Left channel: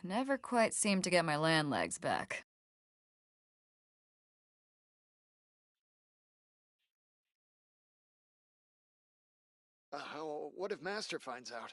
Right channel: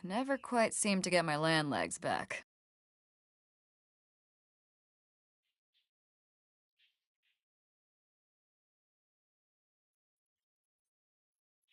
Can never quite seem to get my land legs back. What if Master finds out?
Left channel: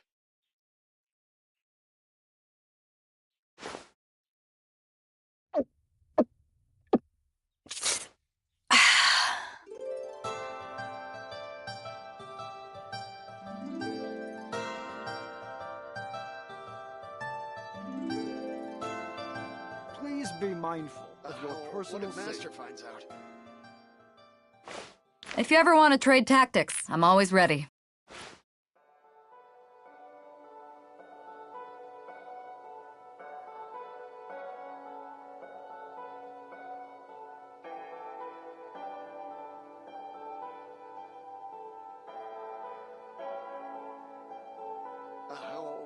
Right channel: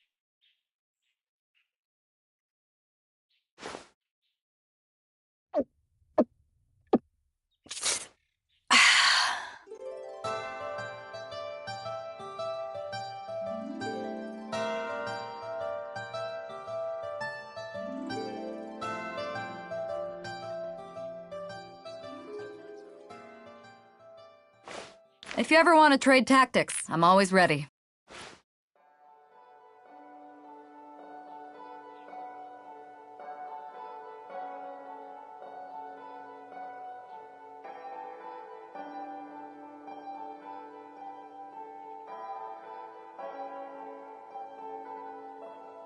Please be mindful of your personal What if Master safety. finds out? If you ever want to trade tactics, I'm always ready.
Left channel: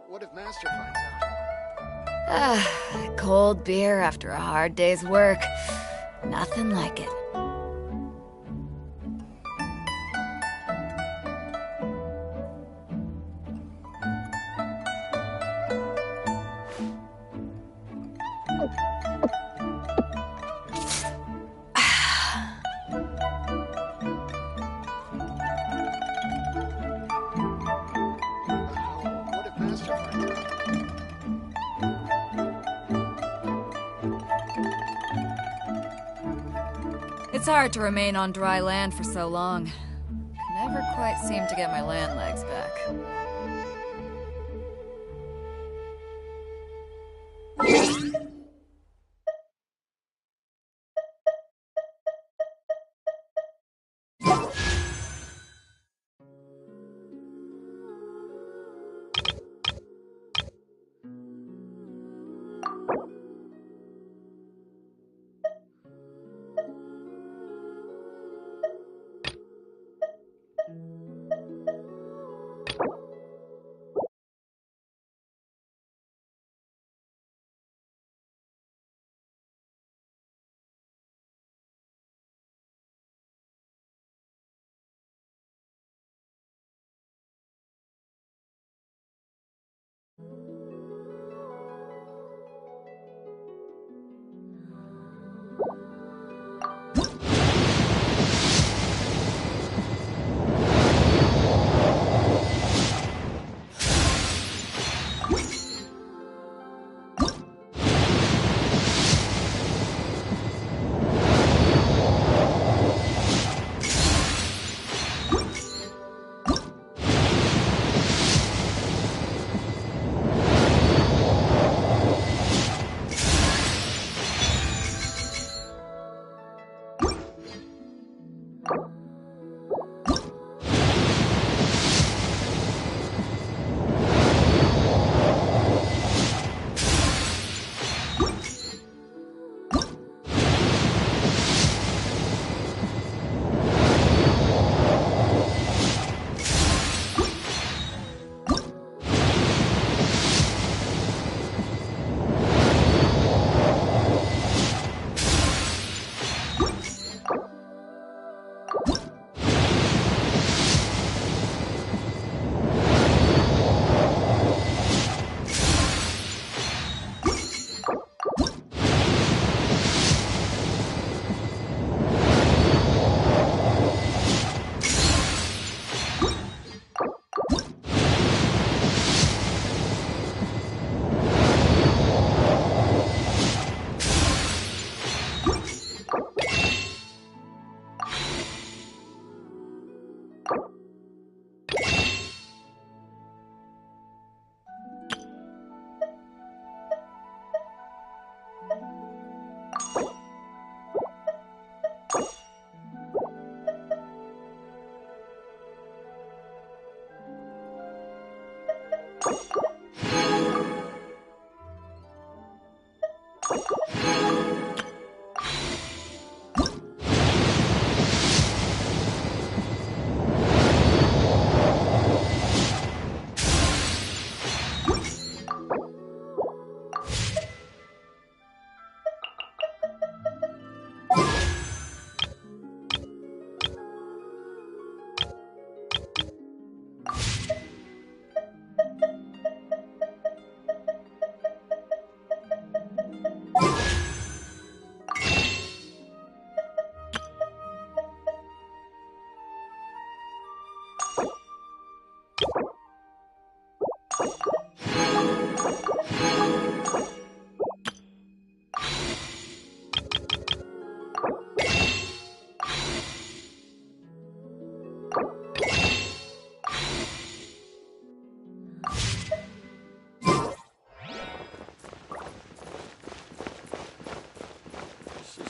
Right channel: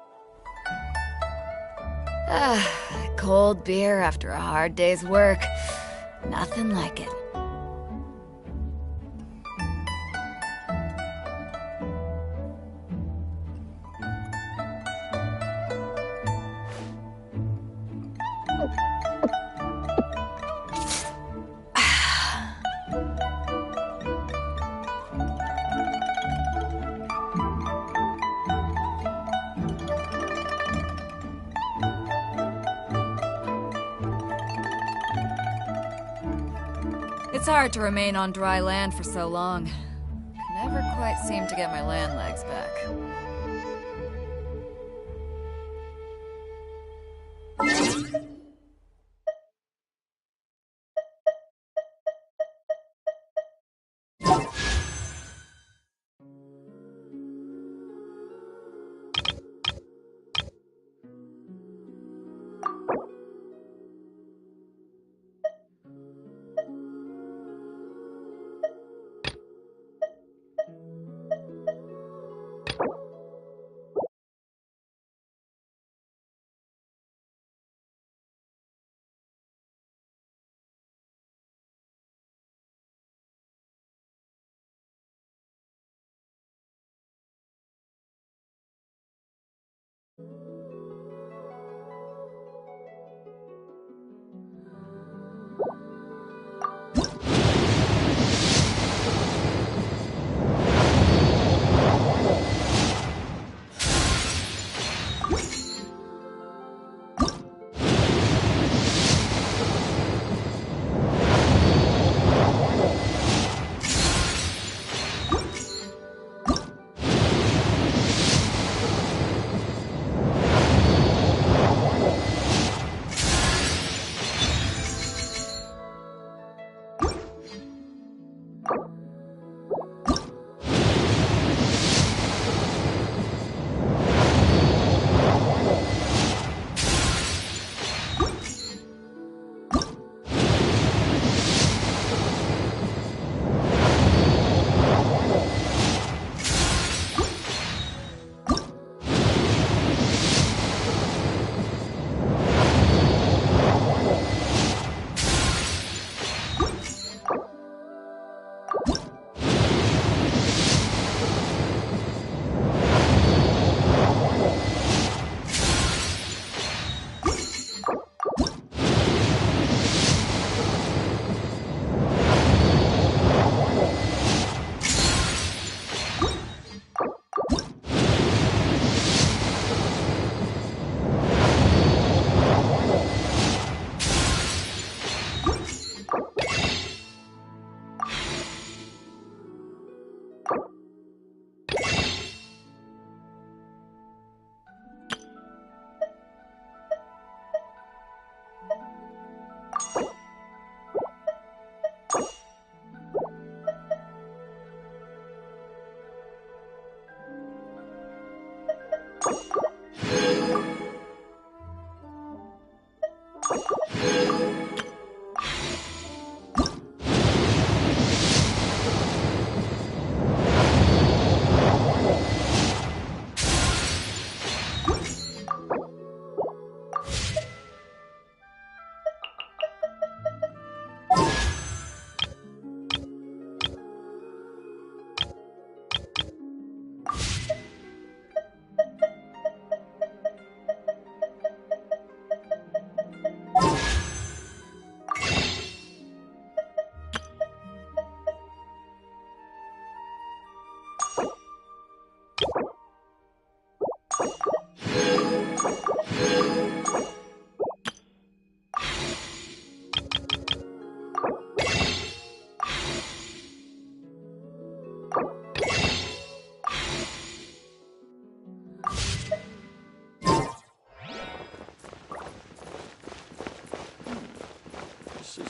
What if Master finds out? Cold beer after a hard day's work. Nothing like it. What if Master finds out? It's hard to remain on dry land for so long. Can never quite seem to get my land legs back.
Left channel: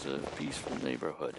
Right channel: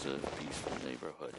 is a peaceful neighborhood.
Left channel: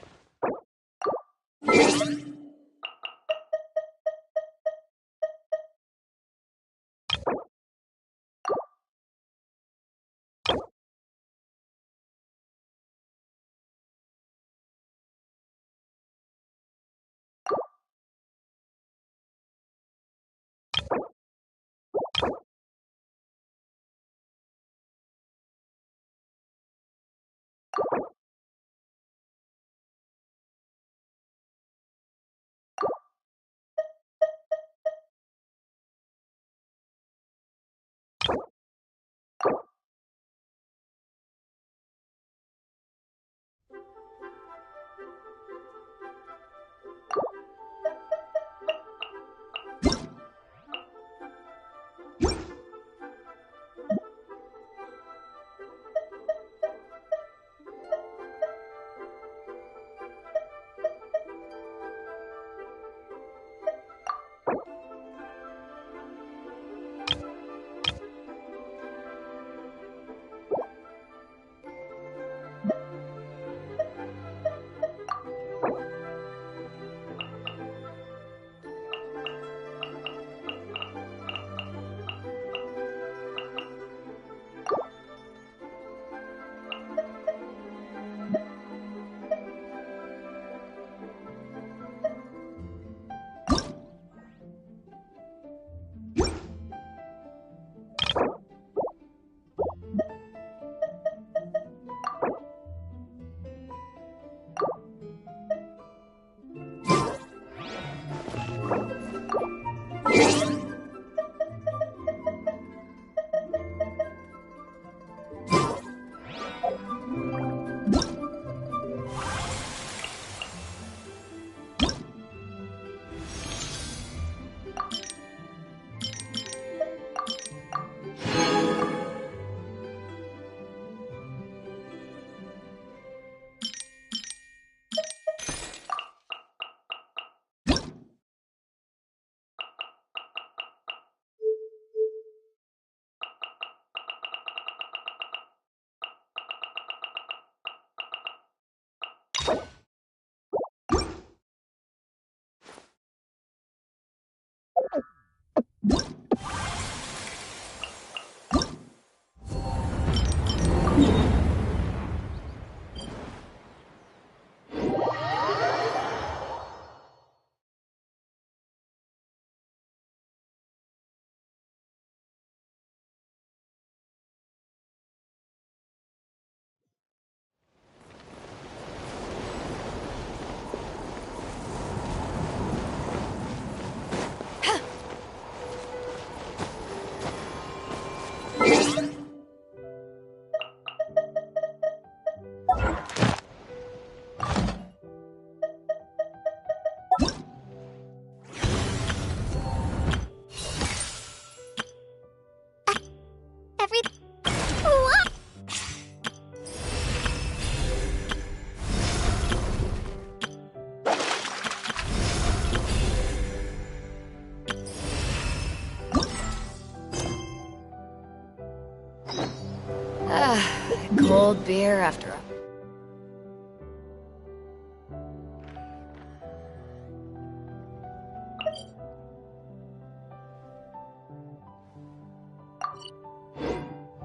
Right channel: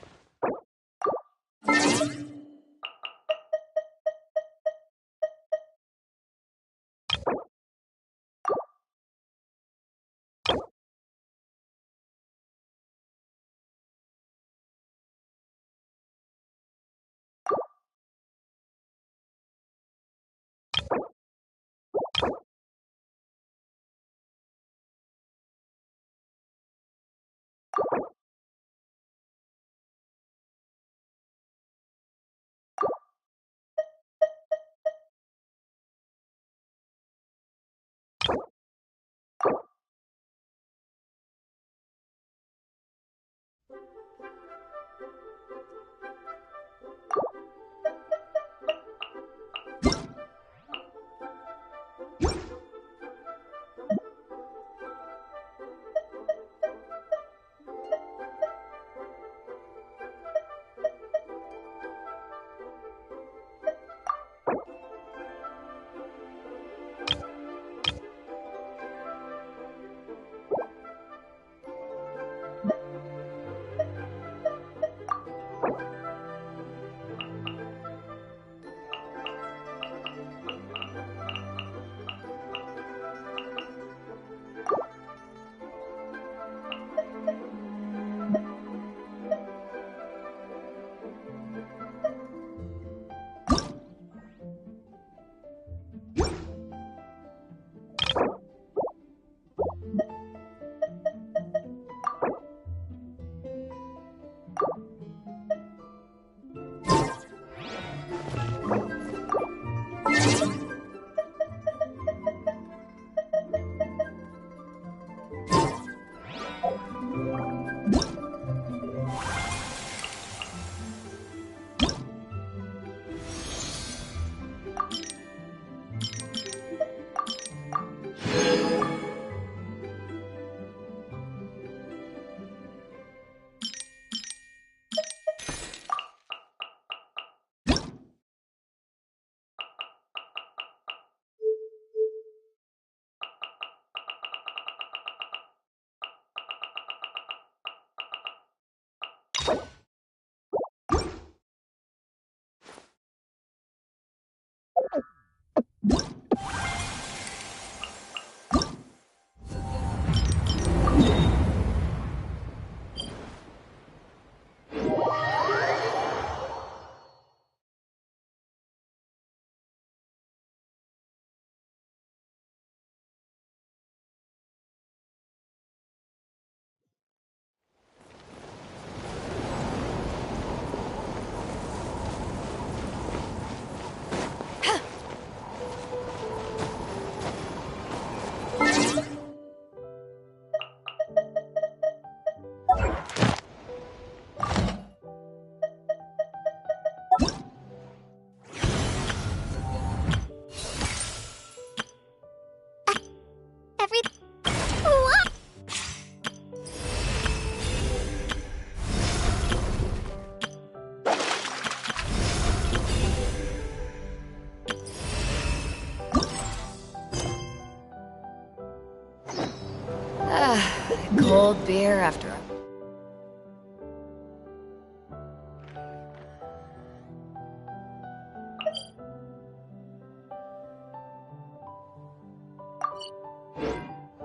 Cold beer after a...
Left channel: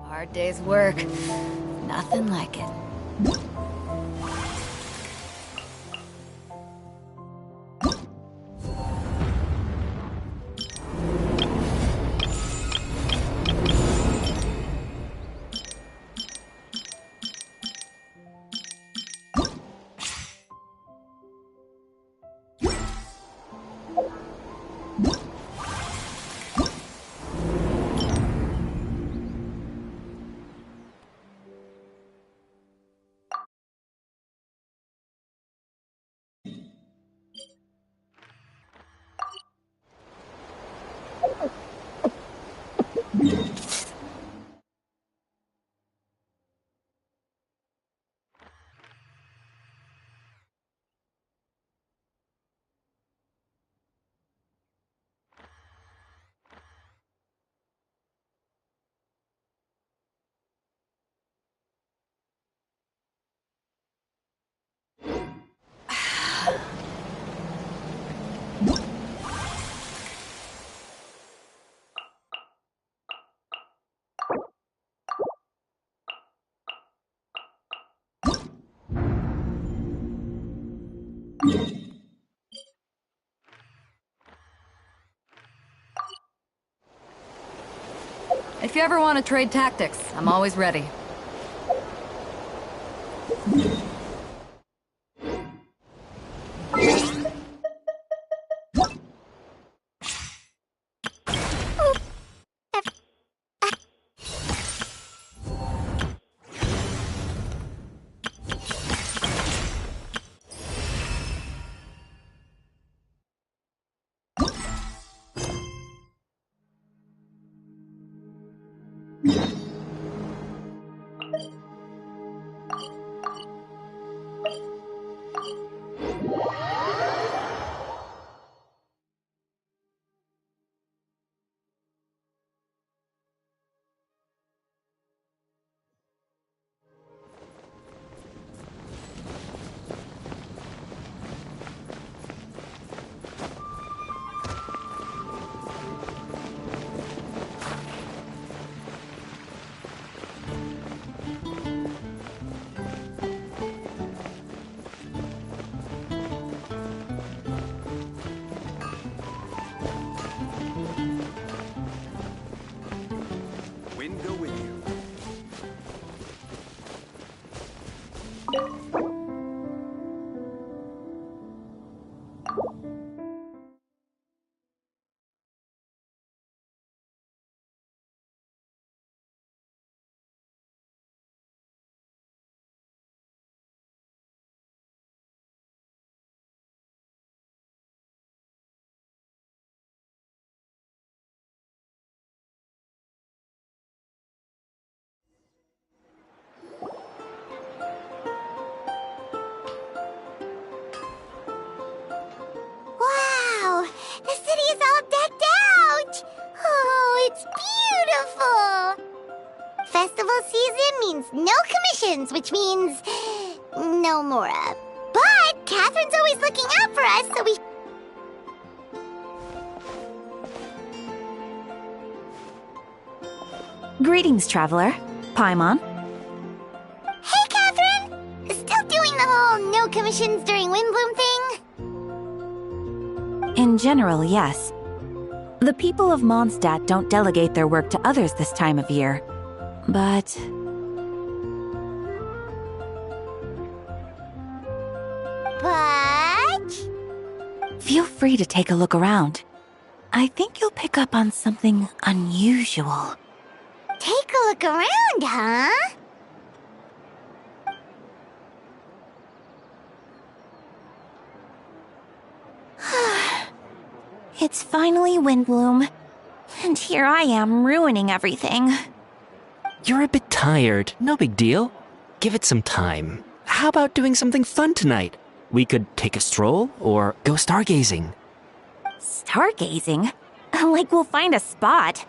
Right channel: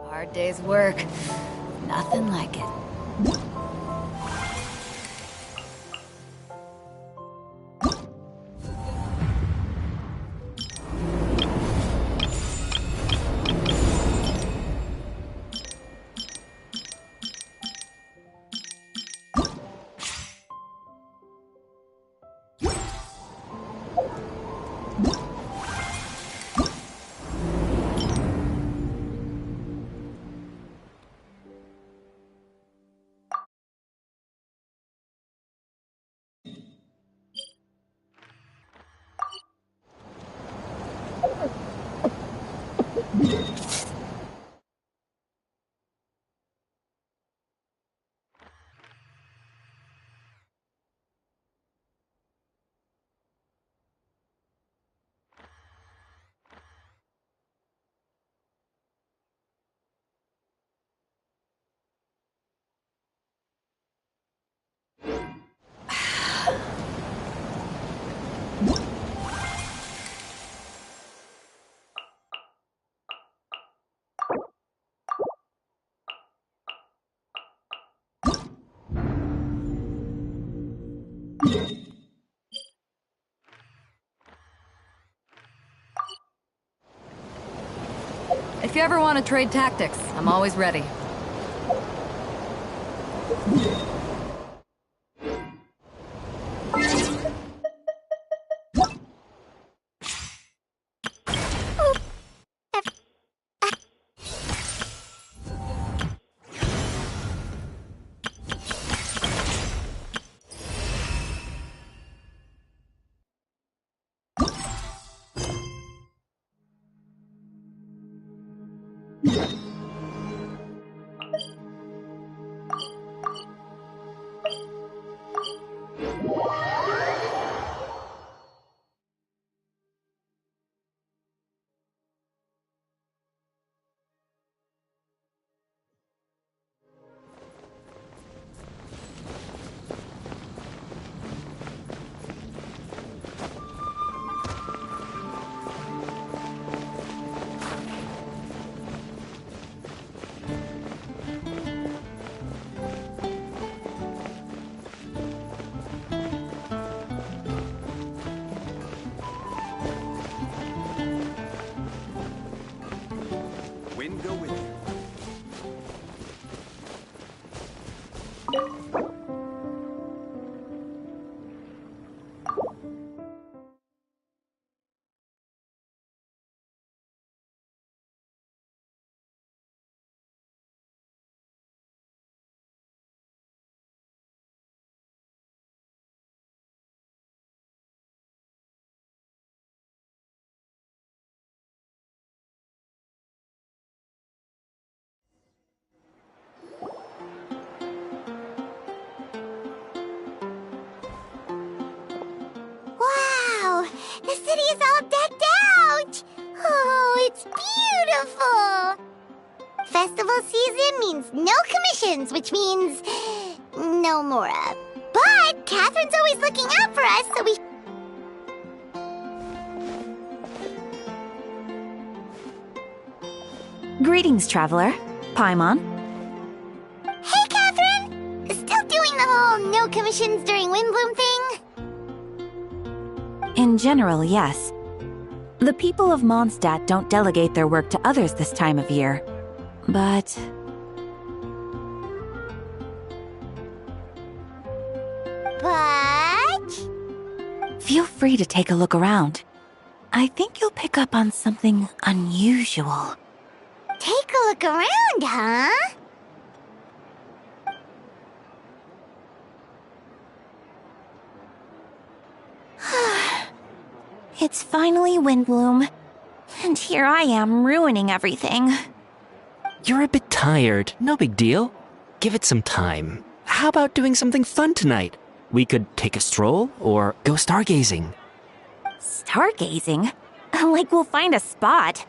hard day's work. Nothing like it. If you ever want to trade tactics, I'm always ready. Wind go with you. Wow! The city is all decked out! Oh, it's beautiful! Festival season means no commissions, which means no Mora. But Catherine's always looking out for us, so we... Greetings, traveler. Paimon. Hey, Catherine! Still doing the whole no commissions during Windbloom thing? In general, yes. The people of Mondstadt don't delegate their work to others this time of year. But... Feel free to take a look around. I think you'll pick up on something unusual. Take a look around, huh? It's finally Windbloom. And here I am ruining everything. You're a bit tired. No big deal. Give it some time. How about doing something fun tonight? We could take a stroll or go stargazing. Stargazing? Like we'll find a spot.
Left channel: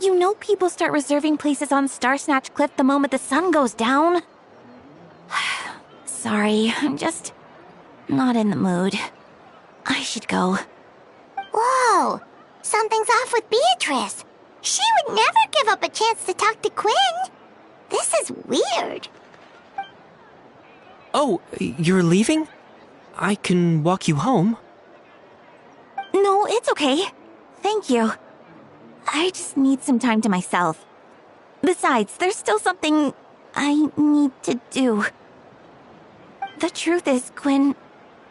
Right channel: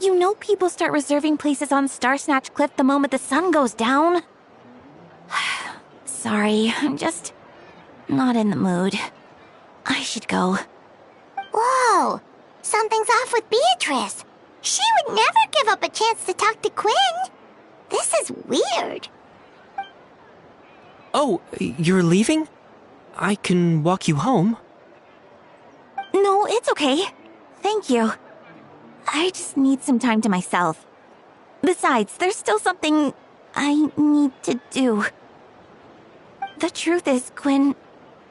You know people start reserving places on Starsnatch Cliff the moment the sun goes down. Sorry, I'm just not in the mood. I should go. Whoa! Something's off with Beatrice. She would never give up a chance to talk to Quinn. This is weird. Oh, you're leaving? I can walk you home. No, it's okay. Thank you. I just need some time to myself. Besides, there's still something I need to do. The truth is, Quinn,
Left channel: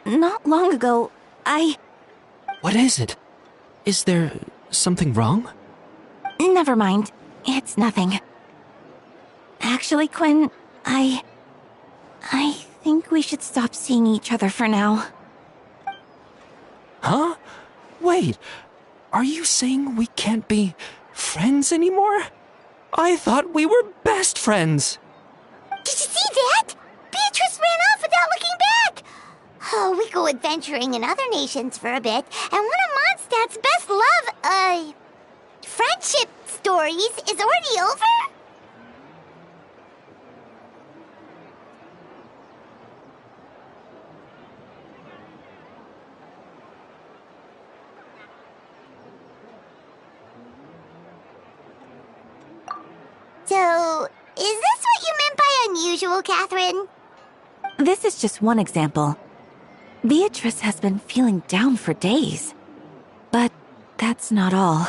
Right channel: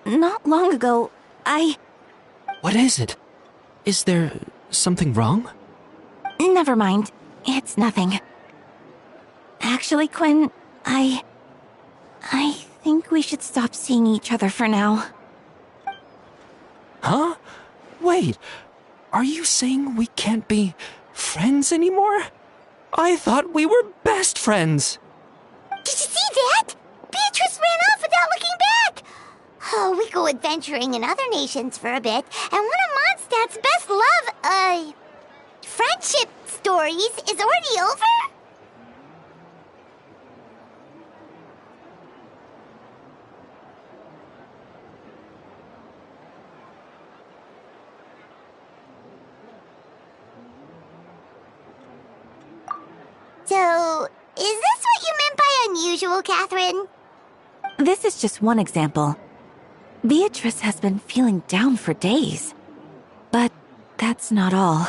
not long ago, What is it? Is there something wrong? Never mind. It's nothing. Actually, Quinn, I think we should stop seeing each other for now. Huh? Wait, are you saying we can't be friends anymore? I thought we were best friends. Did you see that? Beatrice ran off without looking back. Oh, we go adventuring in other nations for a bit, and one of Mondstadt's best friendship stories is already over? So, is this what you meant by unusual, Catherine? This is just one example. Beatrice has been feeling down for days. But that's not all.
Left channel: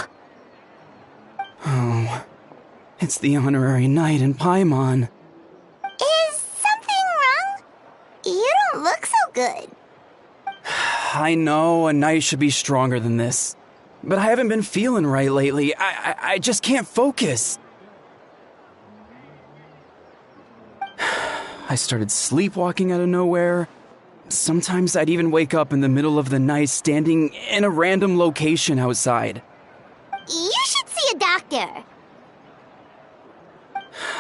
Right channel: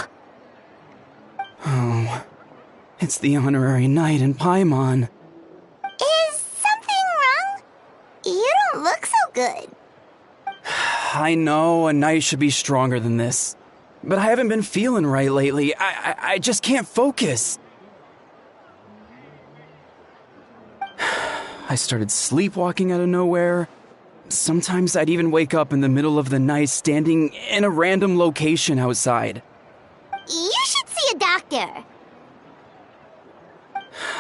Oh, it's the honorary knight in Paimon. Is something wrong? You don't look so good. I know a knight should be stronger than this, but I haven't been feeling right lately. I just can't focus. I started sleepwalking out of nowhere. Sometimes I'd even wake up in the middle of the night standing in a random location outside. You should see a doctor.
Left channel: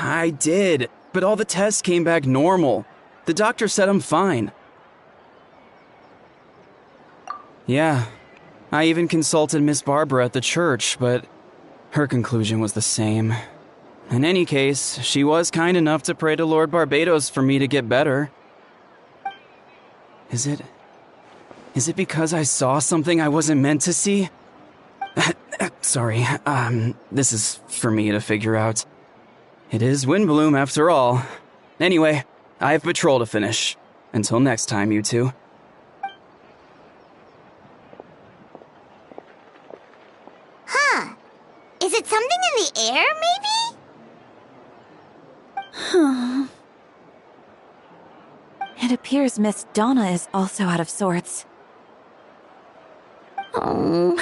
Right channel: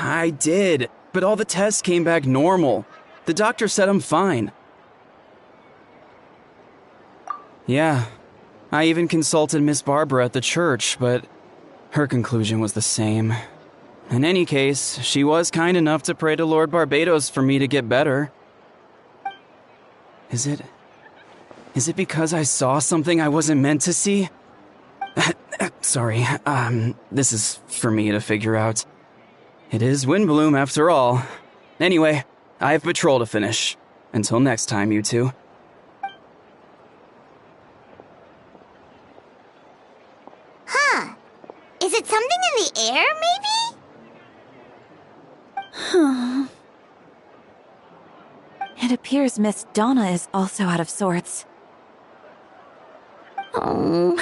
I did, but all the tests came back normal. The doctor said I'm fine. Yeah, I even consulted Miss Barbara at the church, but her conclusion was the same. In any case, she was kind enough to pray to Lord Barbados for me to get better. Is it because I saw something I wasn't meant to see? Sorry, this is for me to figure out. It is Windbloom after all. Anyway, I have patrol to finish. Until next time, you two. Huh. Is it something in the air, maybe? It appears Miss Donna is also out of sorts. Oh,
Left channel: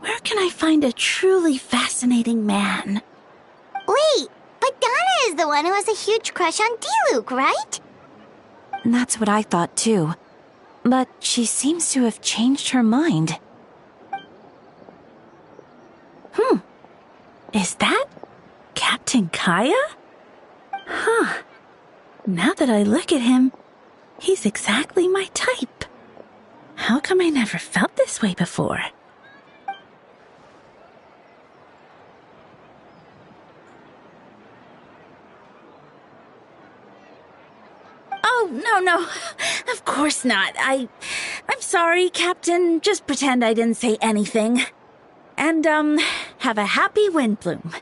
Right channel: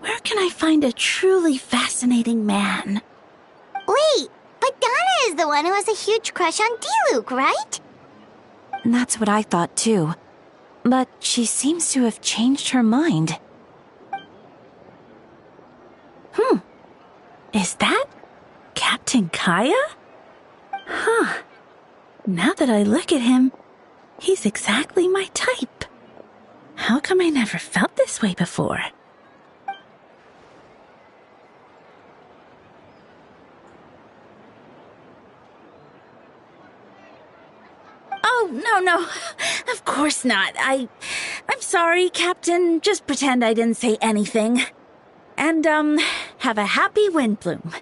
where can I find a truly fascinating man? Wait, but Donna is the one who has a huge crush on Diluc, right? That's what I thought too. But she seems to have changed her mind. Is that Captain Kaya? Huh. Now that I look at him, he's exactly my type. How come I never felt this way before? Oh, no. Of course not. I'm sorry, Captain. Just pretend I didn't say anything. And, have a happy Windbloom.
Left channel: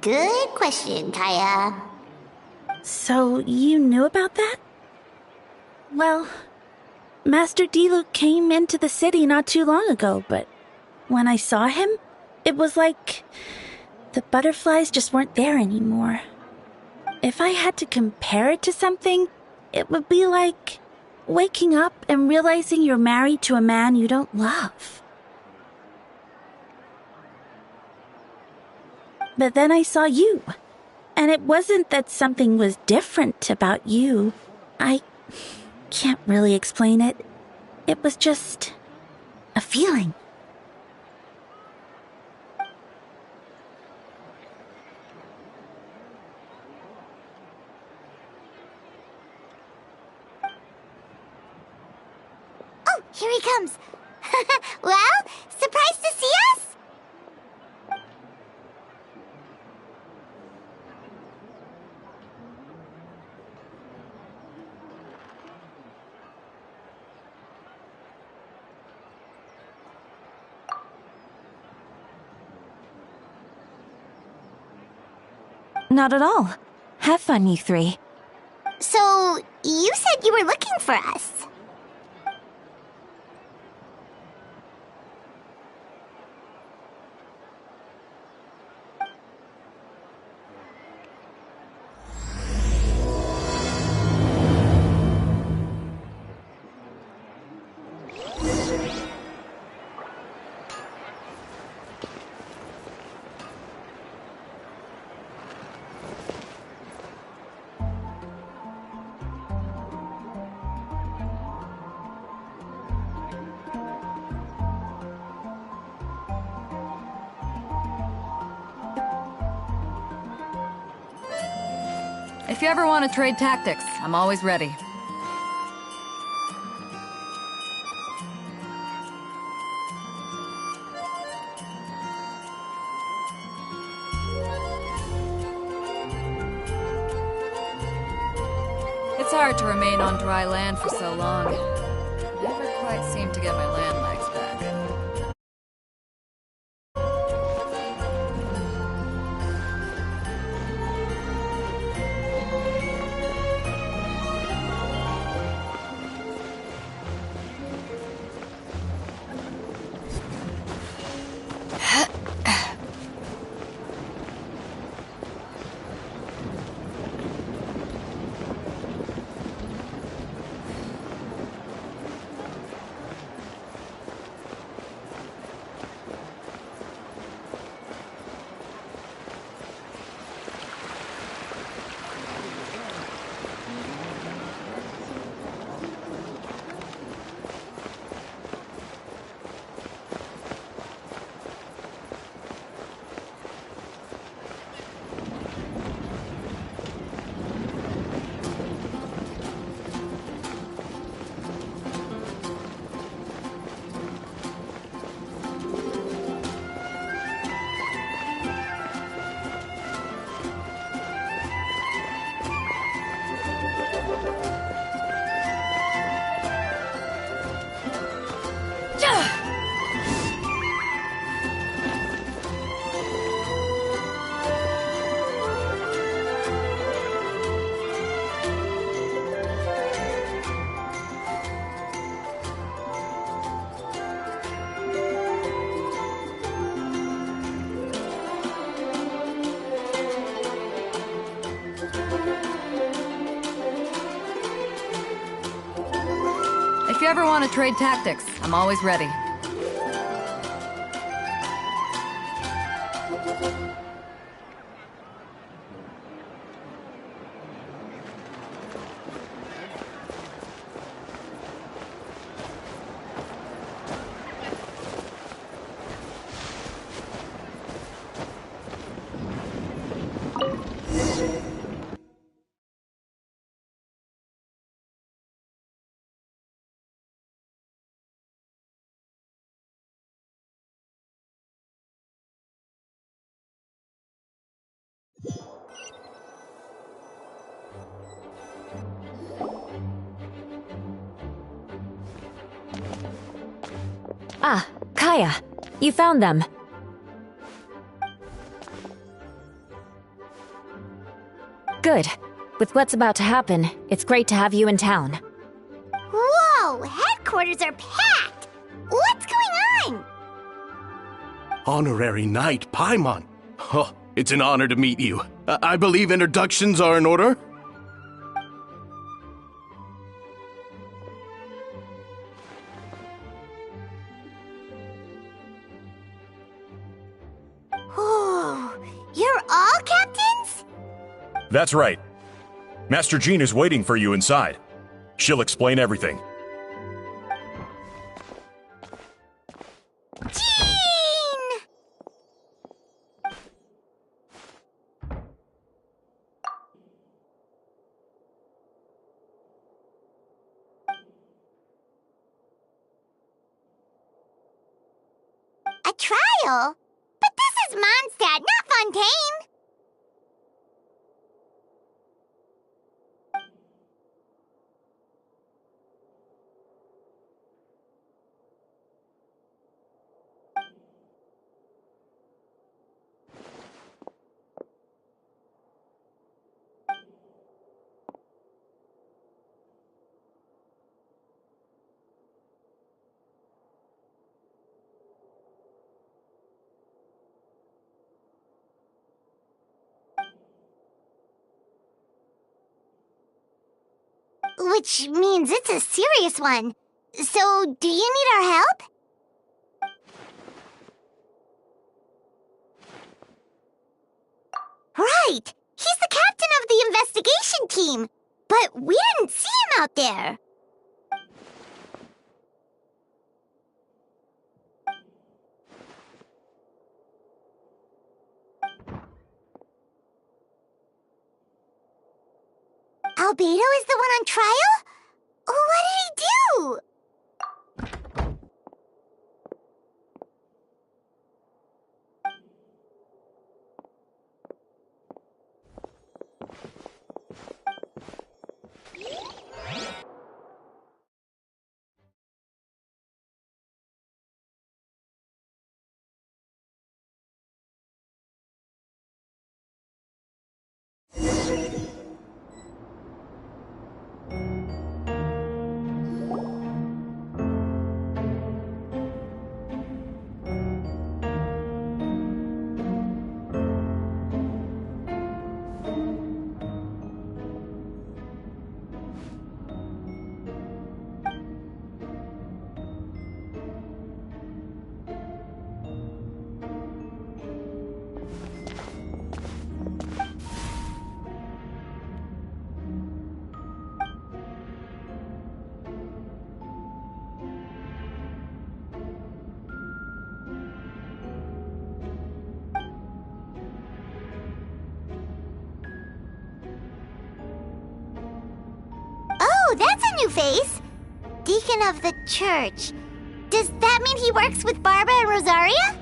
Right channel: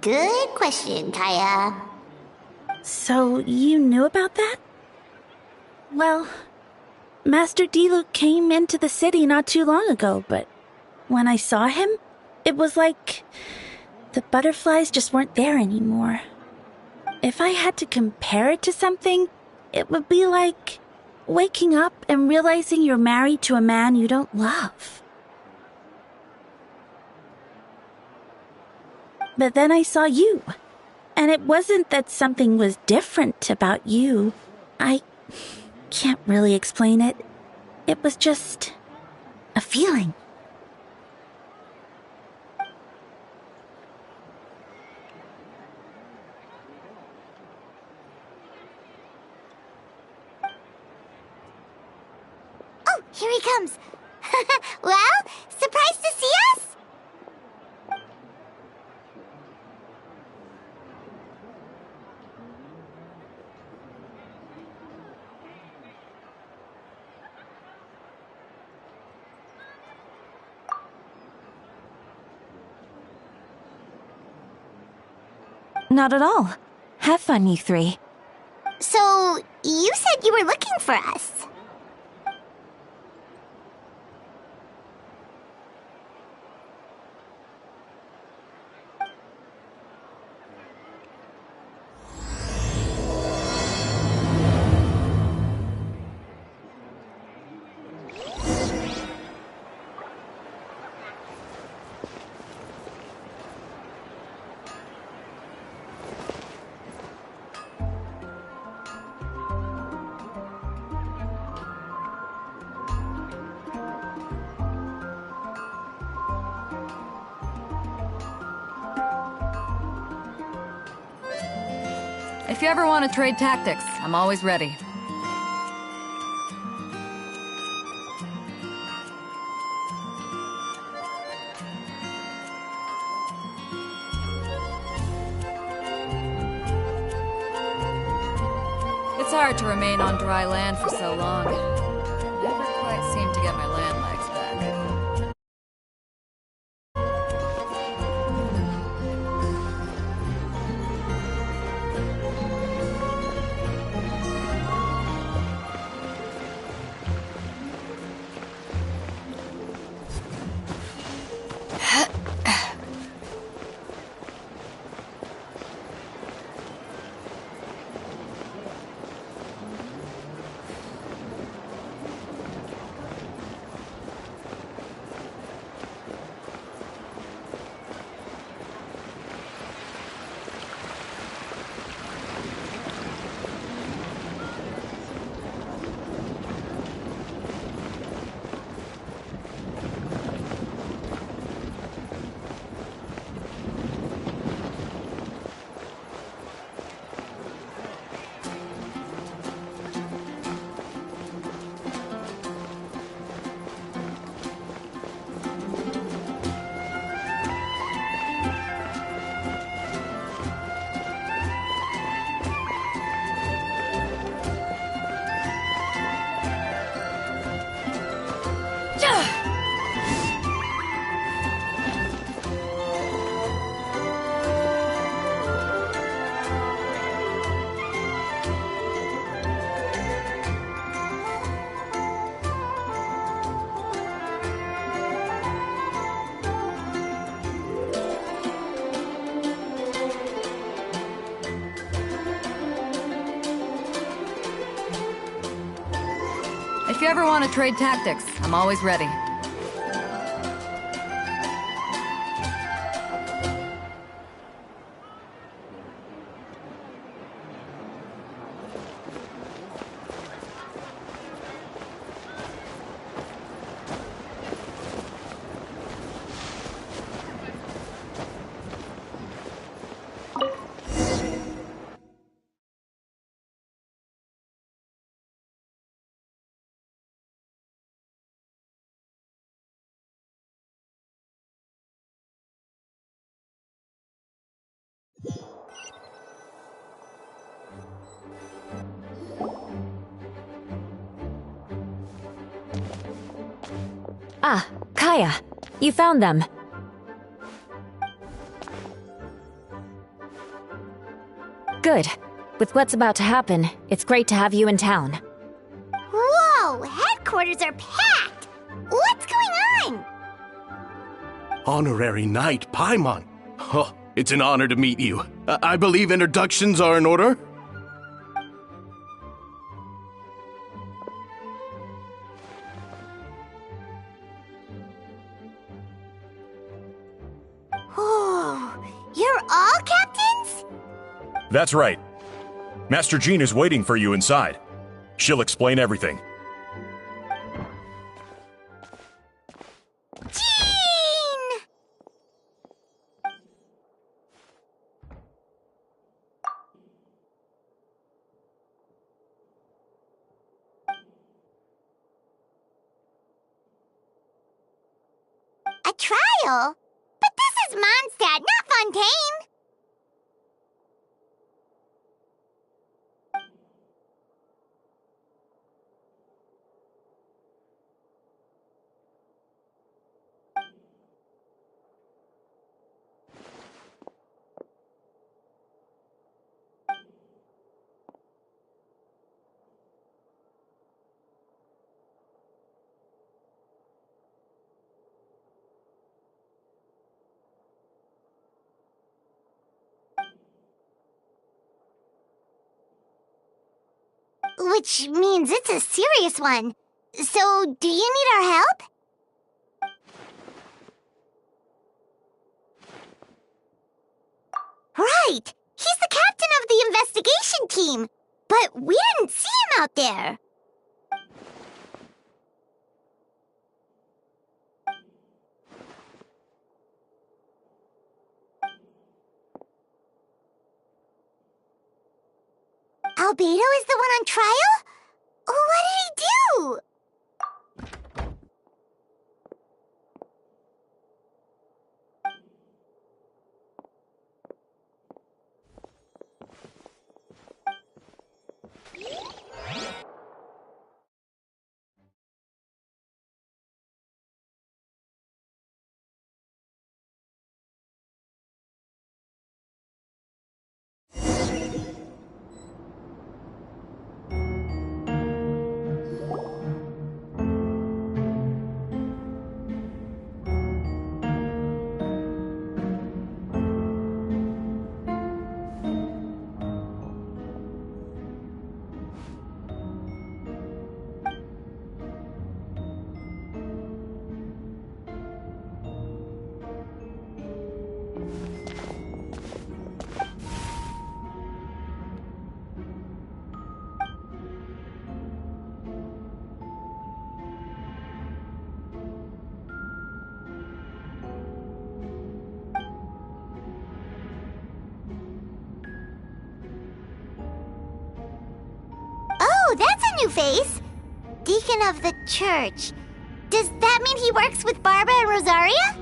Good question, Kaya. So, you knew about that? Well, Master Diluc came into the city not too long ago, but when I saw him, it was like the butterflies just weren't there anymore. If I had to compare it to something, it would be like waking up and realizing you're married to a man you don't love. But then I saw you, and it wasn't that something was different about you. I can't really explain it. It was just a feeling. Oh, here he comes. Well, surprised to see us? Not at all. Have fun, you three. So, you said you were looking for us. If you ever want to trade tactics, I'm always ready. It's hard to remain on dry land for so long. Never quite seem to get my land legs back. If you ever want to trade tactics, I'm always ready. Ah, Kaya, you found them. Good. With what's about to happen, it's great to have you in town. Whoa! Headquarters are packed! What's going on? Honorary Knight Paimon. Oh, it's an honor to meet you. I believe introductions are in order? Oh, you're all captains? That's right. Master Jean is waiting for you inside. She'll explain everything. Jean! A trial? But this is Mondstadt, not Fontaine! Which means it's a serious one. So, do you need our help? Right! He's the captain of the investigation team! But we didn't see him out there! Albedo is the one on trial? What did he do? Oh, that's a new face! Deacon of the church. Does that mean he works with Barbara and Rosaria?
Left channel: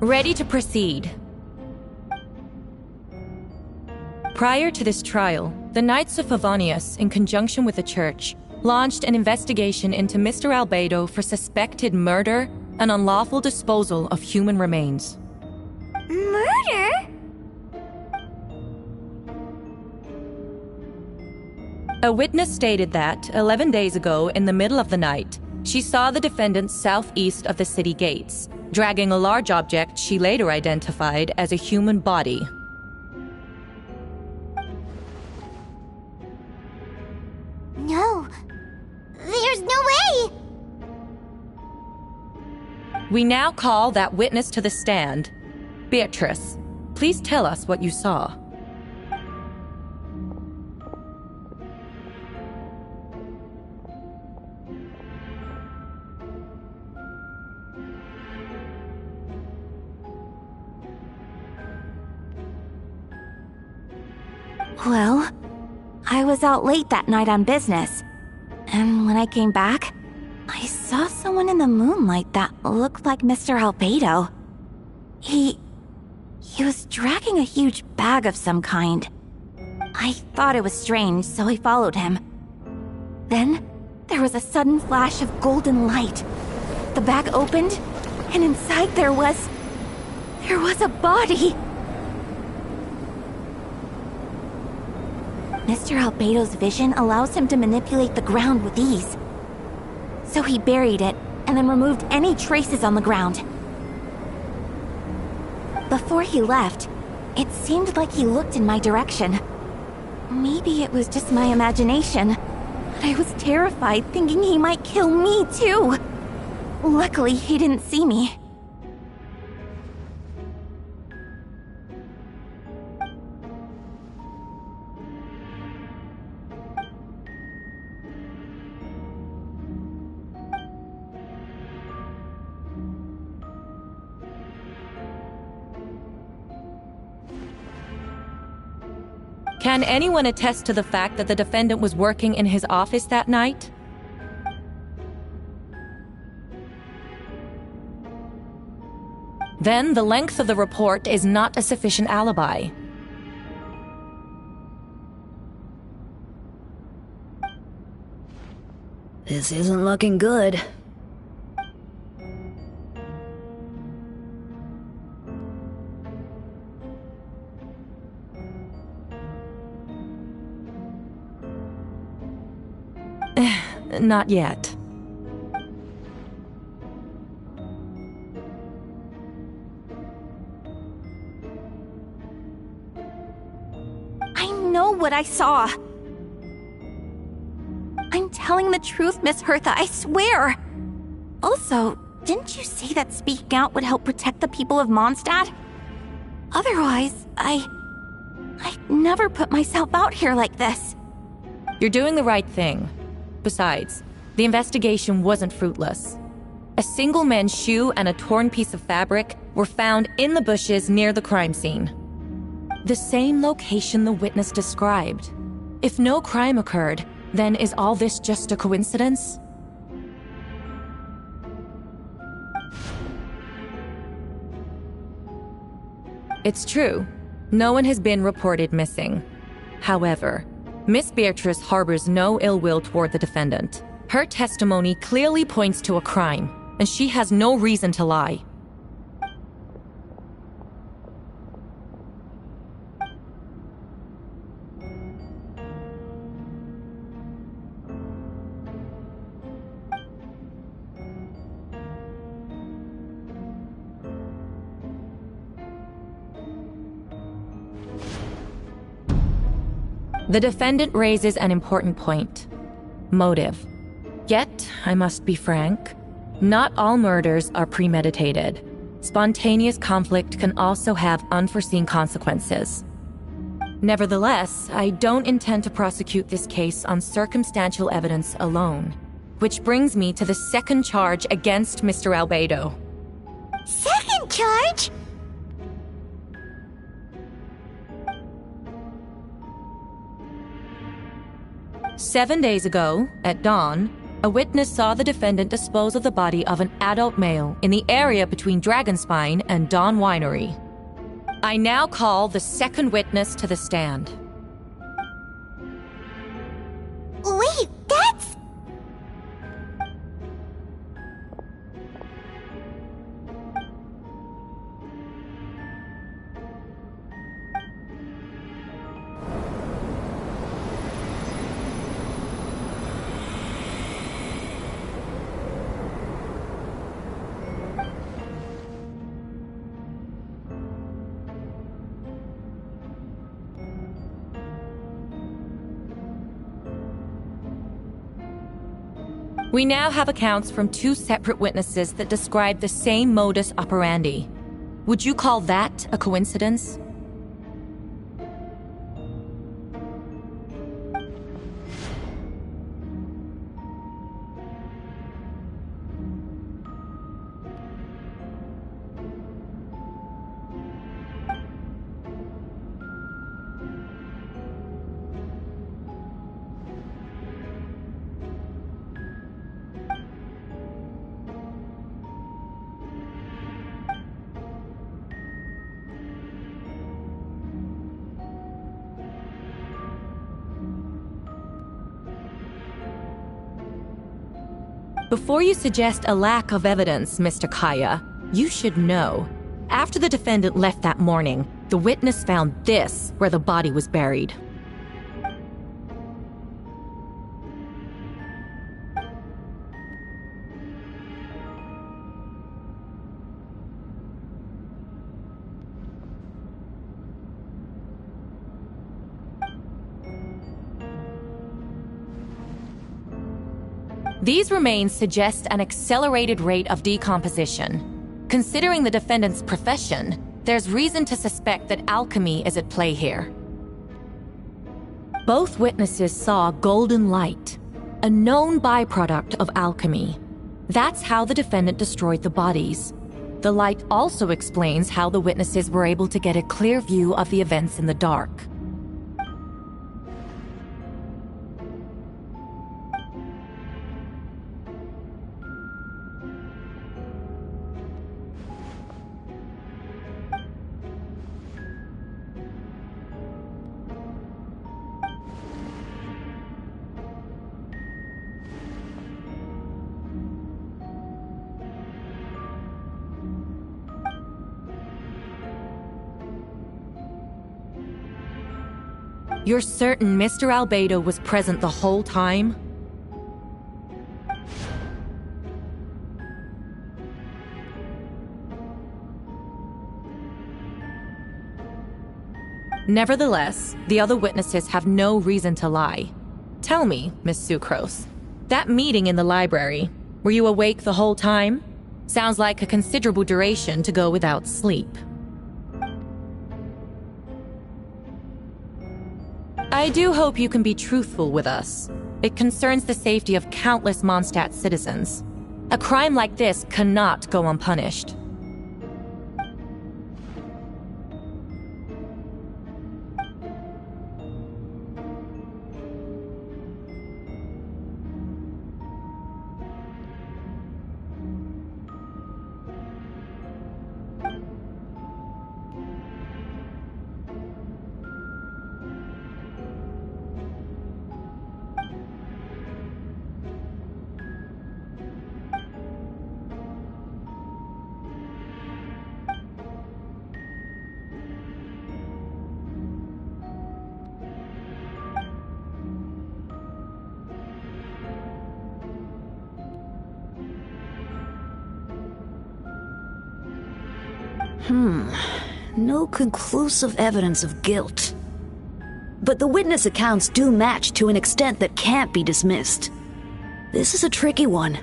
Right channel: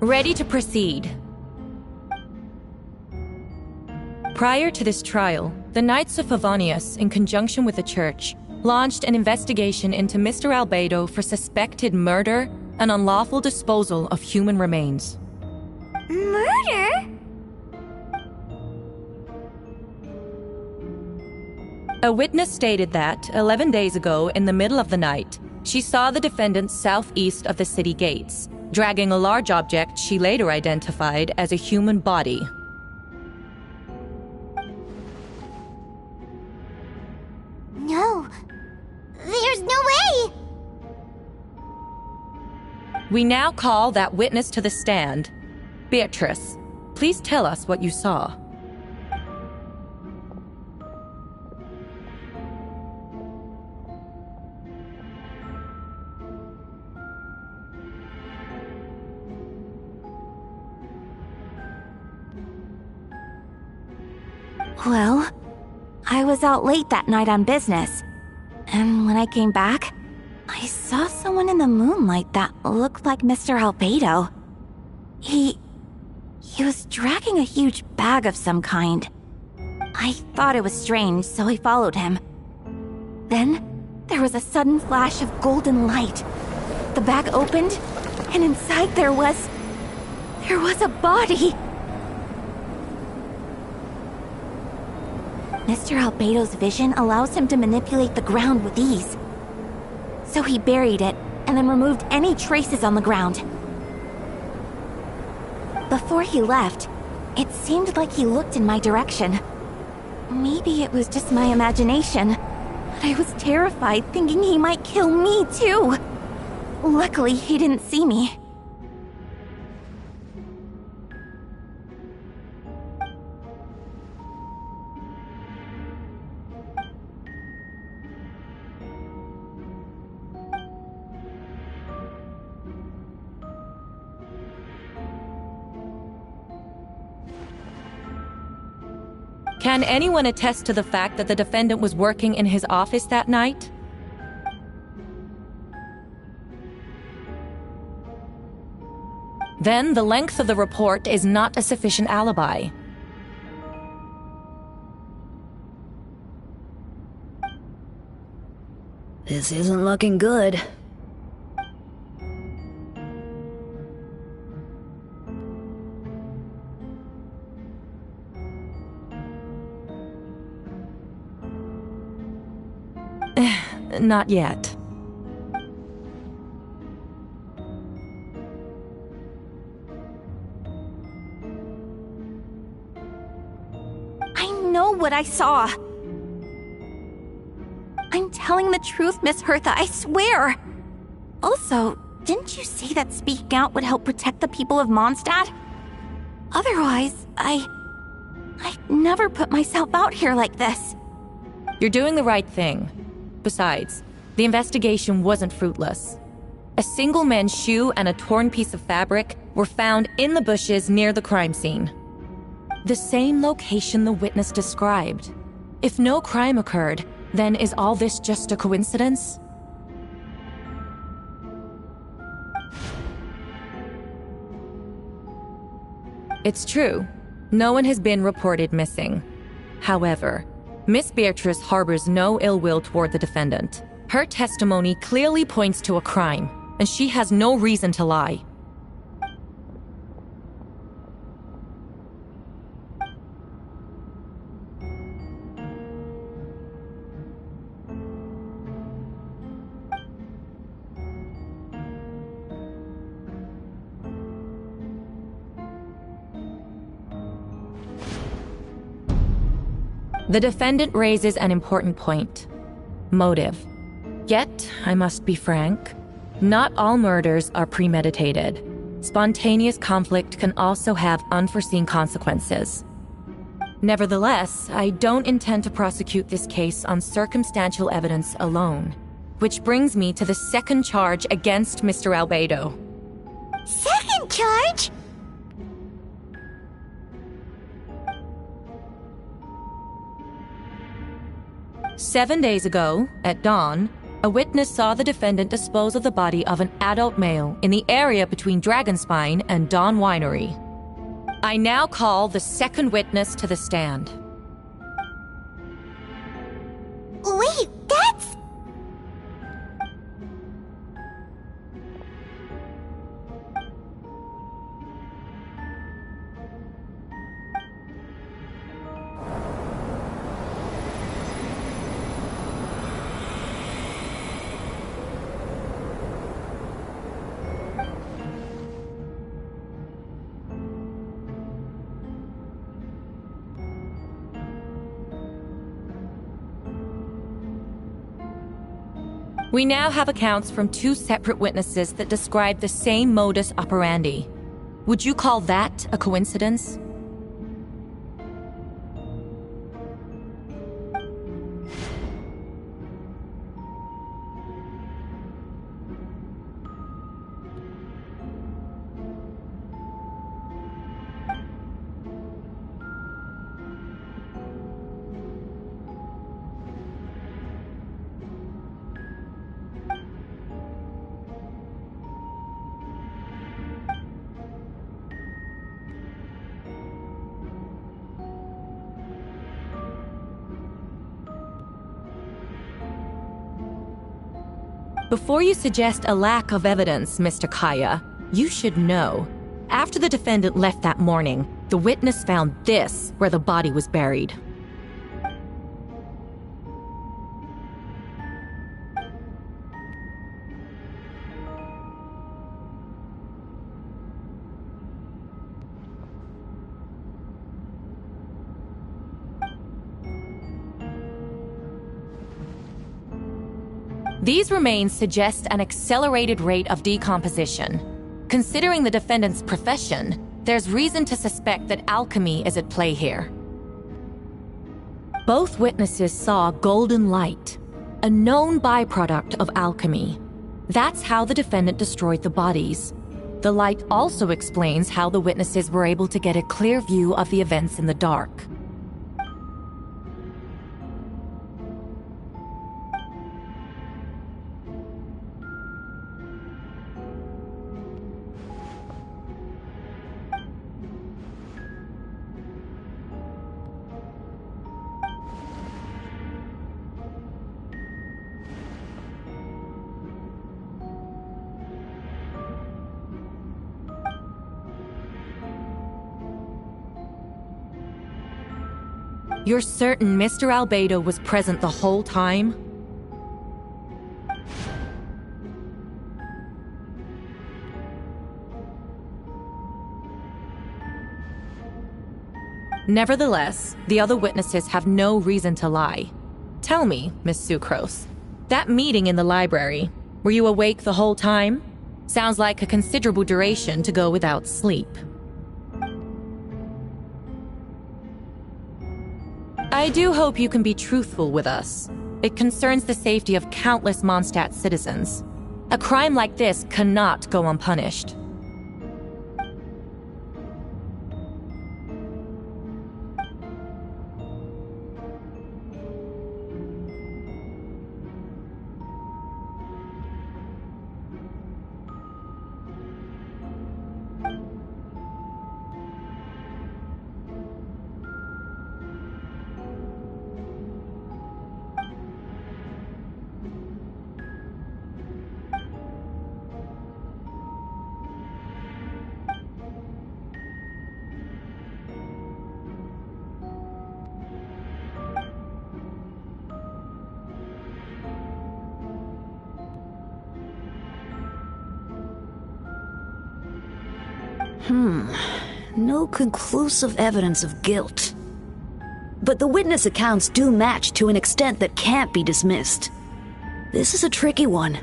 Ready to proceed. Prior to this trial, the Knights of Favonius, in conjunction with the church, launched an investigation into Mr. Albedo for suspected murder and unlawful disposal of human remains. Murder? A witness stated that, 11 days ago, in the middle of the night, she saw the defendant southeast of the city gates, dragging a large object she later identified as a human body. No. There's no way! We now call that witness to the stand. Beatrice, please tell us what you saw. Well, I was out late that night on business, and when I came back, I saw someone in the moonlight that looked like Mr. Albedo. He was dragging a huge bag of some kind. I thought it was strange, so I followed him. Then, there was a sudden flash of golden light. The bag opened, and inside there was a body! Mr. Albedo's vision allows him to manipulate the ground with ease. So he buried it, and then removed any traces on the ground. Before he left, it seemed like he looked in my direction. Maybe it was just my imagination, but I was terrified thinking he might kill me too. Luckily, he didn't see me. Can anyone attest to the fact that the defendant was working in his office that night? Then the length of the report is not a sufficient alibi. This isn't looking good. Not yet. I know what I saw. I'm telling the truth, Miss Hertha, I swear. Also, didn't you say that speaking out would help protect the people of Mondstadt? Otherwise, I'd never put myself out here like this. You're doing the right thing. Besides, the investigation wasn't fruitless. A single man's shoe and a torn piece of fabric were found in the bushes near the crime scene. The same location the witness described. If no crime occurred, then is all this just a coincidence? It's true. No one has been reported missing. However, Miss Beatrice harbors no ill will toward the defendant. Her testimony clearly points to a crime, and she has no reason to lie. The defendant raises an important point. Motive. Yet, I must be frank, not all murders are premeditated. Spontaneous conflict can also have unforeseen consequences. Nevertheless, I don't intend to prosecute this case on circumstantial evidence alone. Which brings me to the second charge against Mr. Albedo. Second charge? "7 days ago, at dawn, a witness saw the defendant dispose of the body of an adult male in the area between Dragonspine and Dawn Winery. I now call the second witness to the stand." Wait, that's... We now have accounts from 2 separate witnesses that describe the same modus operandi. Would you call that a coincidence? Before you suggest a lack of evidence, Mr. Kaya, you should know. After the defendant left that morning, the witness found this where the body was buried. These remains suggest an accelerated rate of decomposition. Considering the defendant's profession, there's reason to suspect that alchemy is at play here. Both witnesses saw golden light, a known byproduct of alchemy. That's how the defendant destroyed the bodies. The light also explains how the witnesses were able to get a clear view of the events in the dark. You're certain Mr. Albedo was present the whole time? Nevertheless, the other witnesses have no reason to lie. Tell me, Miss Sucrose, that meeting in the library, were you awake the whole time? Sounds like a considerable duration to go without sleep. I do hope you can be truthful with us. It concerns the safety of countless Mondstadt citizens. A crime like this cannot go unpunished. No conclusive evidence of guilt. but the witness accounts do match to an extent that can't be dismissed. This is a tricky one.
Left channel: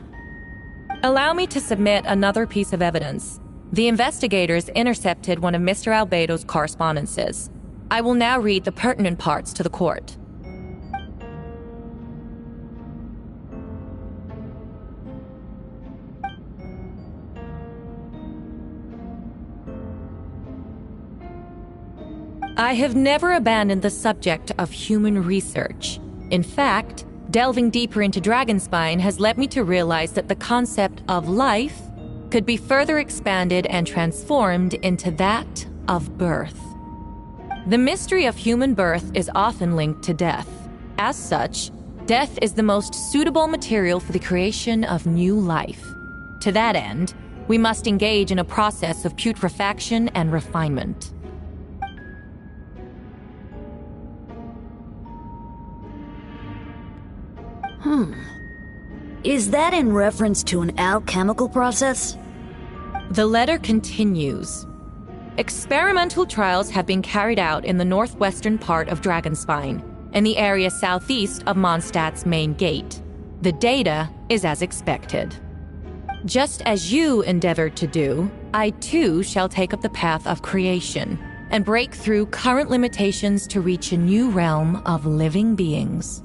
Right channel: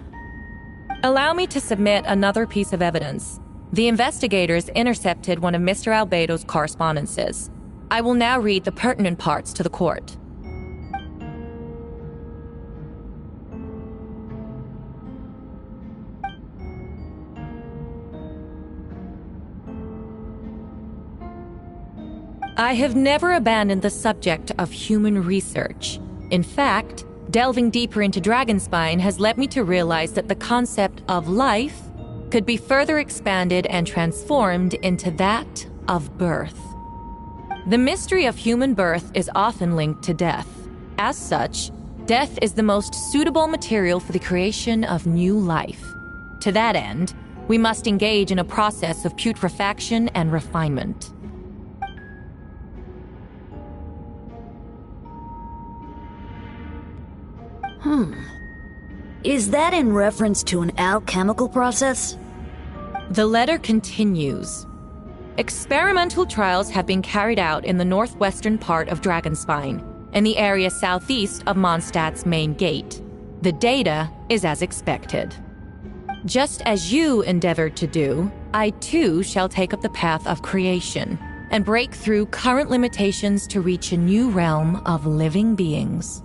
Allow me to submit another piece of evidence. The investigators intercepted one of Mr. Albedo's correspondences. I will now read the pertinent parts to the court. I have never abandoned the subject of human research. In fact, delving deeper into Dragonspine has led me to realize that the concept of life could be further expanded and transformed into that of birth. The mystery of human birth is often linked to death. As such, death is the most suitable material for the creation of new life. To that end, we must engage in a process of putrefaction and refinement. Is that in reference to an alchemical process? The letter continues. Experimental trials have been carried out in the northwestern part of Dragonspine, in the area southeast of Mondstadt's main gate. The data is as expected. Just as you endeavored to do, I too shall take up the path of creation and break through current limitations to reach a new realm of living beings.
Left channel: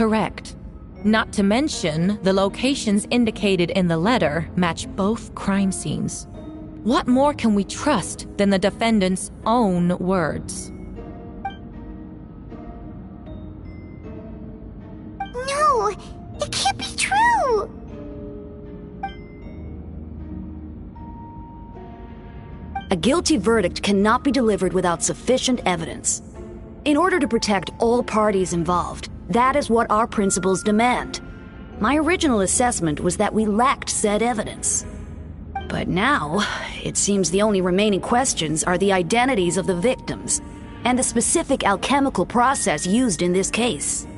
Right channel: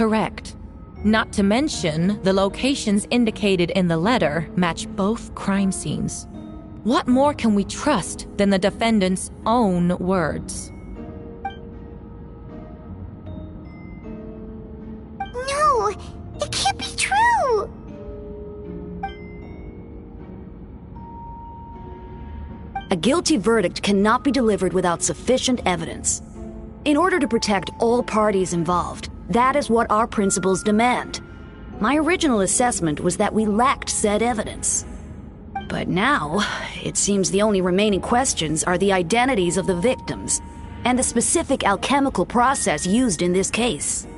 Correct. Not to mention, the locations indicated in the letter match both crime scenes. What more can we trust than the defendant's own words? No, it can't be true. A guilty verdict cannot be delivered without sufficient evidence. In order to protect all parties involved, that is what our principles demand. My original assessment was that we lacked said evidence. But now, it seems the only remaining questions are the identities of the victims and the specific alchemical process used in this case.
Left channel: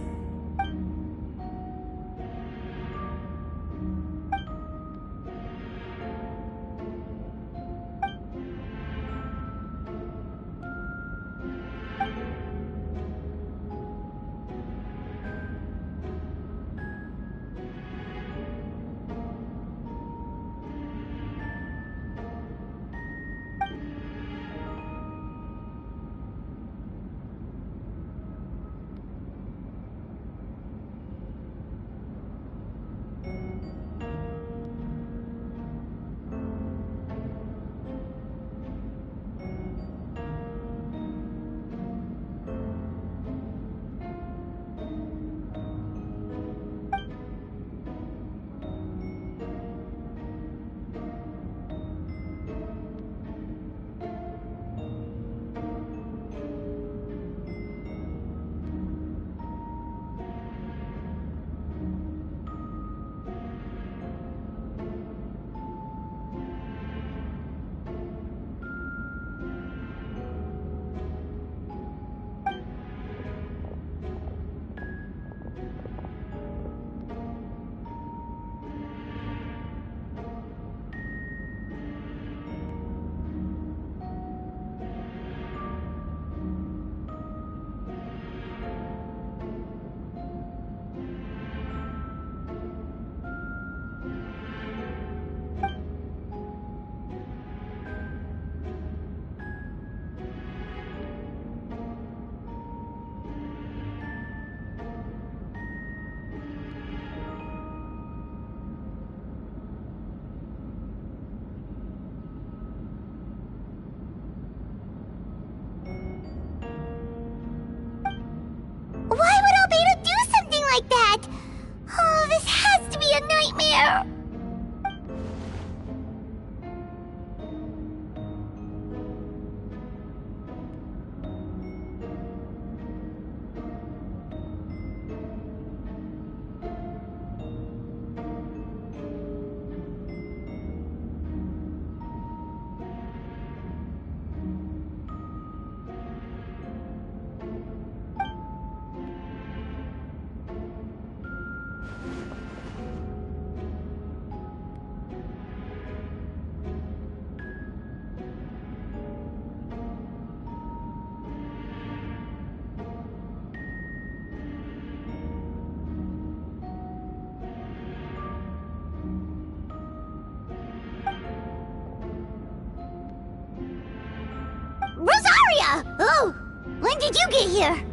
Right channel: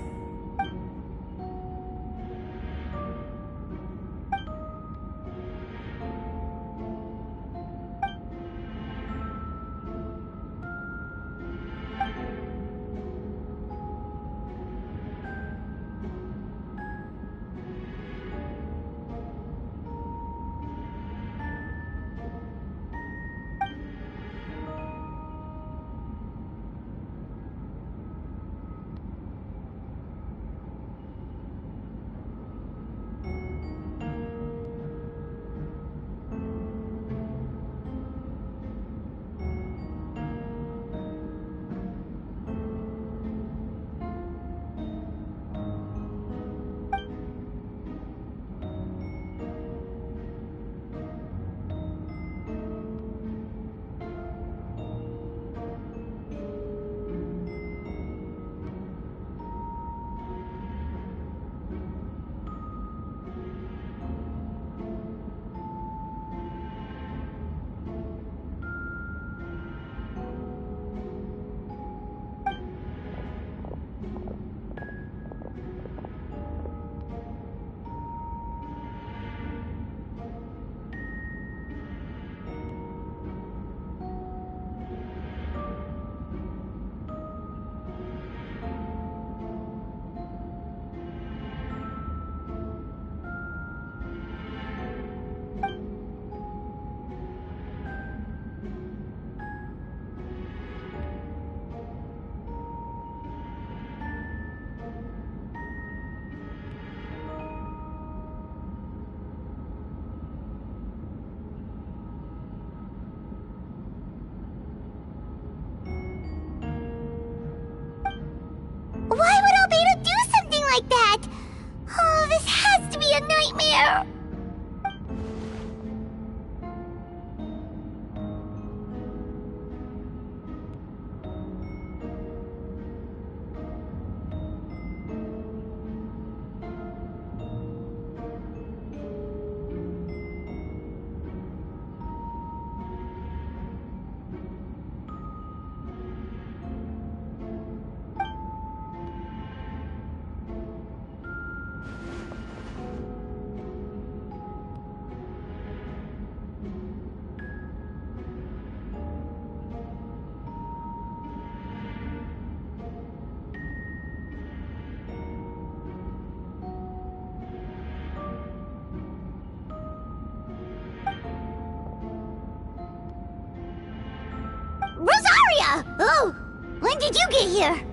Yeah! Oh! When did you get here?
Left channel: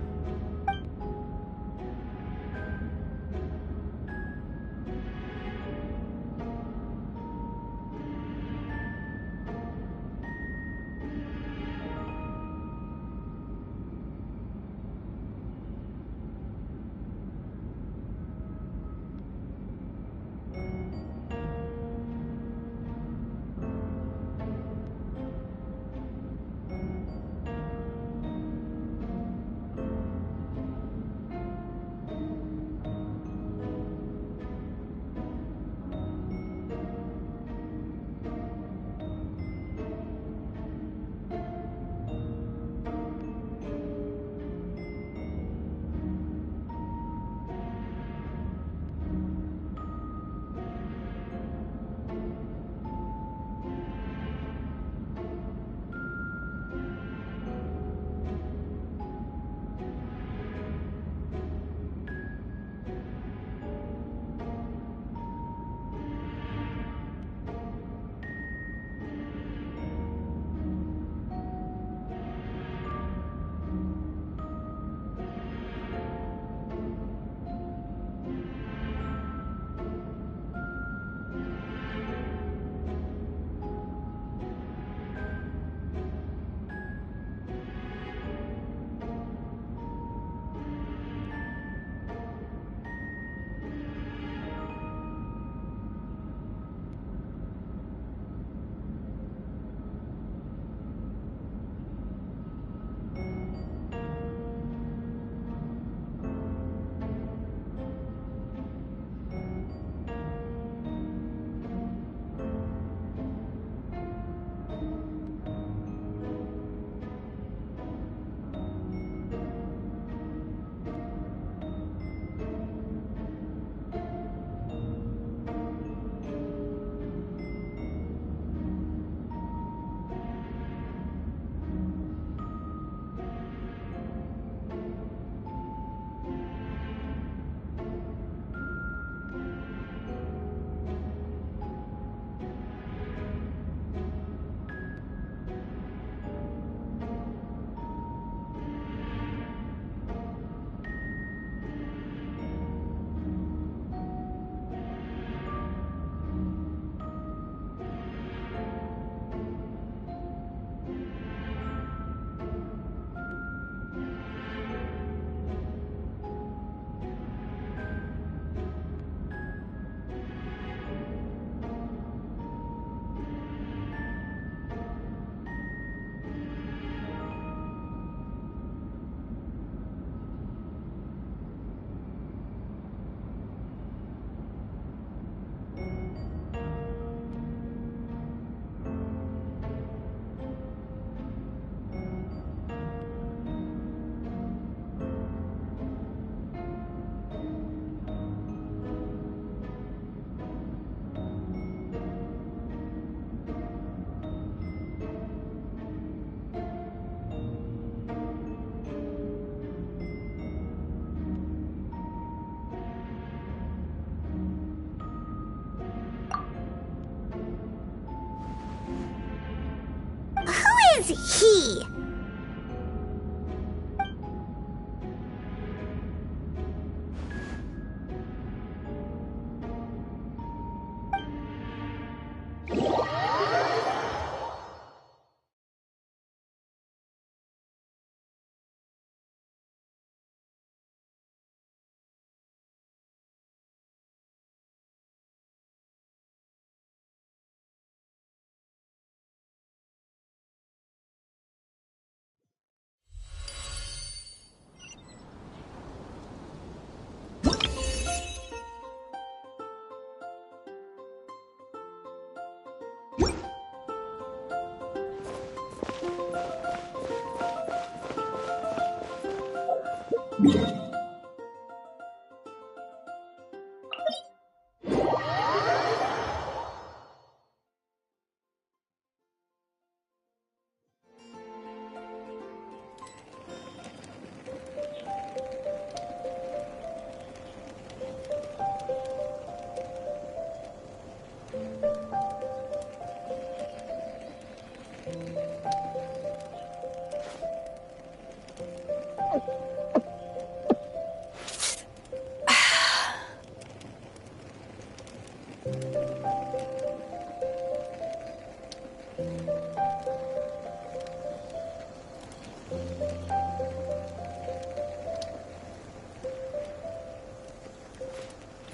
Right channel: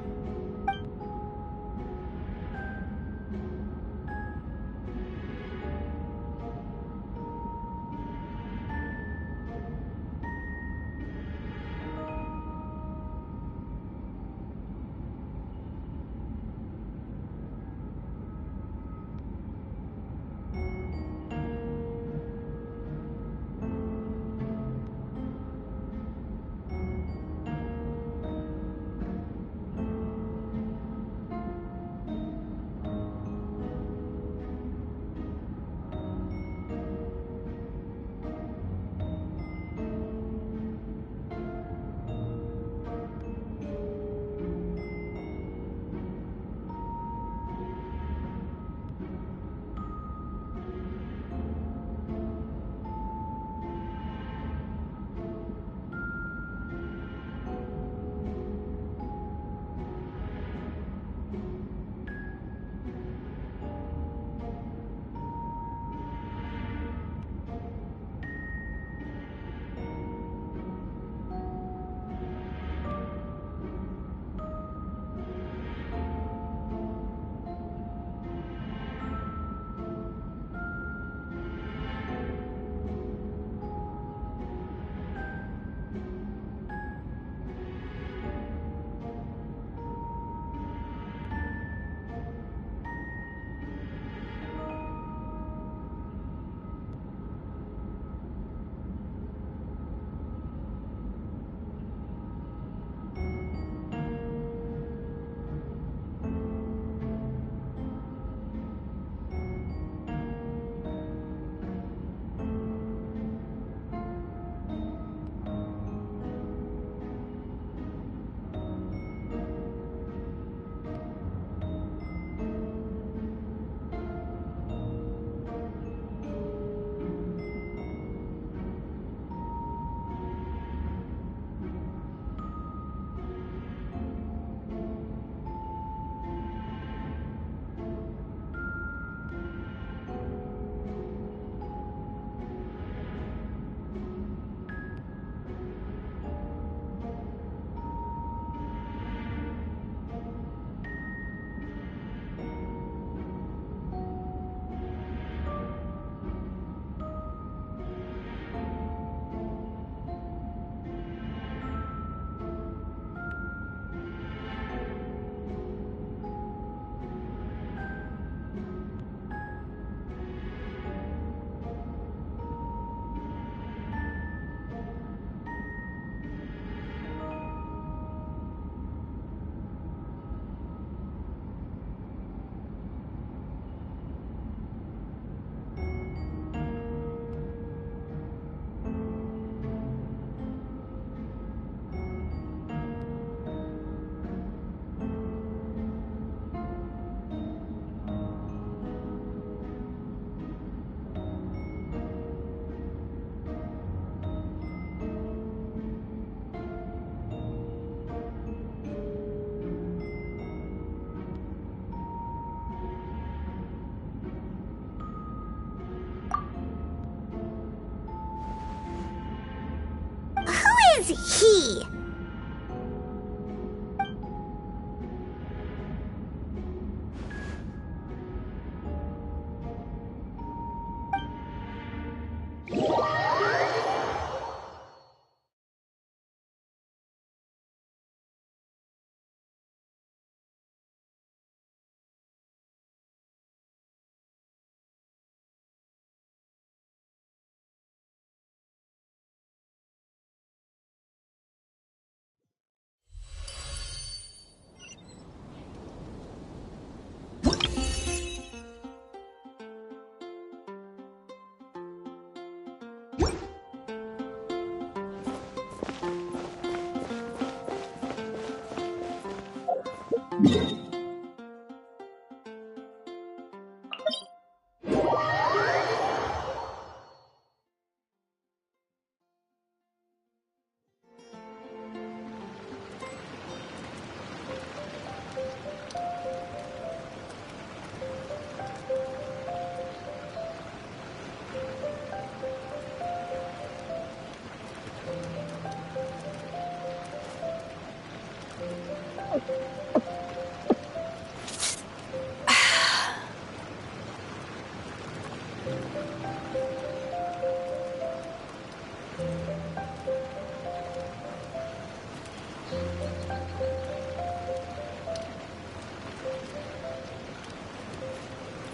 is he?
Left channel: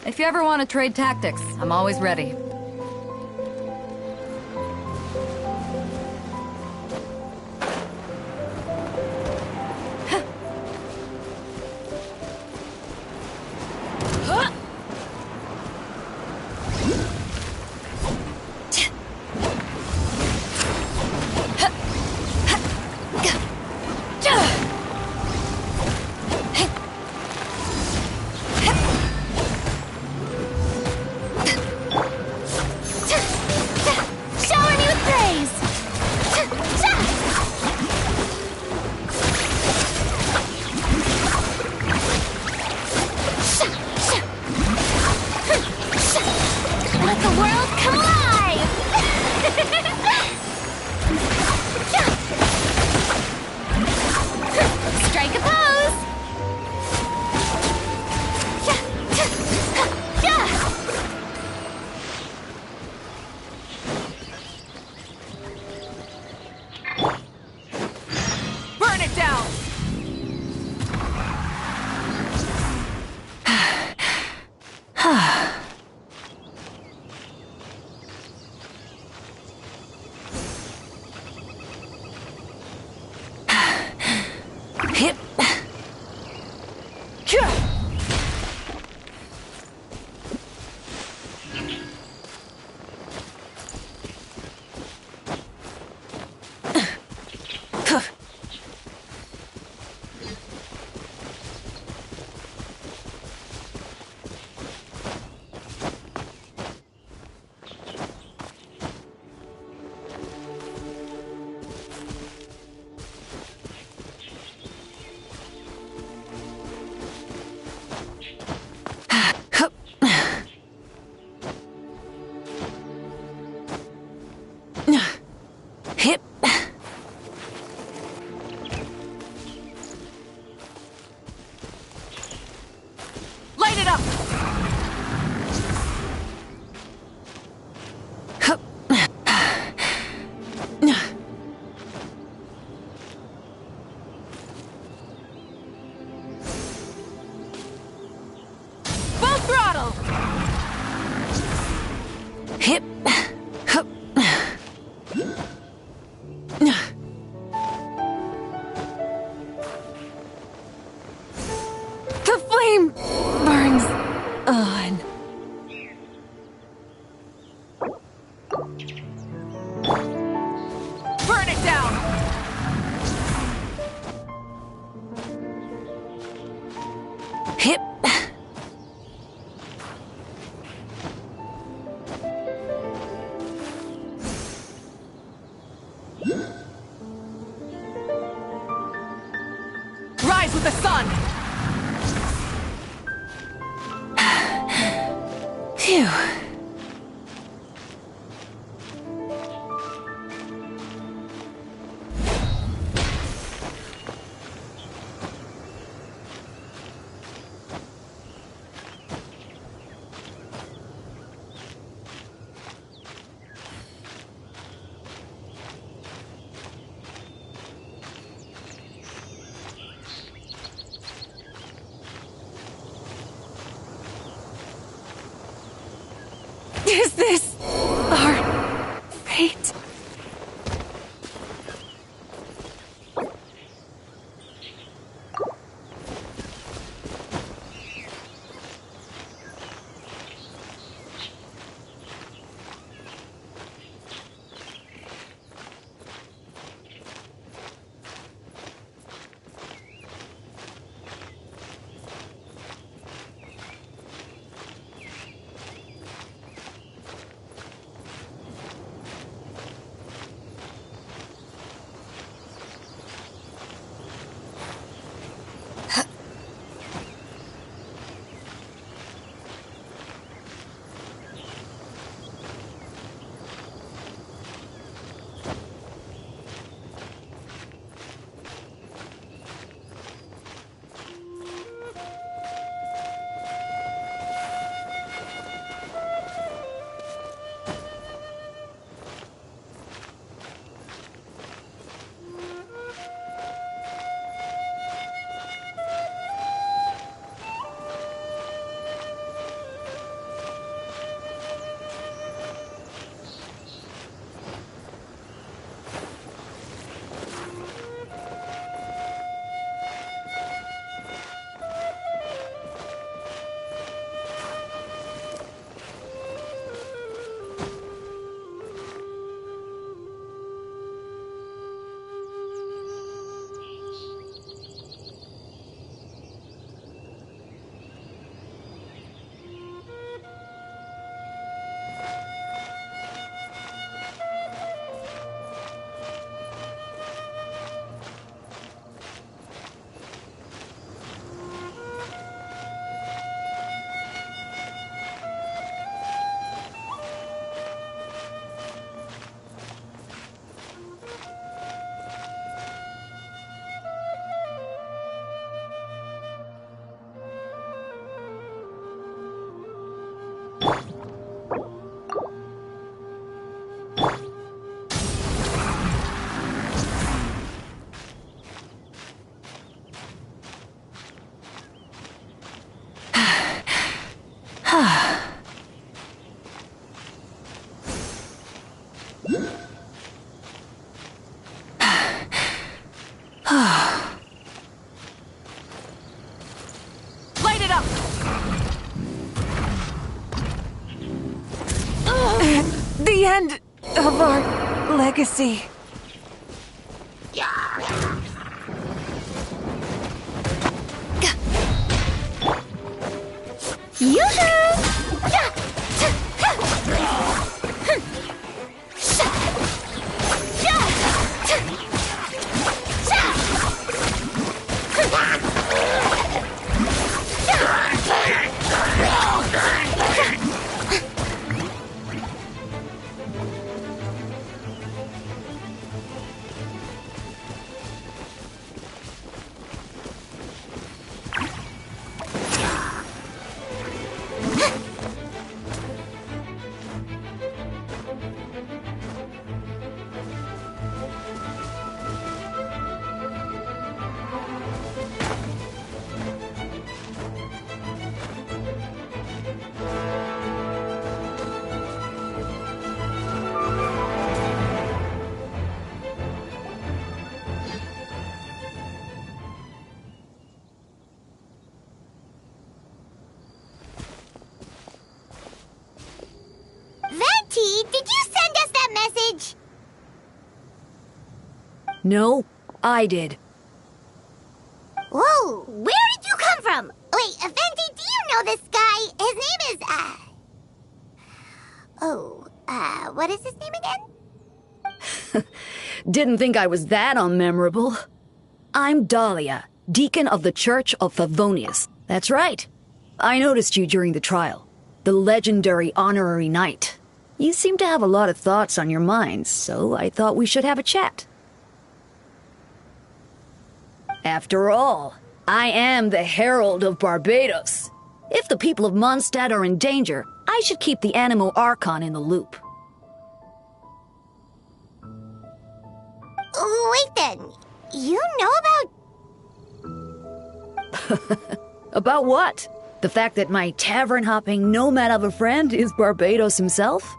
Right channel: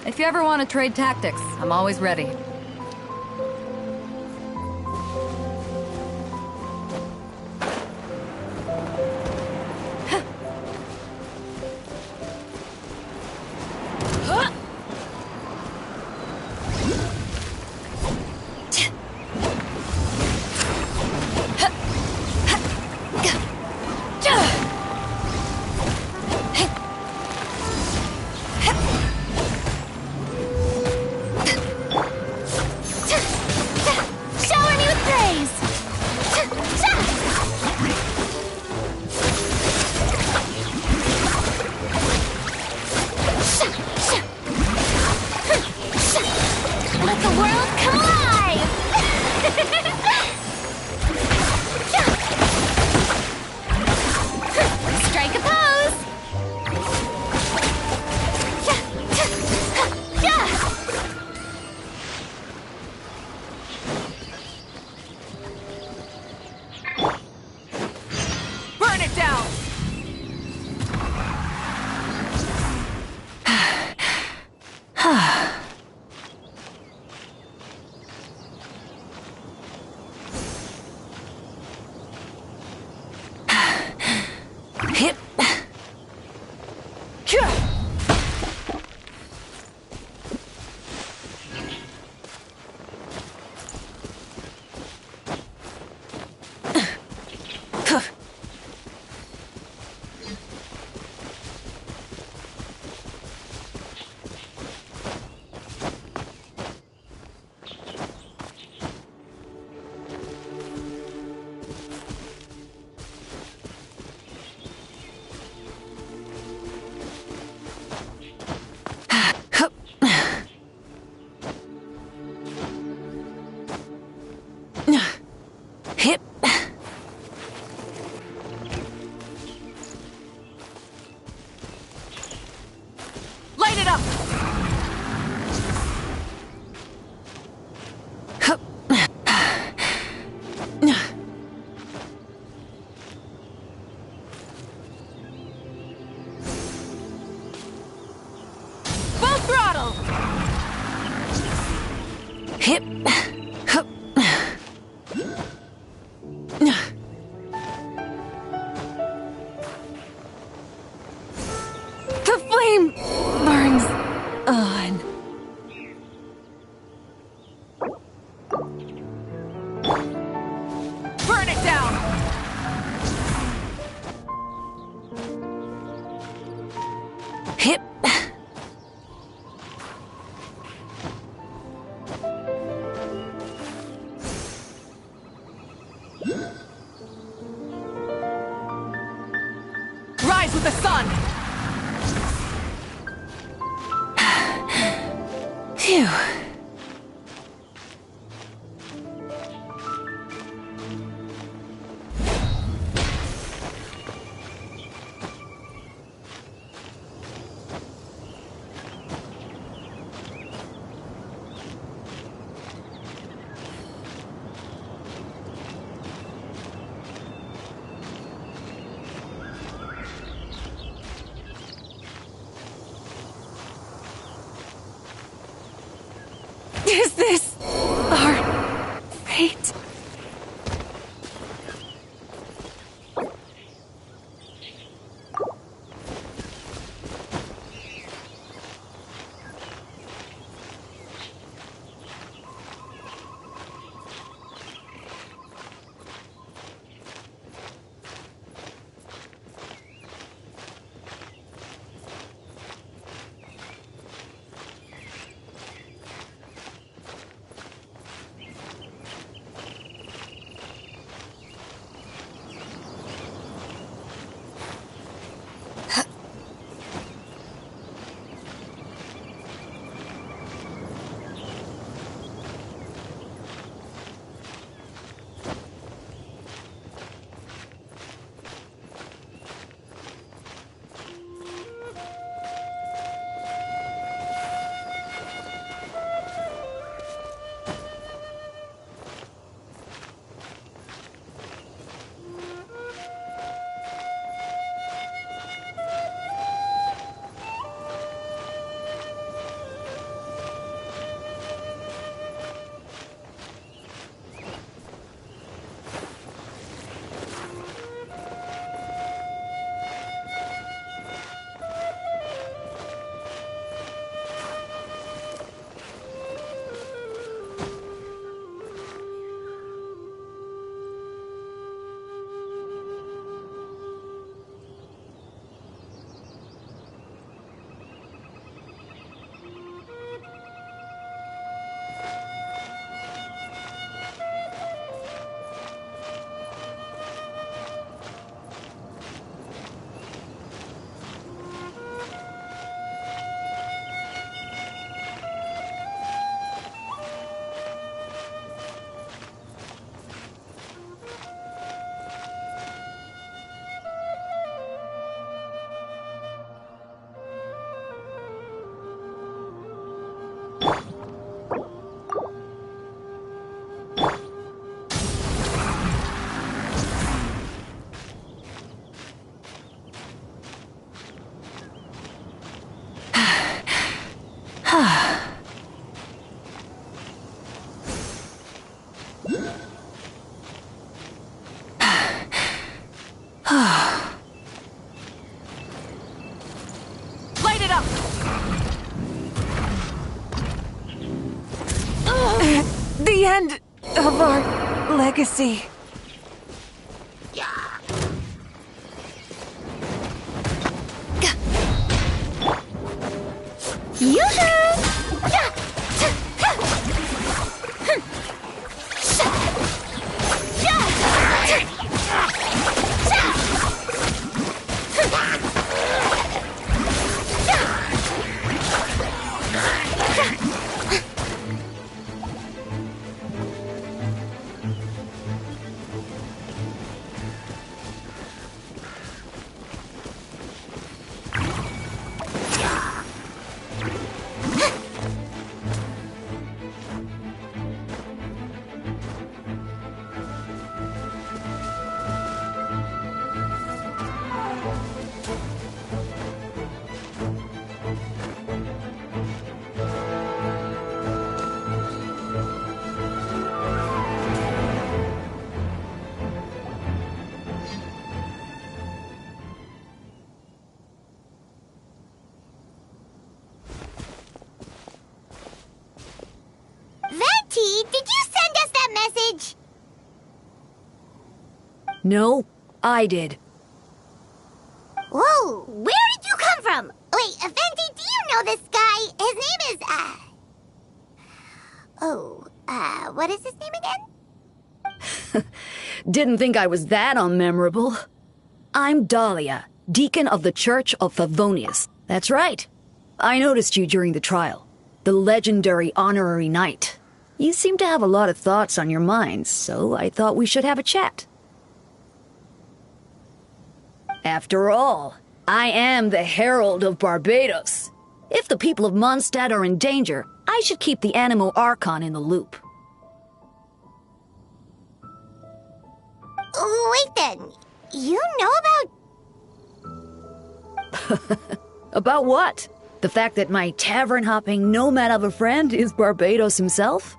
If you ever want to trade tactics, I'm always ready. With the sun! Phew. Is this our fate? the end of our legacy. Did you send us that message? No, I did. Whoa, where did you come from? Wait, Venti, do you know this guy? His name is, what is his name again? Didn't think I was that unmemorable. I'm Daria, deacon of the Church of Favonius. That's right. I noticed you during the trial. The legendary honorary knight. You seem to have a lot of thoughts on your minds, so I thought we should have a chat. After all, I am the Herald of Barbados. If the people of Mondstadt are in danger, I should keep the Animo Archon in the loop. Wait then, you know about... About what? The fact that my tavern-hopping nomad of a friend is Barbados himself?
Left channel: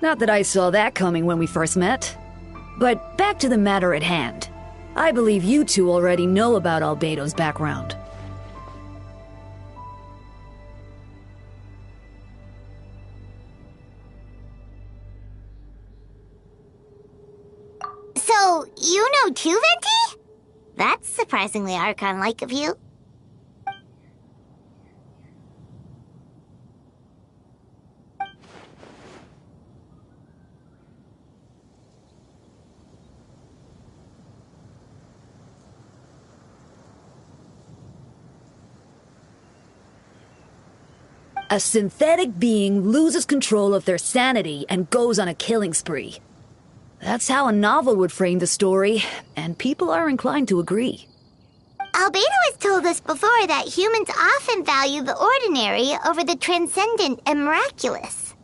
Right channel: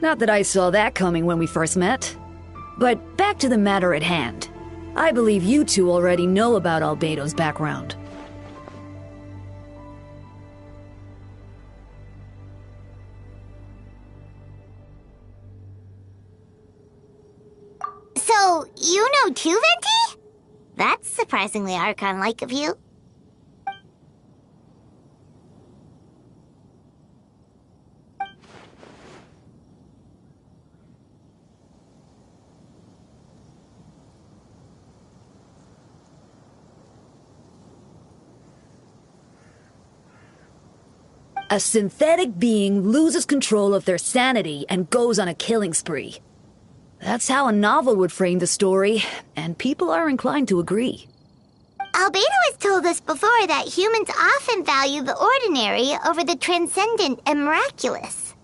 Not that I saw that coming when we first met. But back to the matter at hand. I believe you two already know about Albedo's background. So, you know too, Venti? That's surprisingly Archon-like of you. A synthetic being loses control of their sanity and goes on a killing spree. That's how a novel would frame the story, and people are inclined to agree. Albedo has told us before that humans often value the ordinary over the transcendent and miraculous.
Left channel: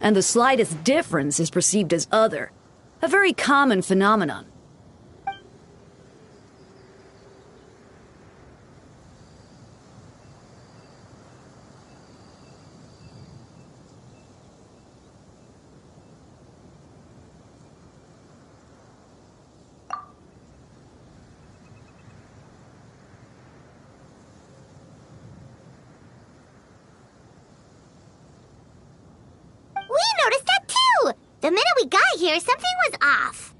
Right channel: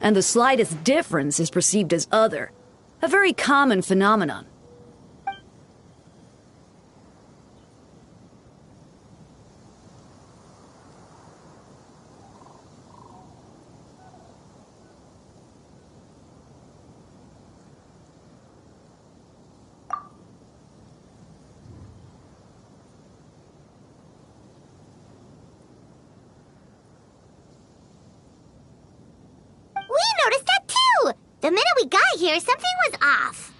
And the slightest difference is perceived as other. A very common phenomenon. We noticed that too! The minute we got here, something was off.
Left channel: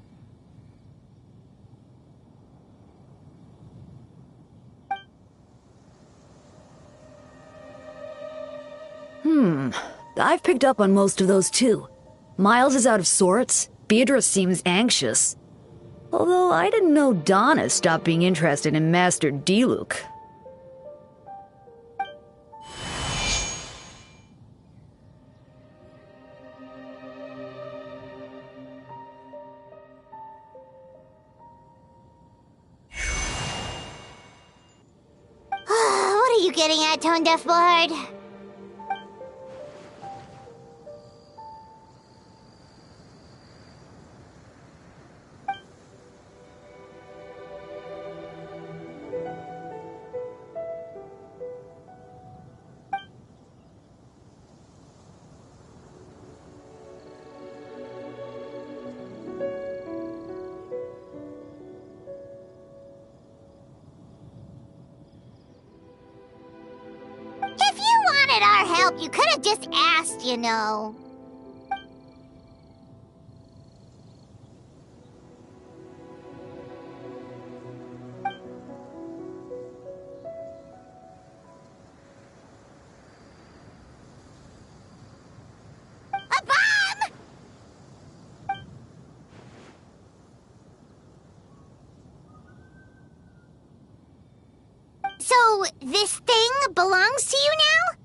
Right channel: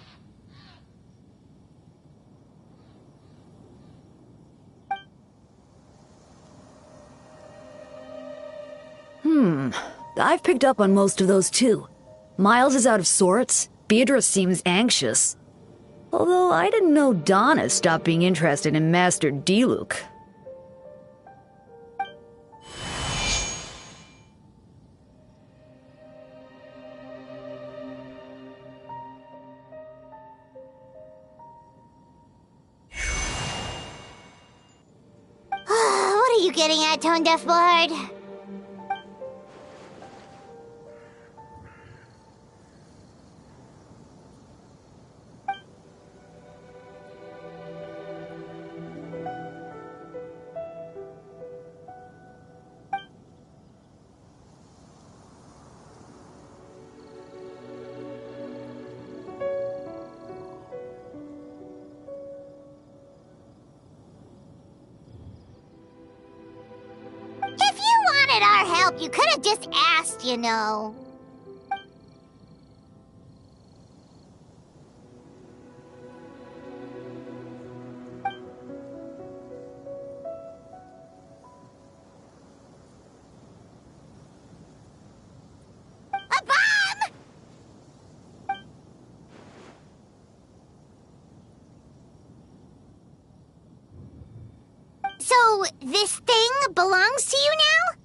I've picked up on most of those too. Miles is out of sorts. Beatrice seems anxious. Although I didn't know Donna stopped being interested in Master Diluc. What are you getting at, Tone Deaf Bullard? help, you could have just asked, you know. A bomb! So, this thing belongs to you now?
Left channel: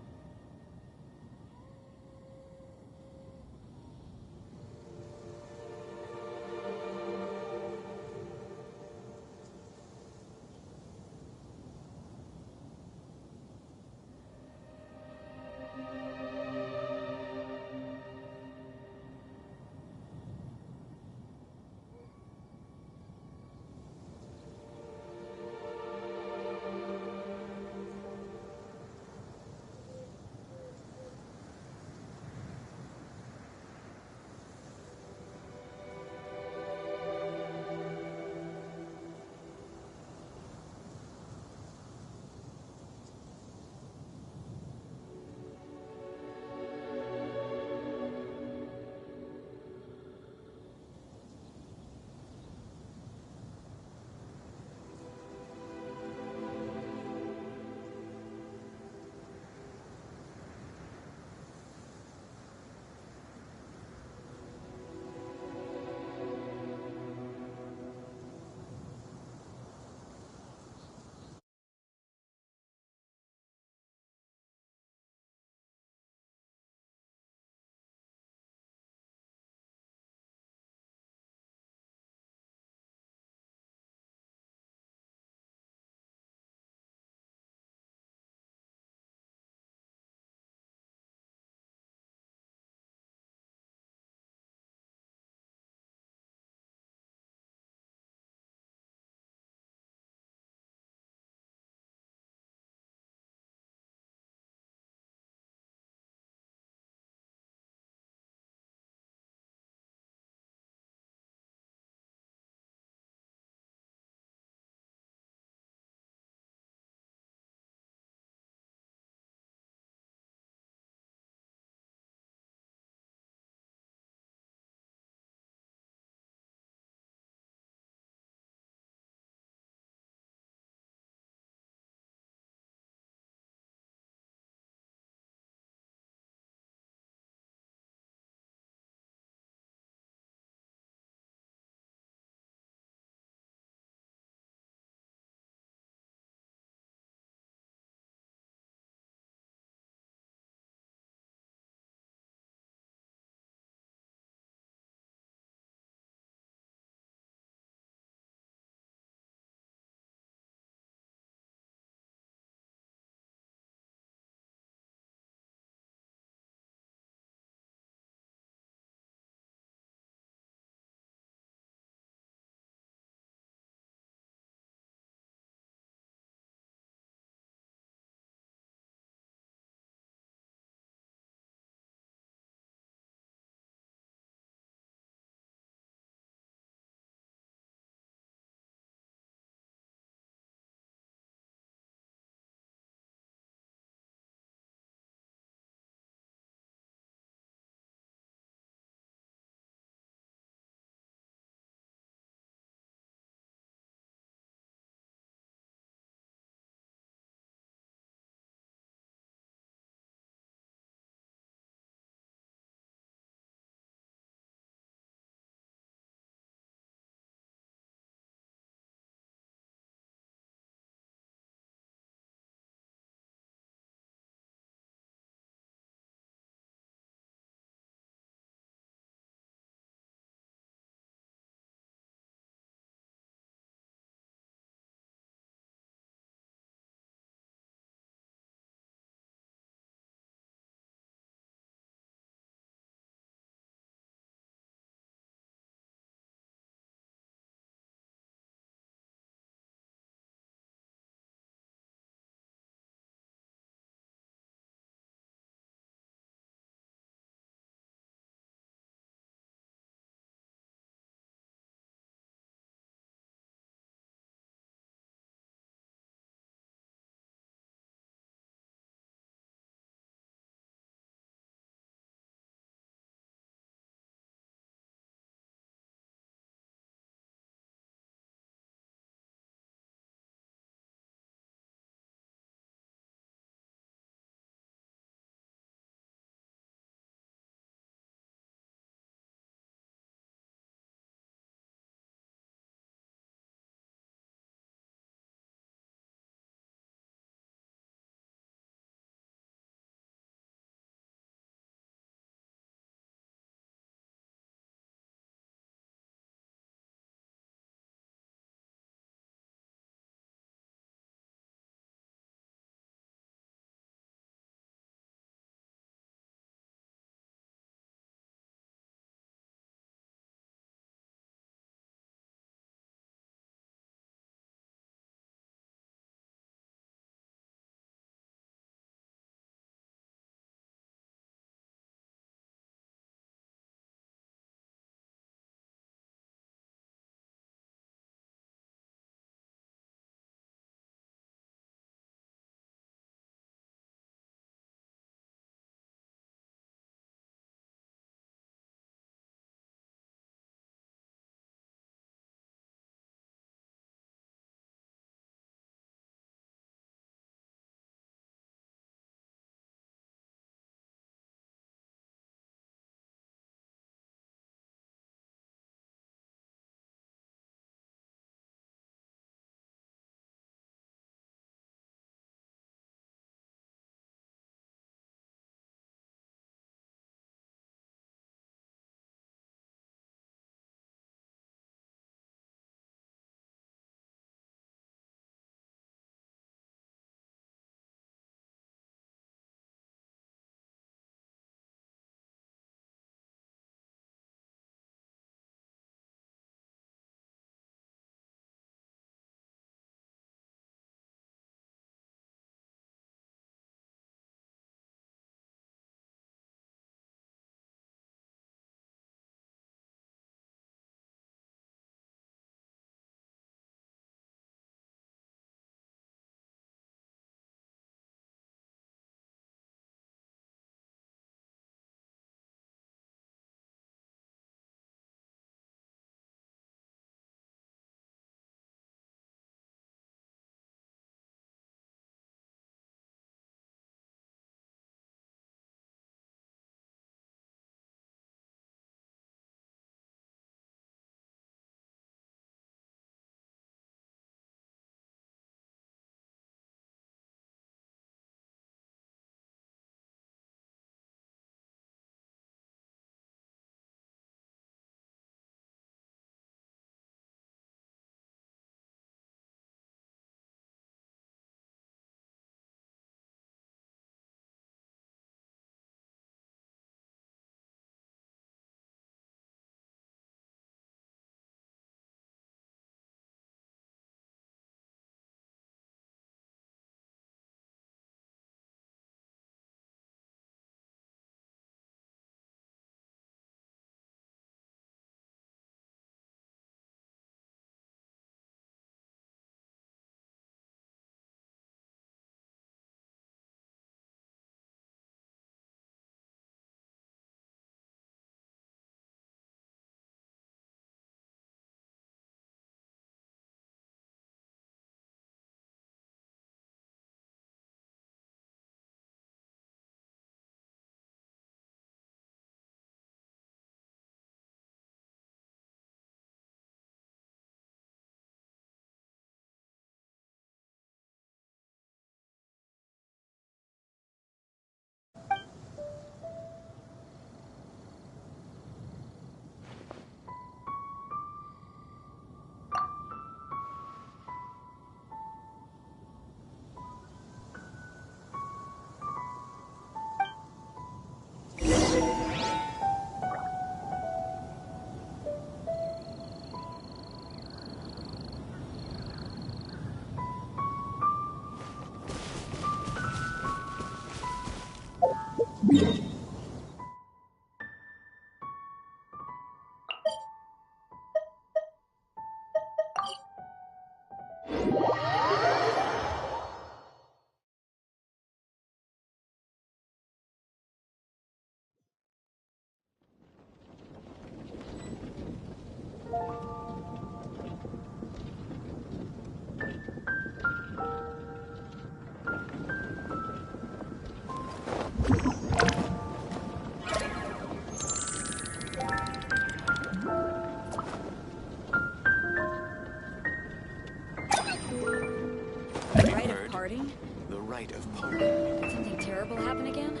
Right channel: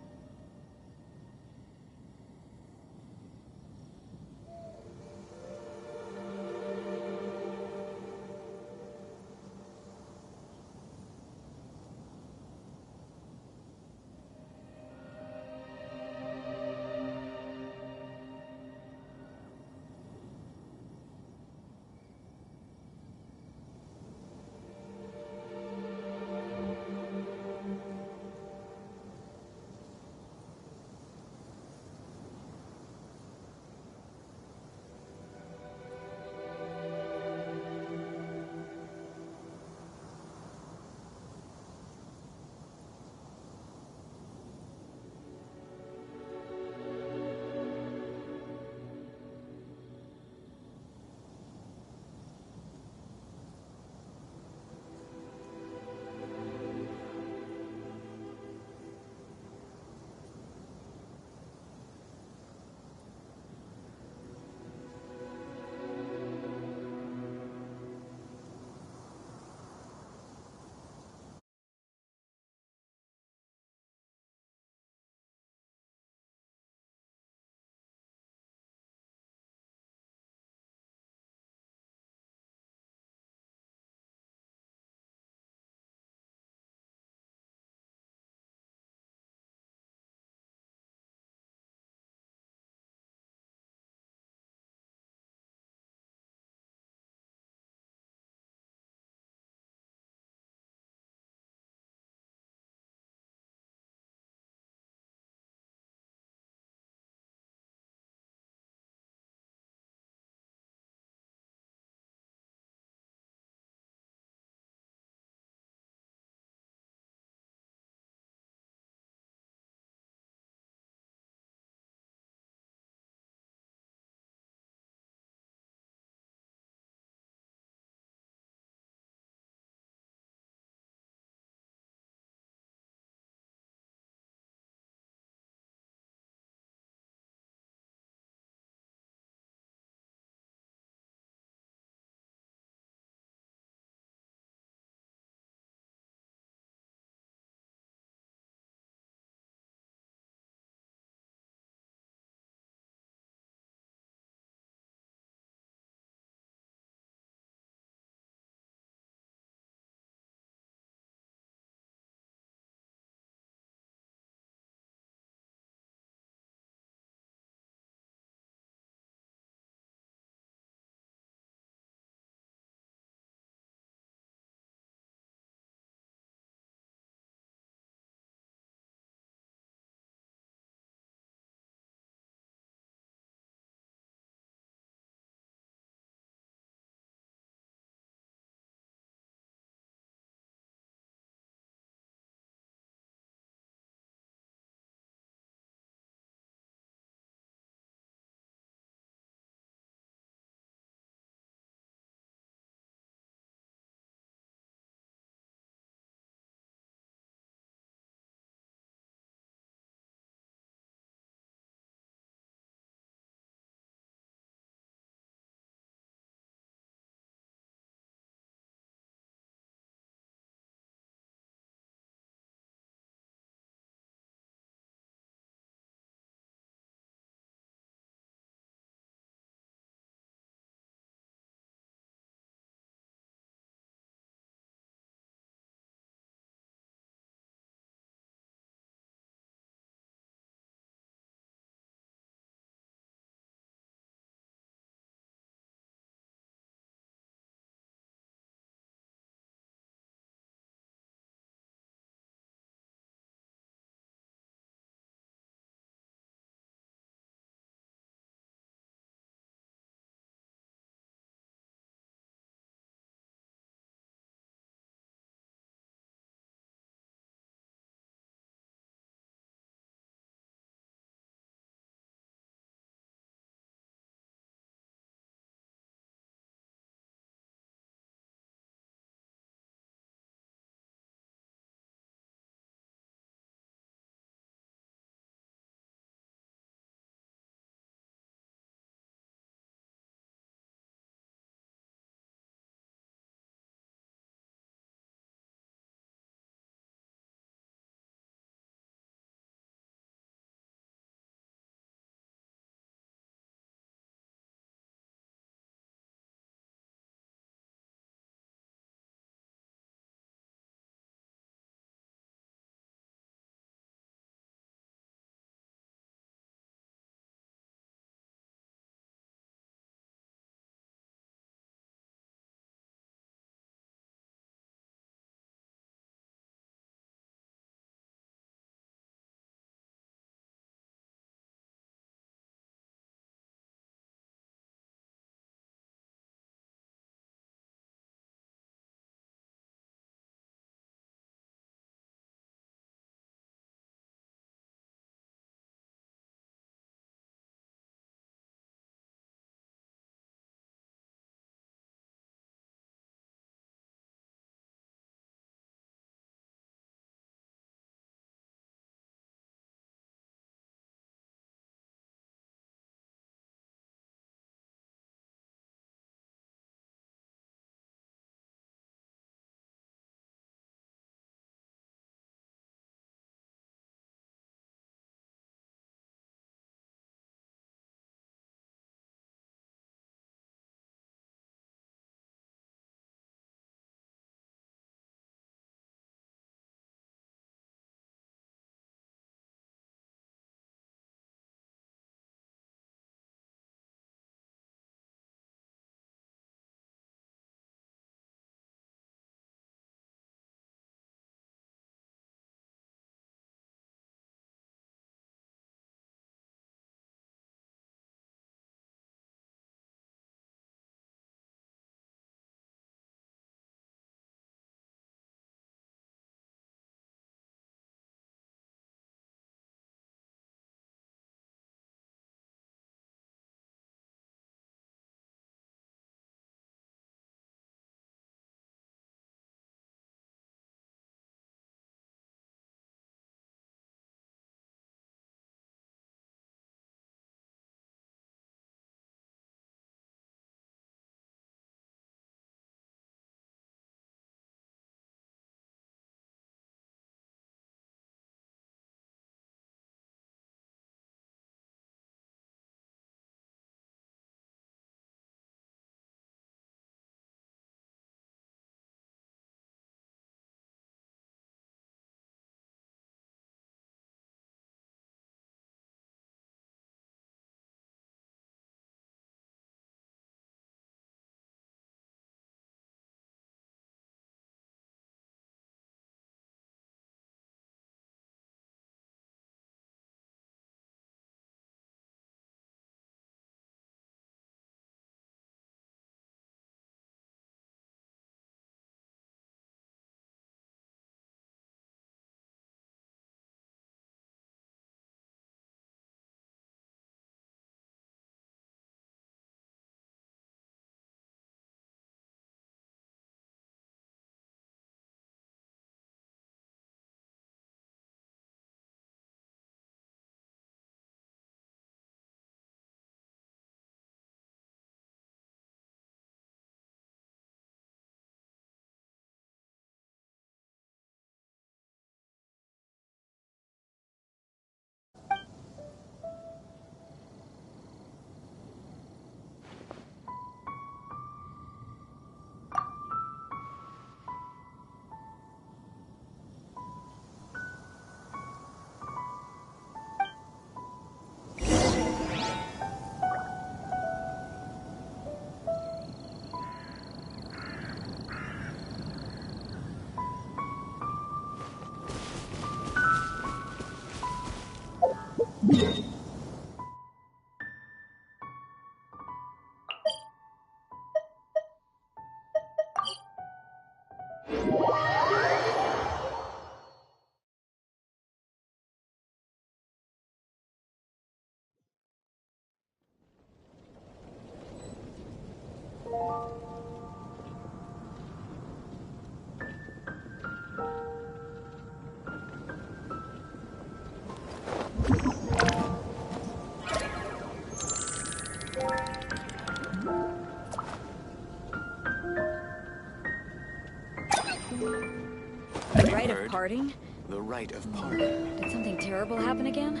parting? The rite of parting. Did something terrible happen again?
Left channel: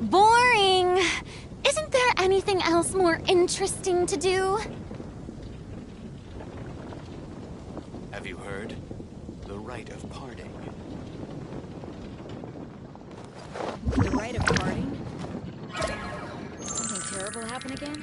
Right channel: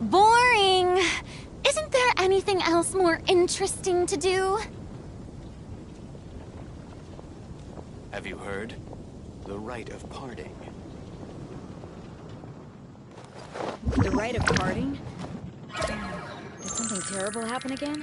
Boring! Isn't there anything else more interesting to do? Have you heard? The rite of parting. The rite of parting? Did something terrible happen again?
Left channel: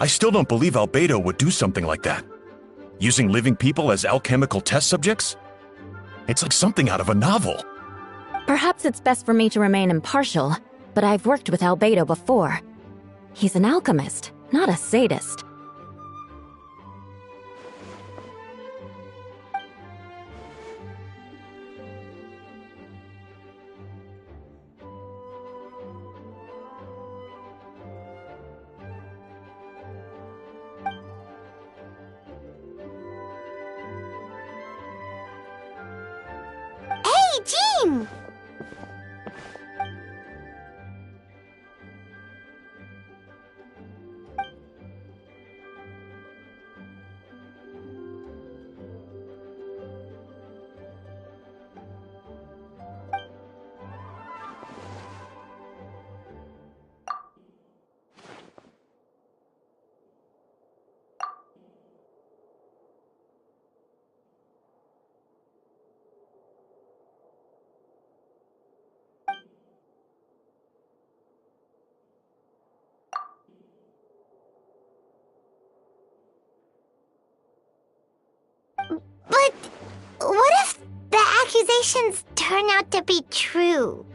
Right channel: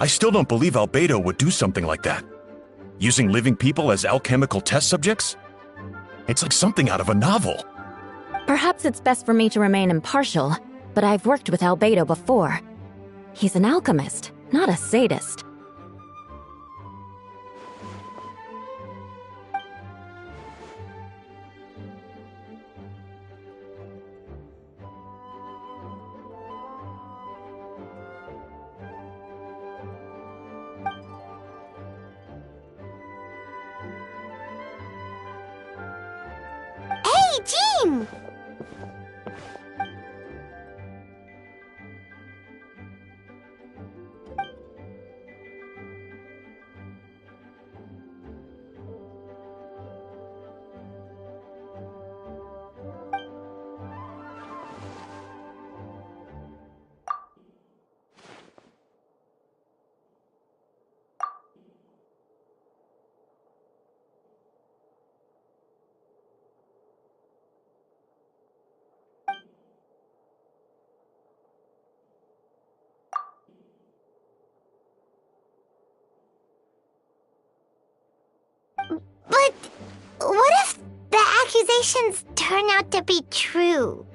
I still don't believe Albedo would do something like that. Using living people as alchemical test subjects? It's like something out of a novel. Perhaps it's best for me to remain impartial, but I've worked with Albedo before. He's an alchemist, not a sadist. Hey, Jean! But what if the accusations turn out to be true?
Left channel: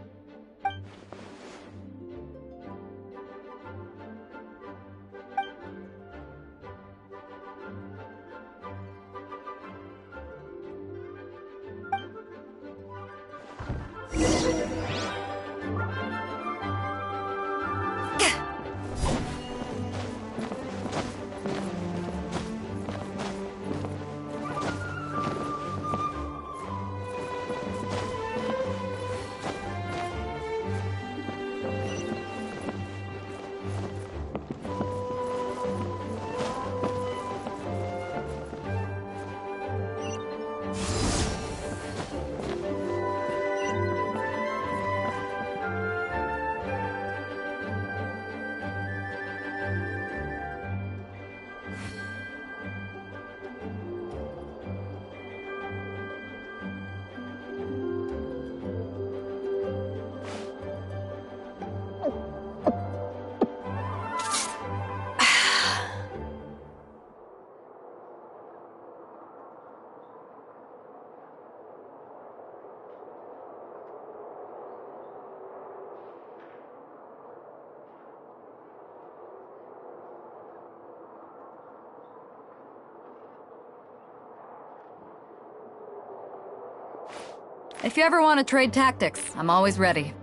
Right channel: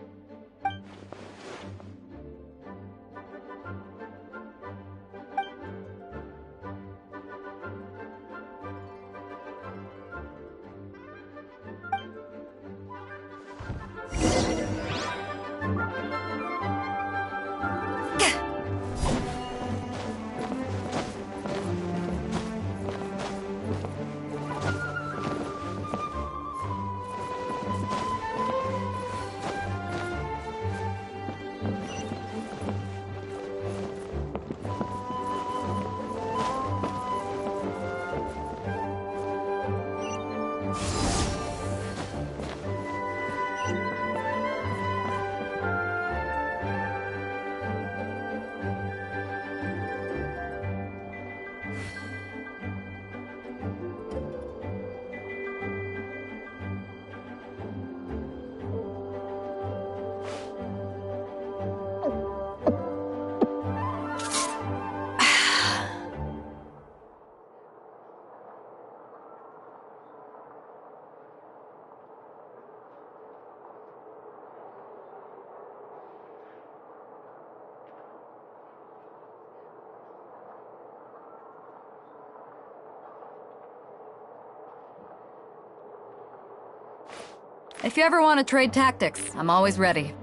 If you ever want to trade tactics, I'm always ready.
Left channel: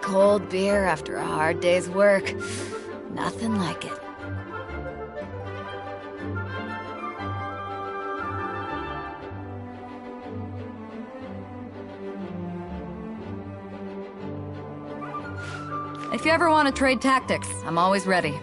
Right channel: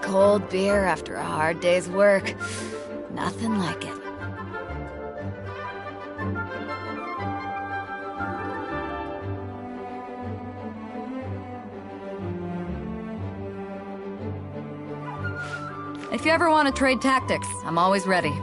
Cold beer after a hard day's work. Nothing like it. If you ever want to trade tactics, I'm always ready.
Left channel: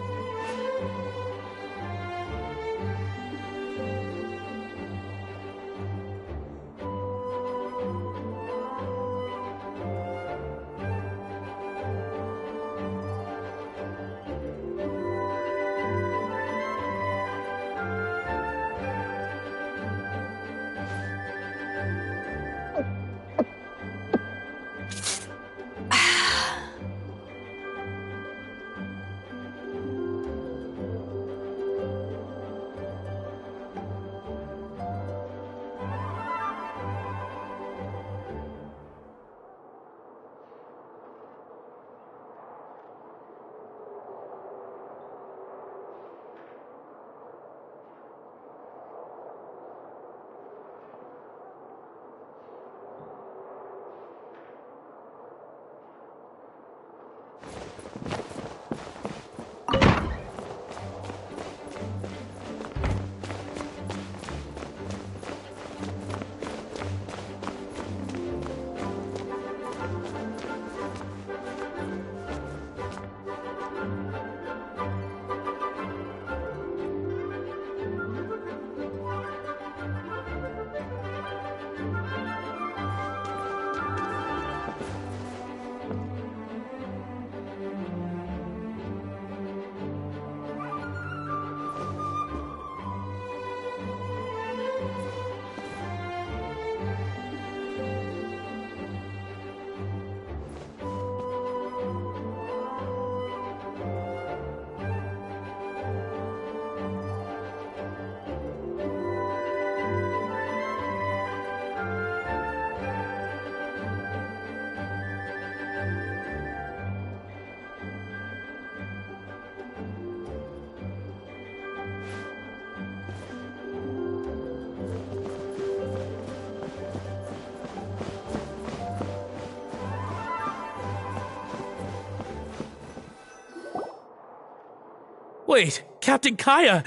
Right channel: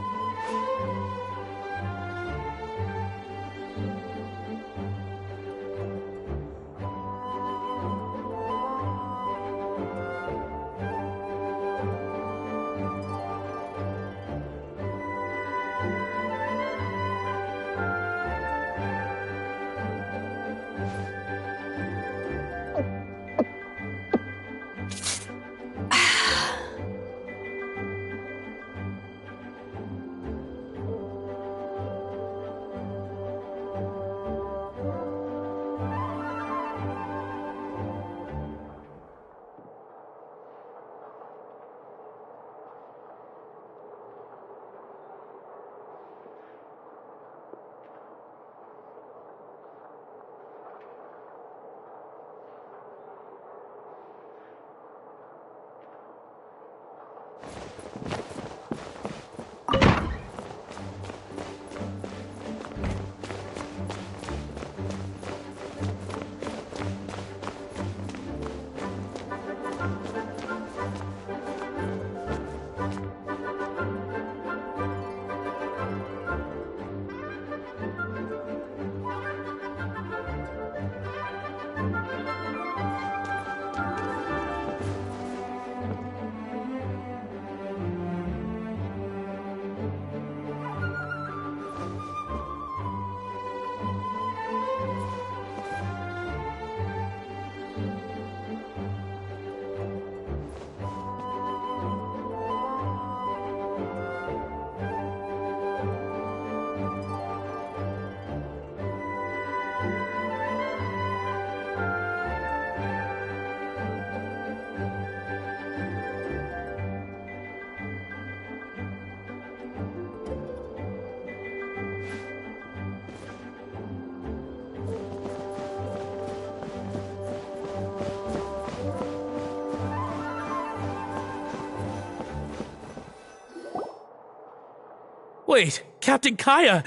Wait, Captain Kaya!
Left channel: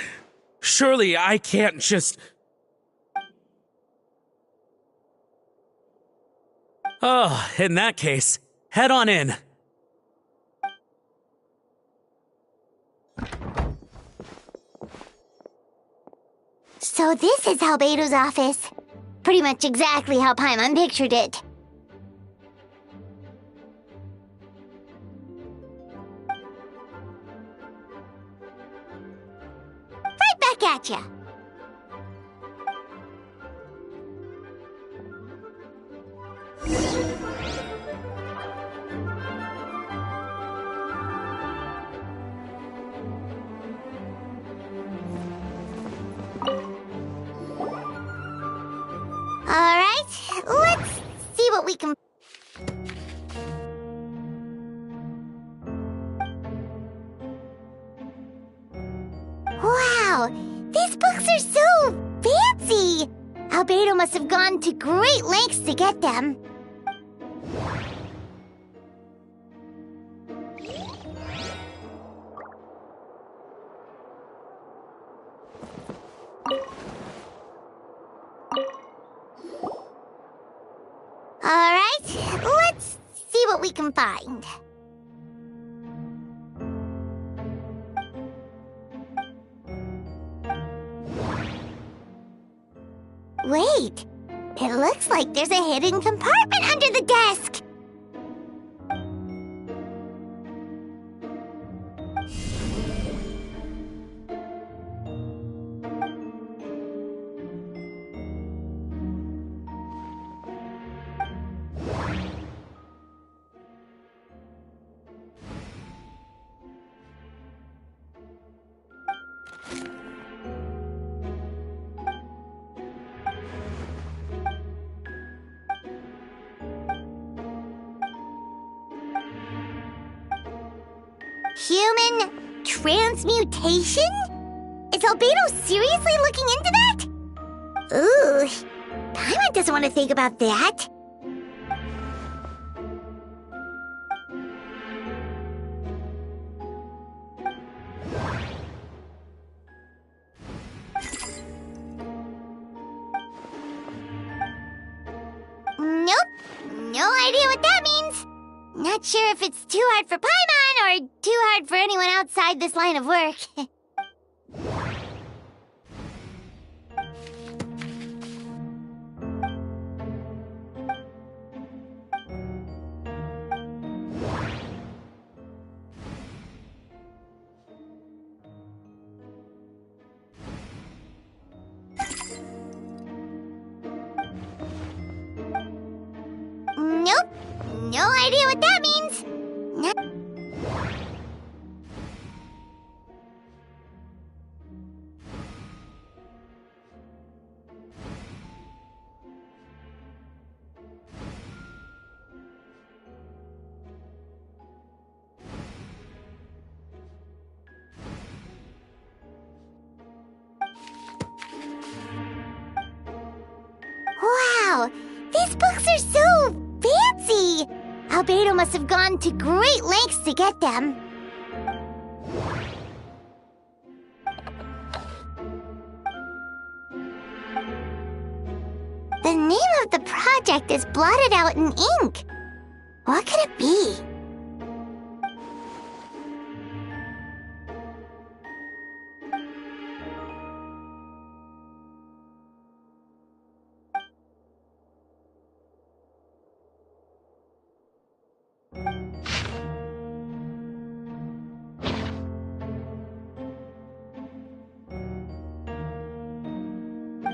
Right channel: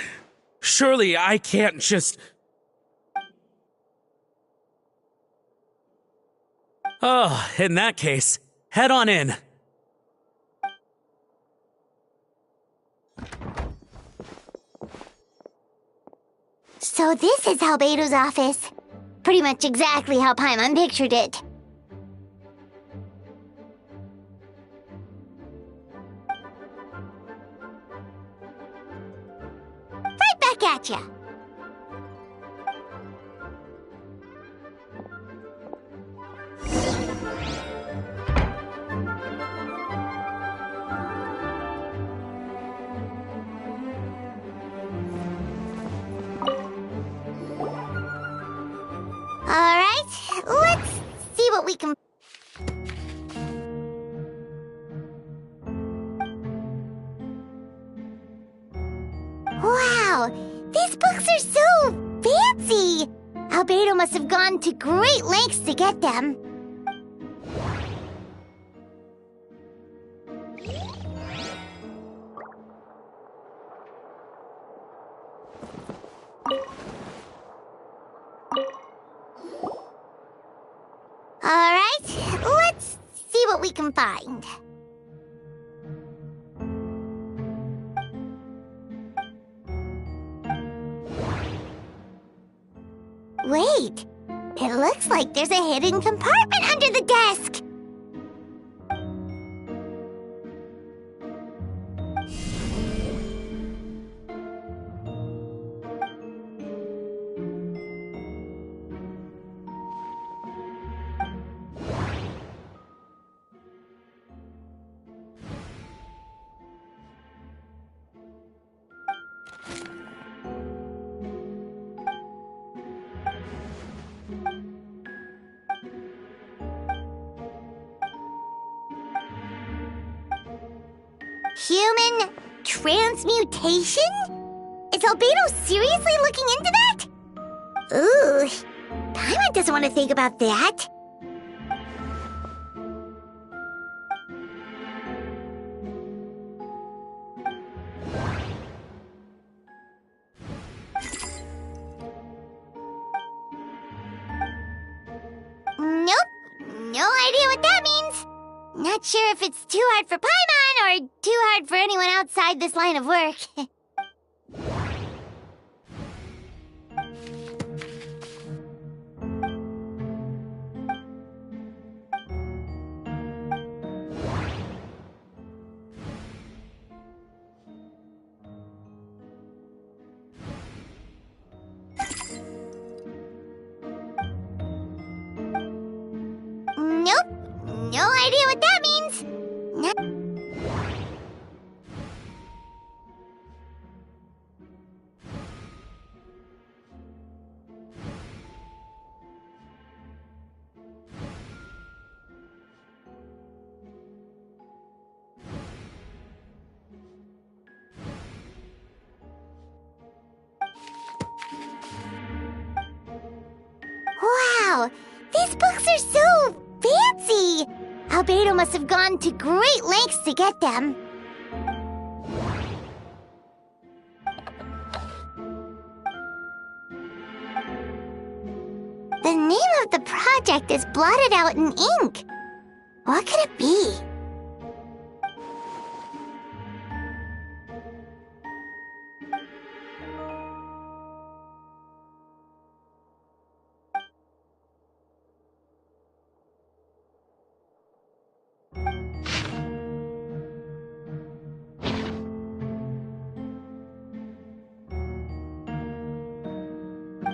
Surely I can't just... Oh, in that case, head on in. So this is Albedo's office. Pretty much exactly how Paimon pictured it. Right back at ya. Alright, let's see what we can... Wow, these books are so fancy! Albedo must have gone to great lengths to get them. Alright, let's see what we can find. Wait, it looks like there's a hidden compartment under the desk. Human transmutation? Is Albedo seriously looking into that? Ooh, Paimon doesn't want to think about that. Nope, no idea what that means. Not sure if it's too hard for Paimon or too hard for anyone outside this line of work. Nope, no idea what that means. Not Wow, these books are so fancy! Albedo must have gone to great lengths to get them. The name of the project is blotted out in ink. What could it be?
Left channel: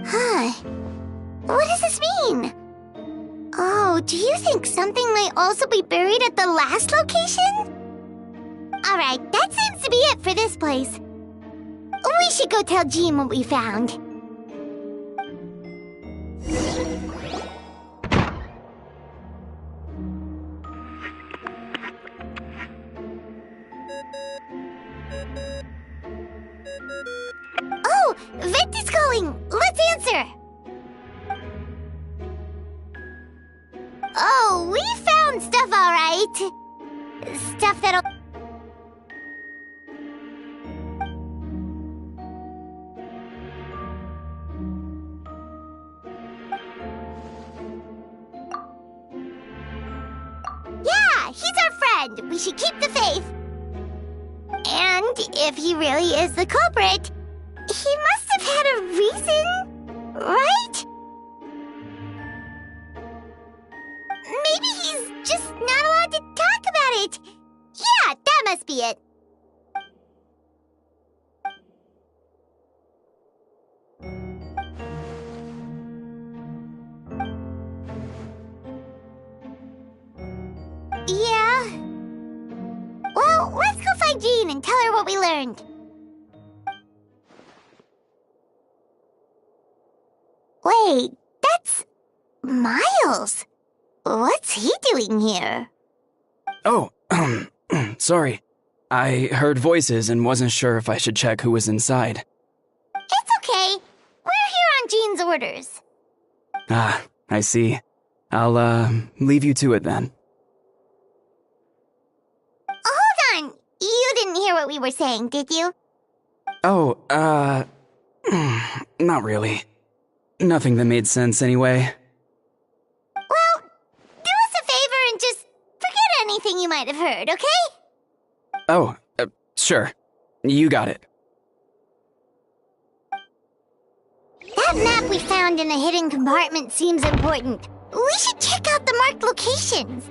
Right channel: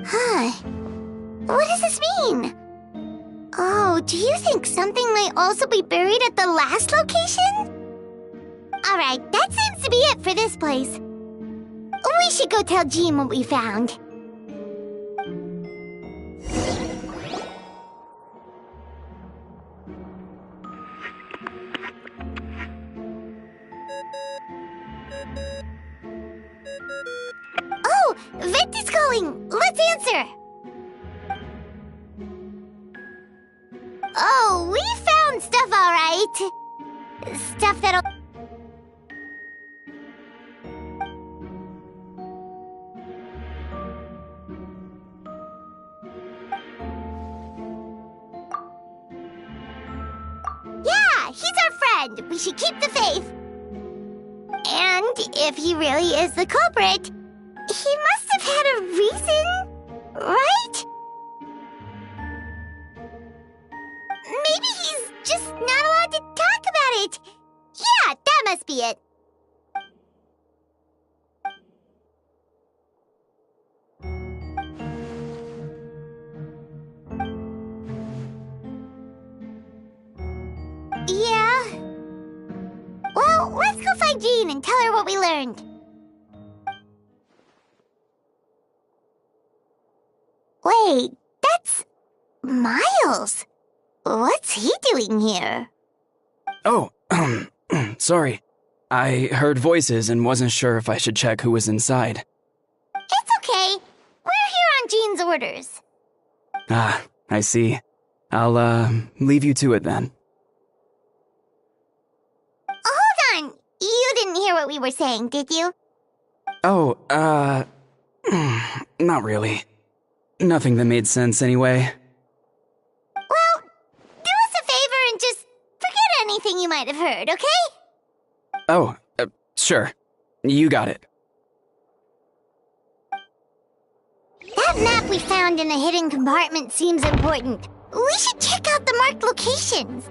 Huh. What does this mean? Oh, do you think something might also be buried at the last location? Alright, that seems to be it for this place. We should go tell Jean what we found. Oh, Venti's calling! Let's answer! Oh, we found stuff, alright. Stuff that'll... Yeah, he's our friend. We should keep the faith. And if he really is the culprit, he must have had a reason, right? Maybe he's just not allowed to talk about it. Yeah, that must be it. Yeah. Well, let's go find Jean and tell her what we learned. Wait, that's Miles. What's he doing here? Oh, sorry. I heard voices and wasn't sure if I should check who was inside. It's okay. We're here on Jean's orders. Ah, I see. I'll, leave you to it then. Hold on. You didn't hear what we were saying, did you? Oh, not really. Nothing that made sense anyway. Well, do us a favor and just forget anything you might have heard, okay? Oh, sure. You got it. That map we found in a hidden compartment seems important. We should check out the marked locations.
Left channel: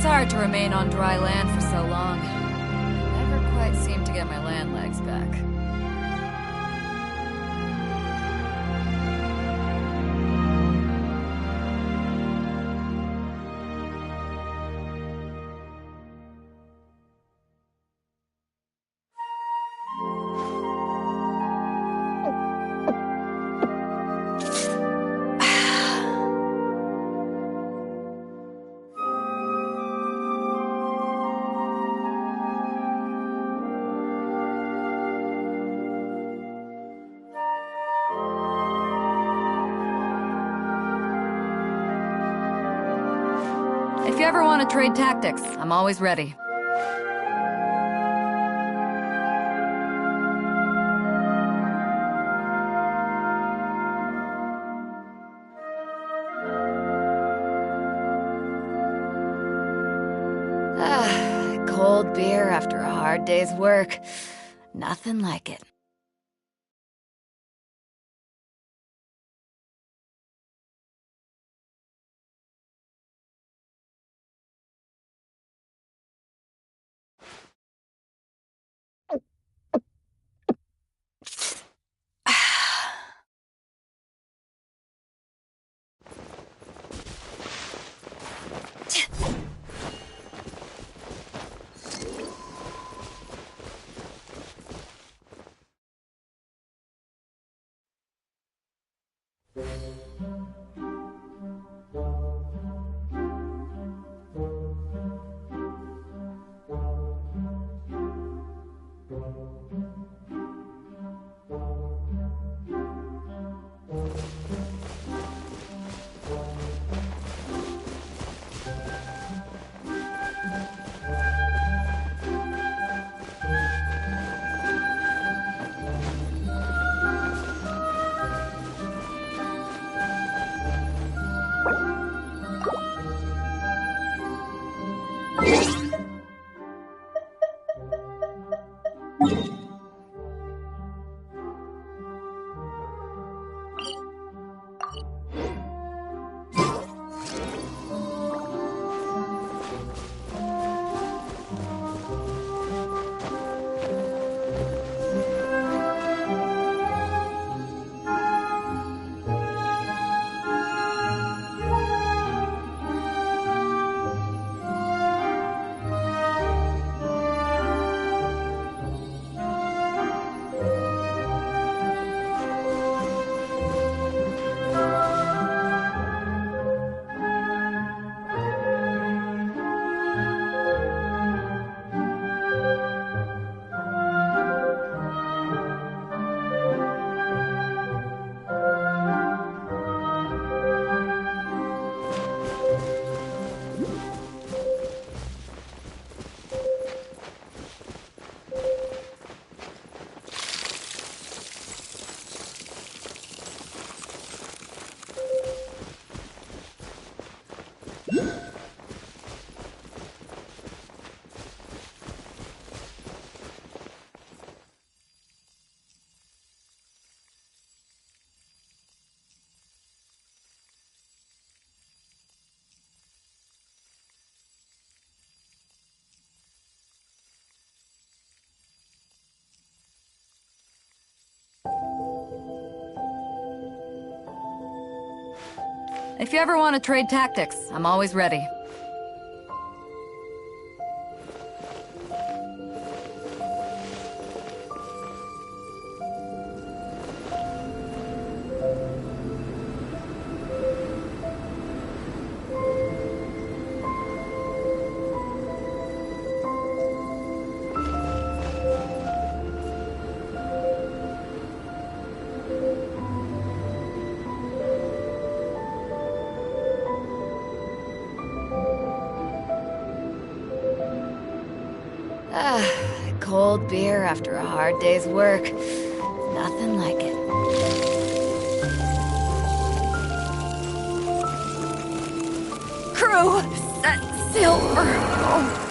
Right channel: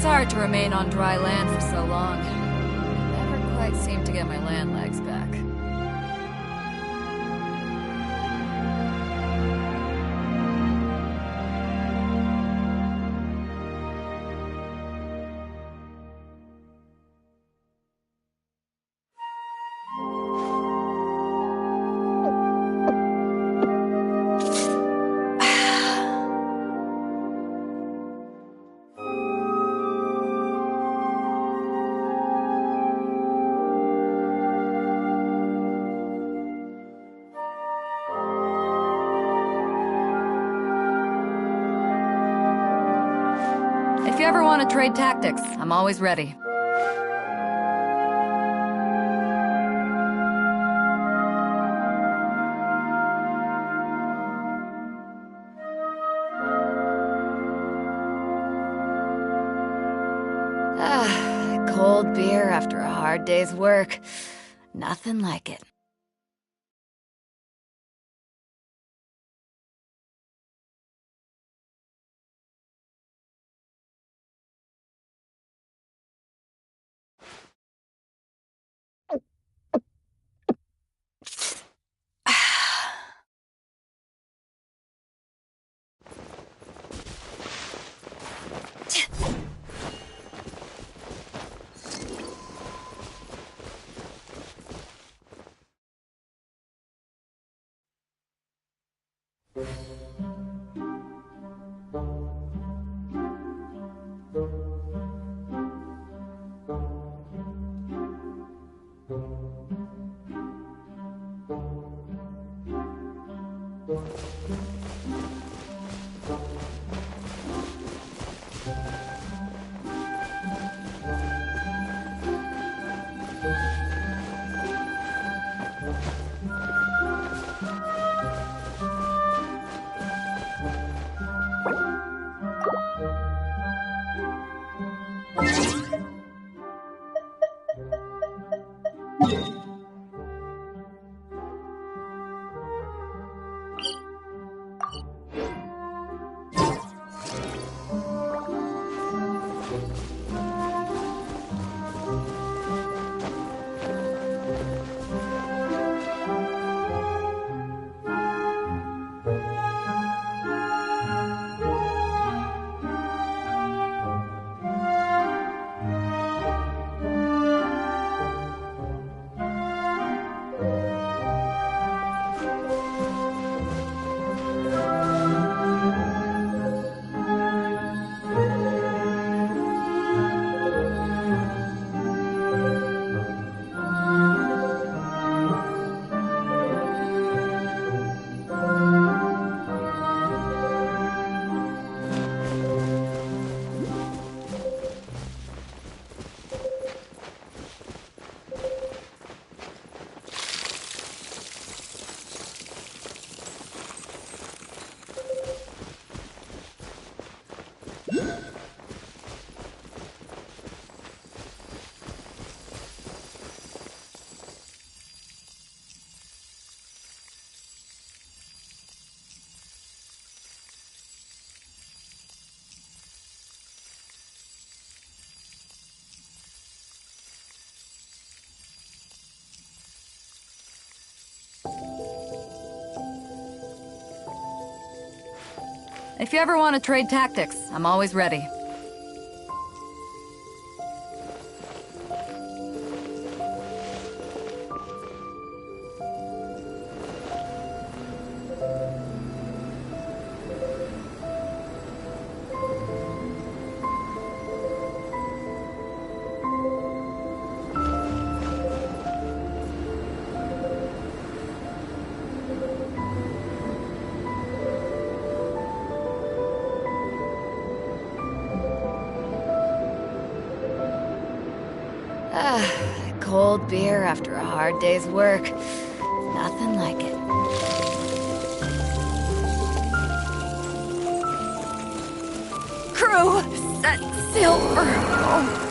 It's hard to remain on dry land for so long. I never quite seem to get my land legs back. If you ever want to trade tactics, I'm always ready. Cold beer after a hard day's work. Nothing like it. If you ever want to trade tactics, I'm always ready. Cold beer after a hard day's work. Nothing like it. Crew, set sail for home.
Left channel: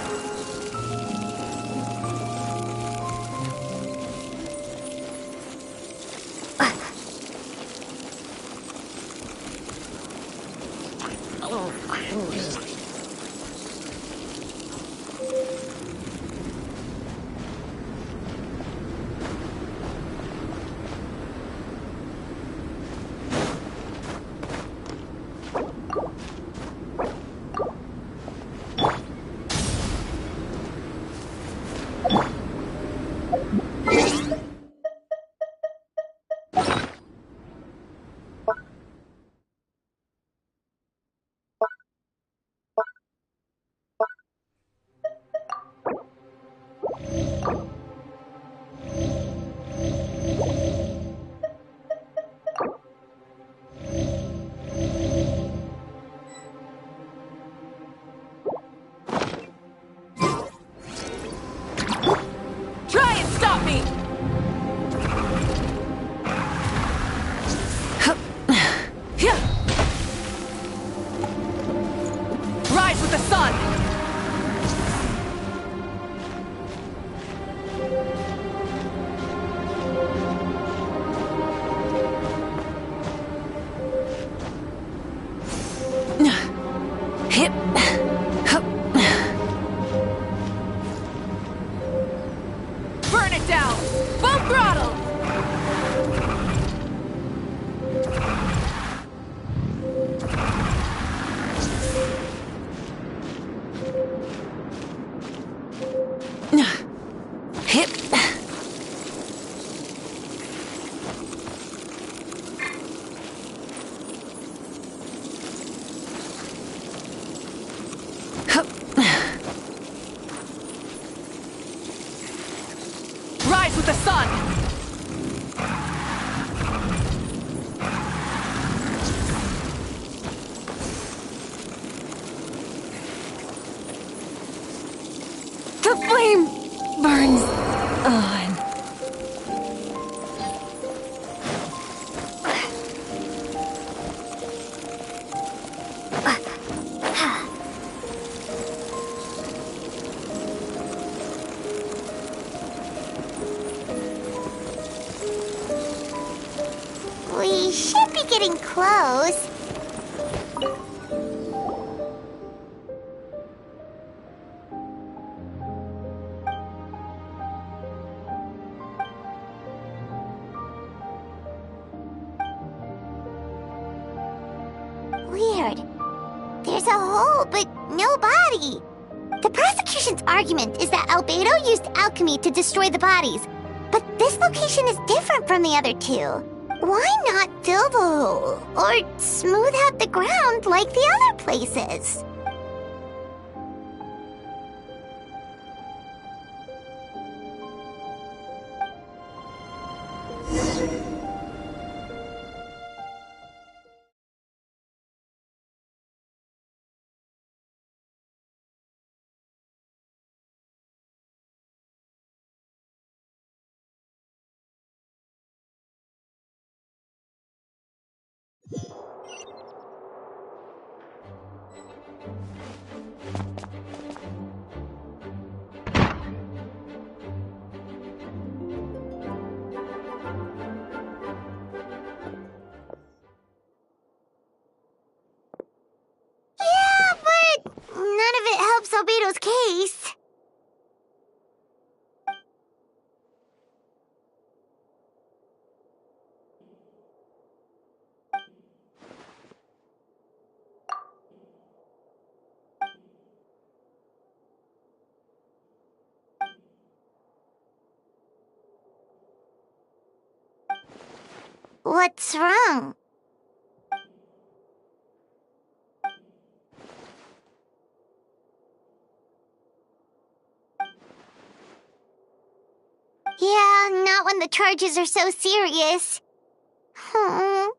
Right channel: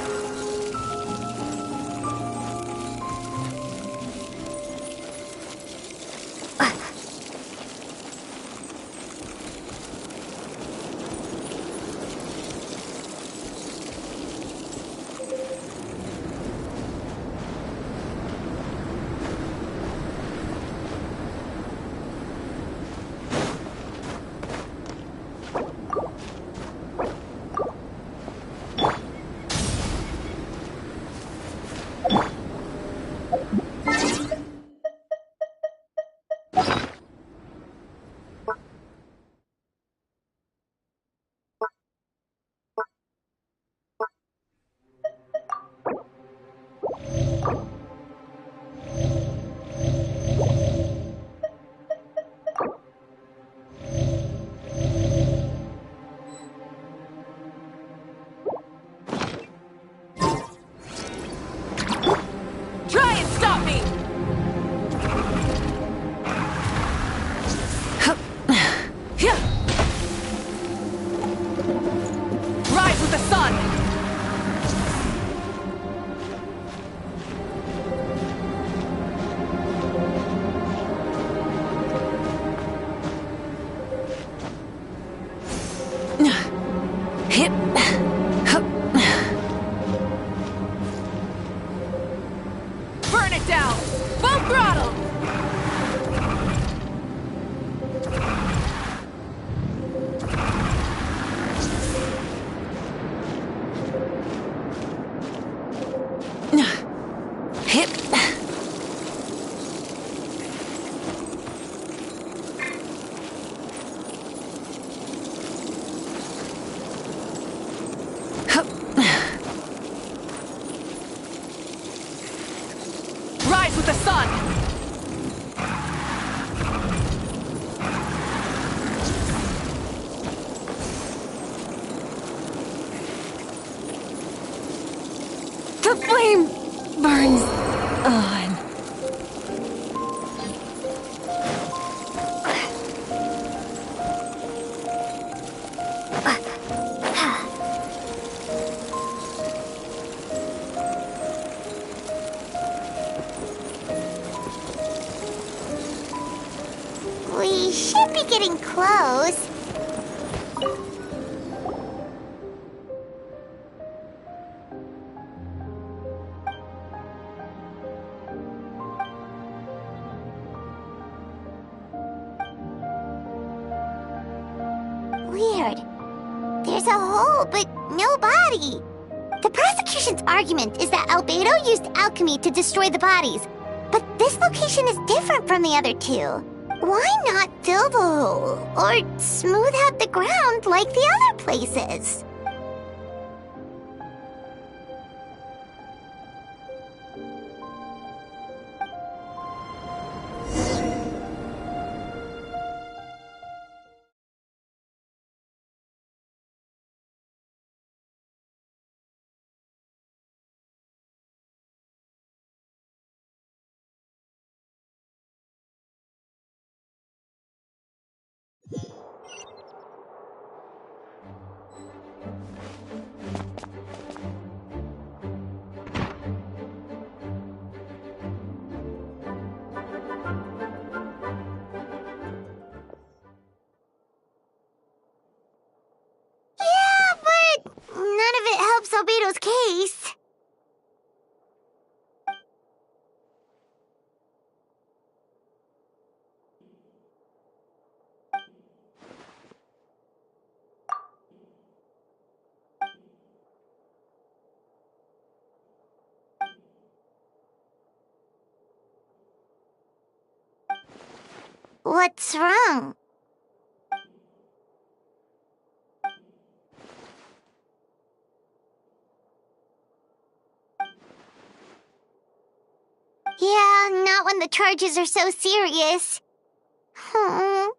down! Full throttle! Hip. Rise with the sun! The flame burns on. We should be getting close. Weird. There's a hole, but no body. The prosecution's argument is that Albedo used alchemy to destroy the bodies, but this location is different from the other two. Why not fill the hole, or smooth out the ground like the other places? Yeah, but none of it helps Albedo's case. What's wrong? Yeah, not when the charges are so serious. Hmm.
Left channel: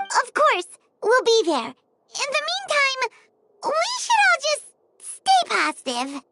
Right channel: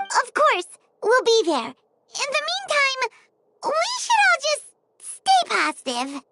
Of course, we'll be there. In the meantime, we should all just stay positive.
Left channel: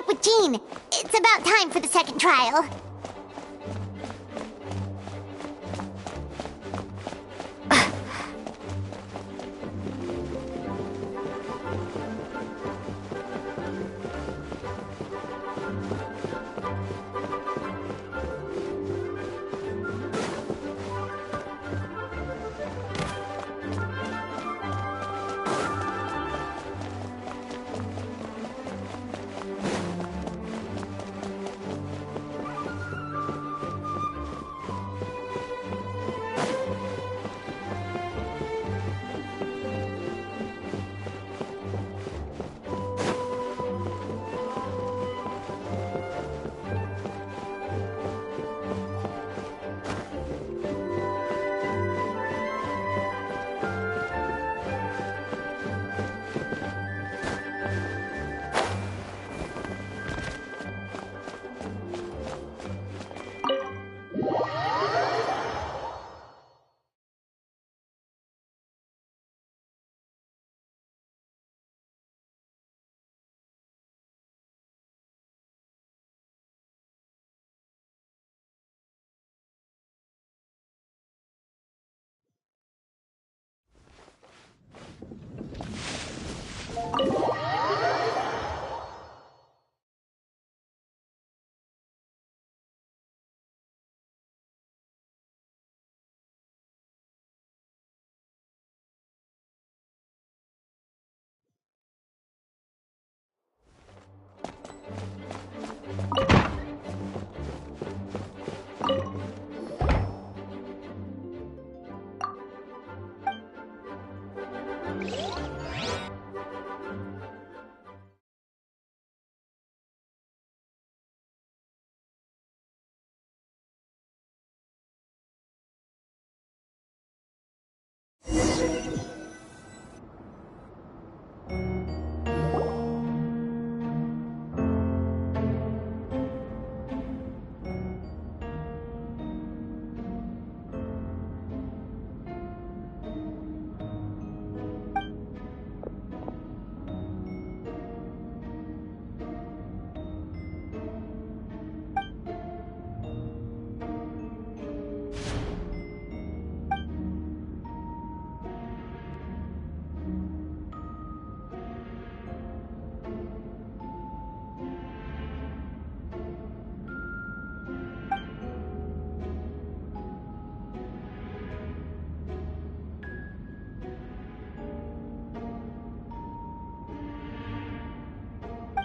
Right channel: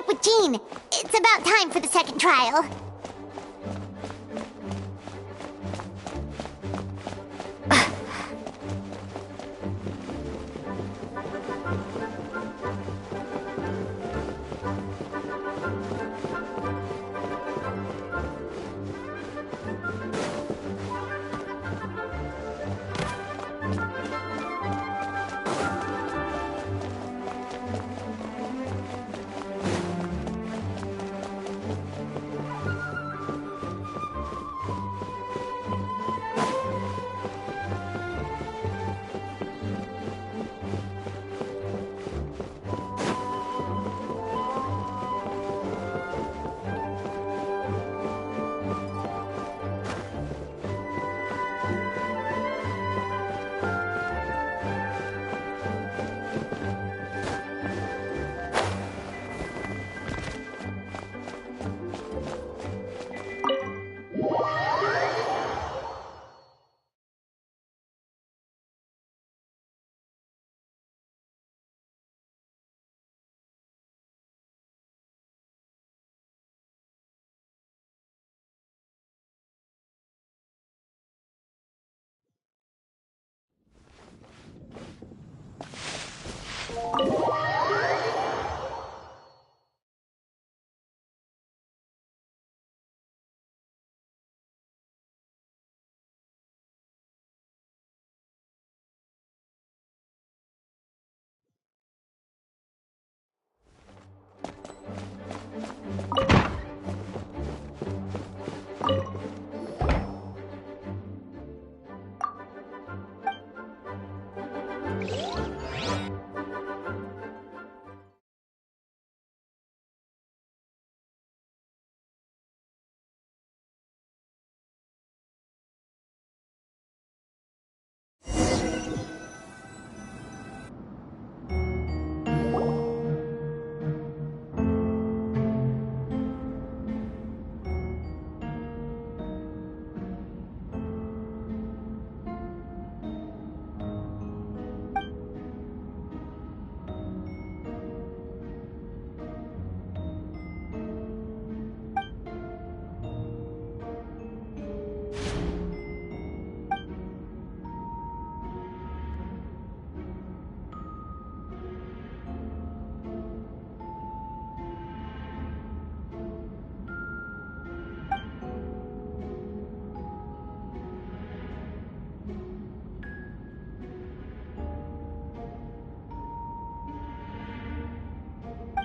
up with Jean. It's about time for the second trial.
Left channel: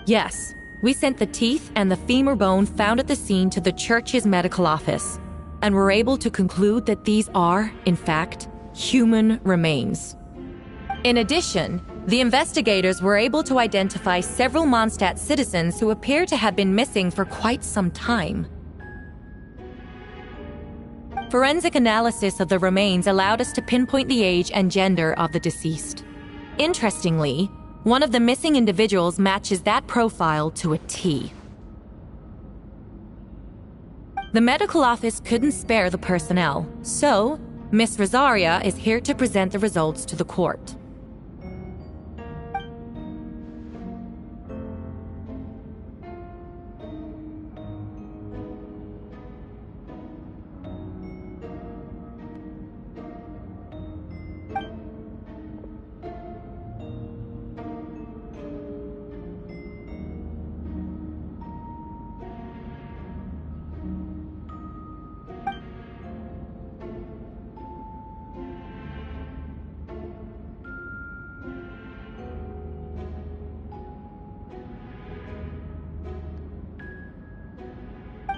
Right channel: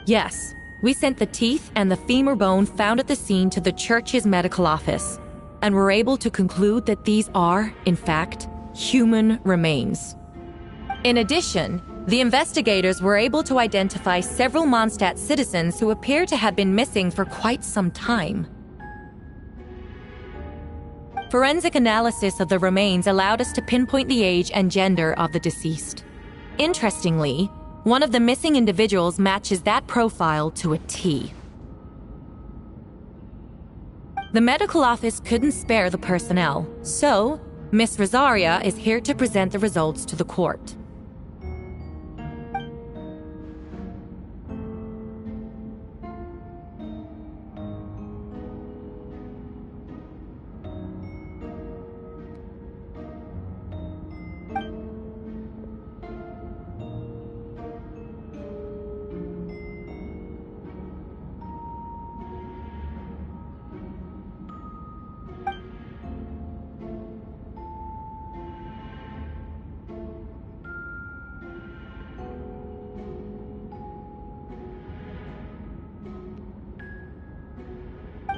Yes, we sent the teeth and the femur bone found at the scene to the church's medical office, and were able to conclude that these are, in fact, human remains. In addition, the investigators were able to identify several Mondstadt citizens who appear to have been missing for quite some time. Forensic analysis of the remains allowed us to pinpoint the age and gender of the deceased. Interestingly, one of the missing individuals matches that profile to a T. The medical office couldn't spare the personnel, so Miss Rosaria is here to present the results to the court.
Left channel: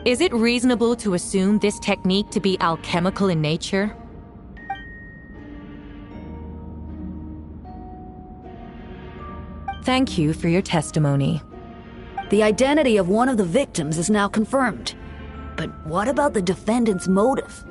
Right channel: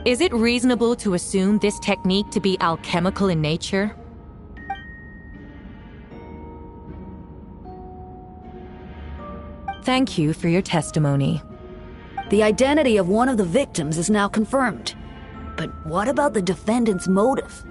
Is it reasonable to assume this technique to be alchemical in nature? Thank you for your testimony. The identity of one of the victims is now confirmed. But what about the defendant's motive?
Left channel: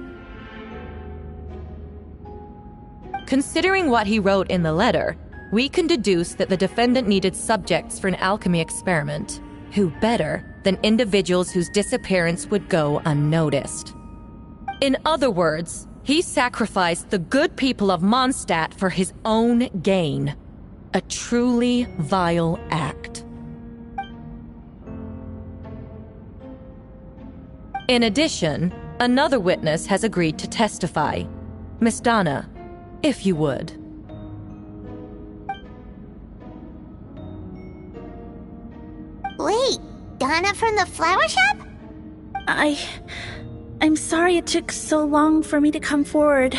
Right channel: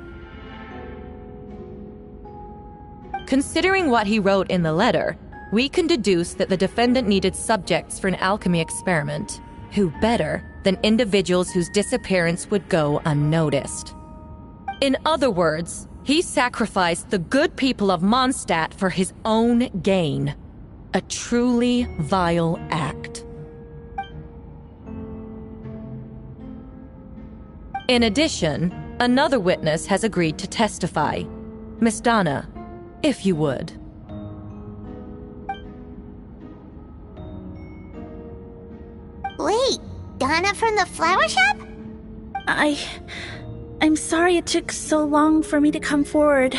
Considering what he wrote in the letter, we can deduce that the defendant needed subjects for an alchemy experiment. Who better than individuals whose disappearance would go unnoticed? In other words, he sacrificed the good people of Mondstadt for his own gain. A truly vile act. In addition, another witness has agreed to testify. Miss Donna, if you would. Wait, Donna from the flower shop? I'm sorry it took so long for me to come forward.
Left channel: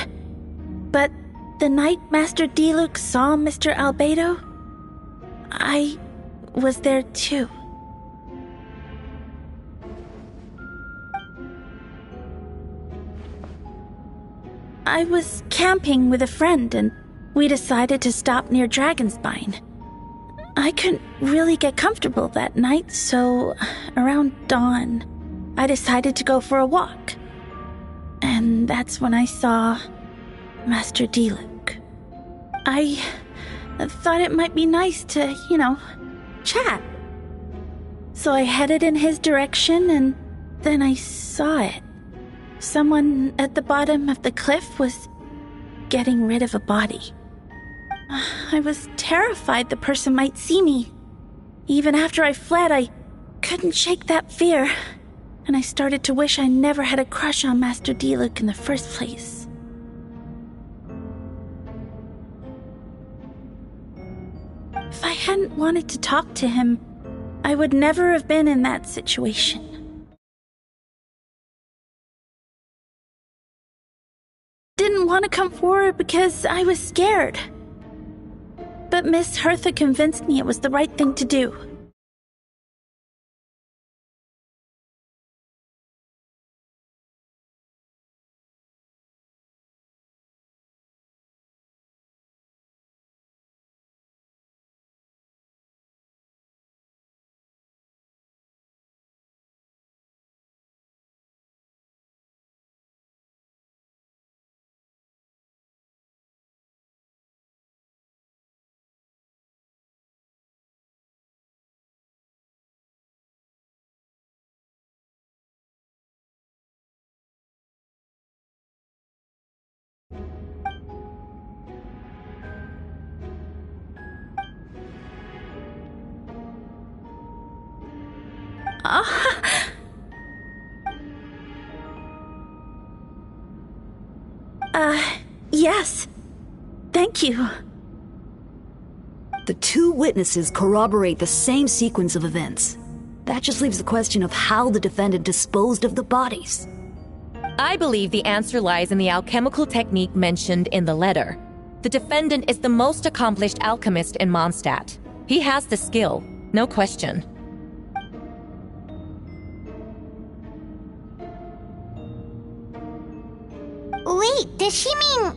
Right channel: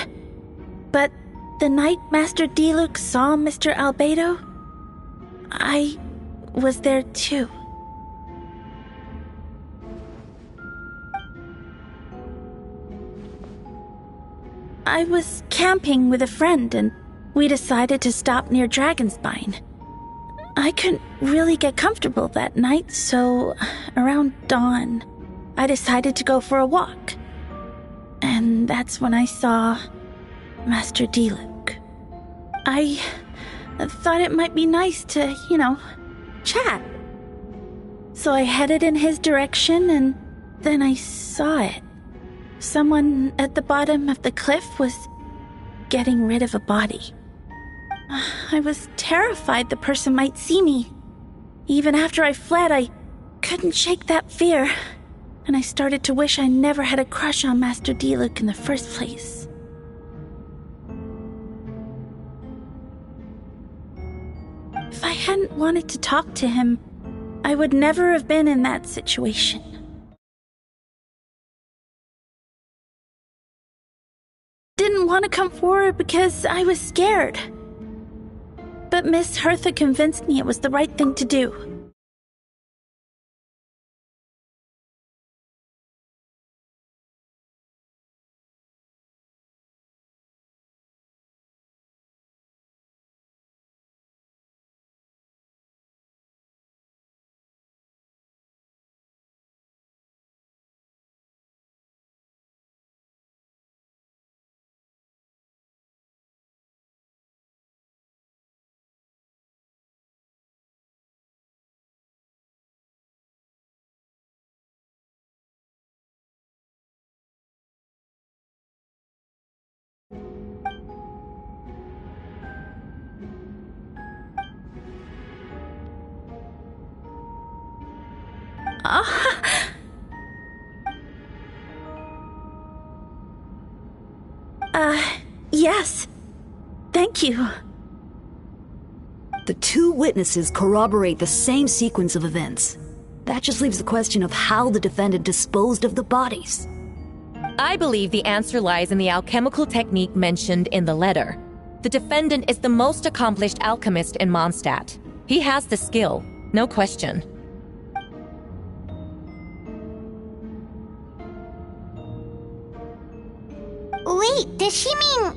But the night Master Diluc saw Mr. Albedo, I was there too. I was camping with a friend and we decided to stop near Dragonspine. I couldn't really get comfortable that night, so around dawn, I decided to go for a walk. And that's when I saw Master Diluc. I thought it might be nice to, chat. So I headed in his direction and then I saw it. Someone at the bottom of the cliff was getting rid of a body. I was terrified the person might see me. Even after I fled, I couldn't shake that fear, and I started to wish I never had a crush on Master Diluc in the first place. If I hadn't wanted to talk to him, I would never have been in that situation. Didn't want to come forward because I was scared. But Miss Hertha convinced me it was the right thing to do. Yes. Thank you. The two witnesses corroborate the same sequence of events. That just leaves the question of how the defendant disposed of the bodies. I believe the answer lies in the alchemical technique mentioned in the letter. The defendant is the most accomplished alchemist in Mondstadt. He has the skill, no question. Wait, does she mean...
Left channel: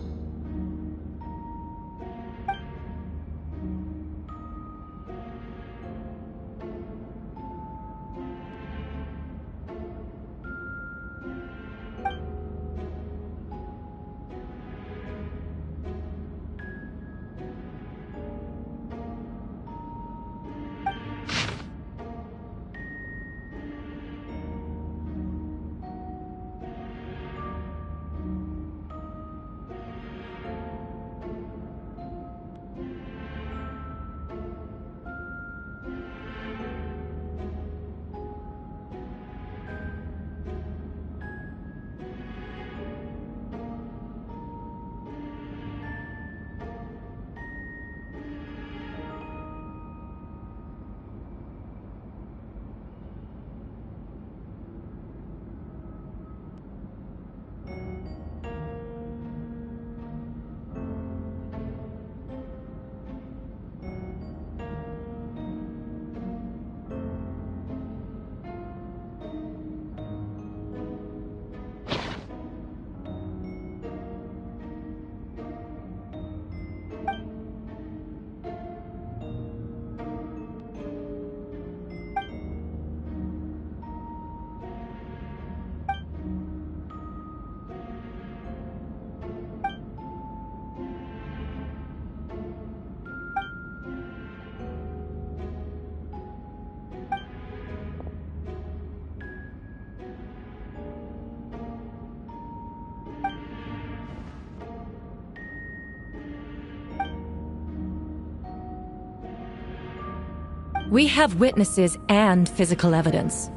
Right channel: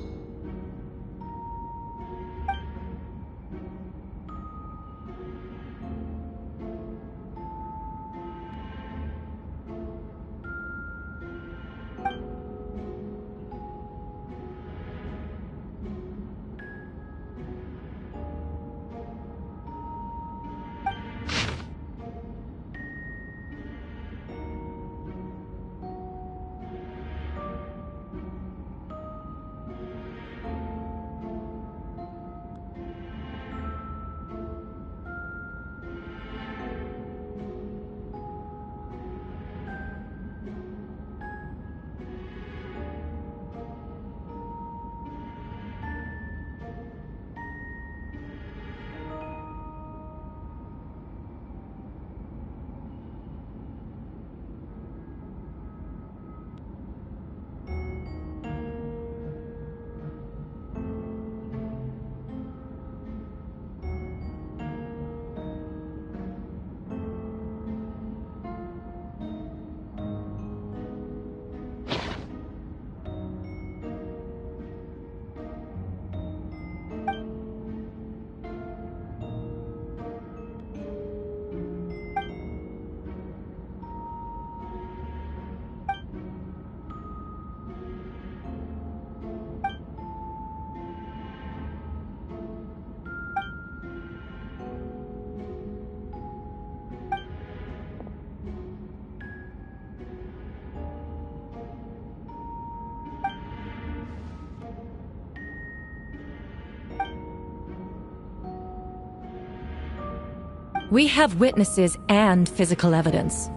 We have witnesses and physical evidence.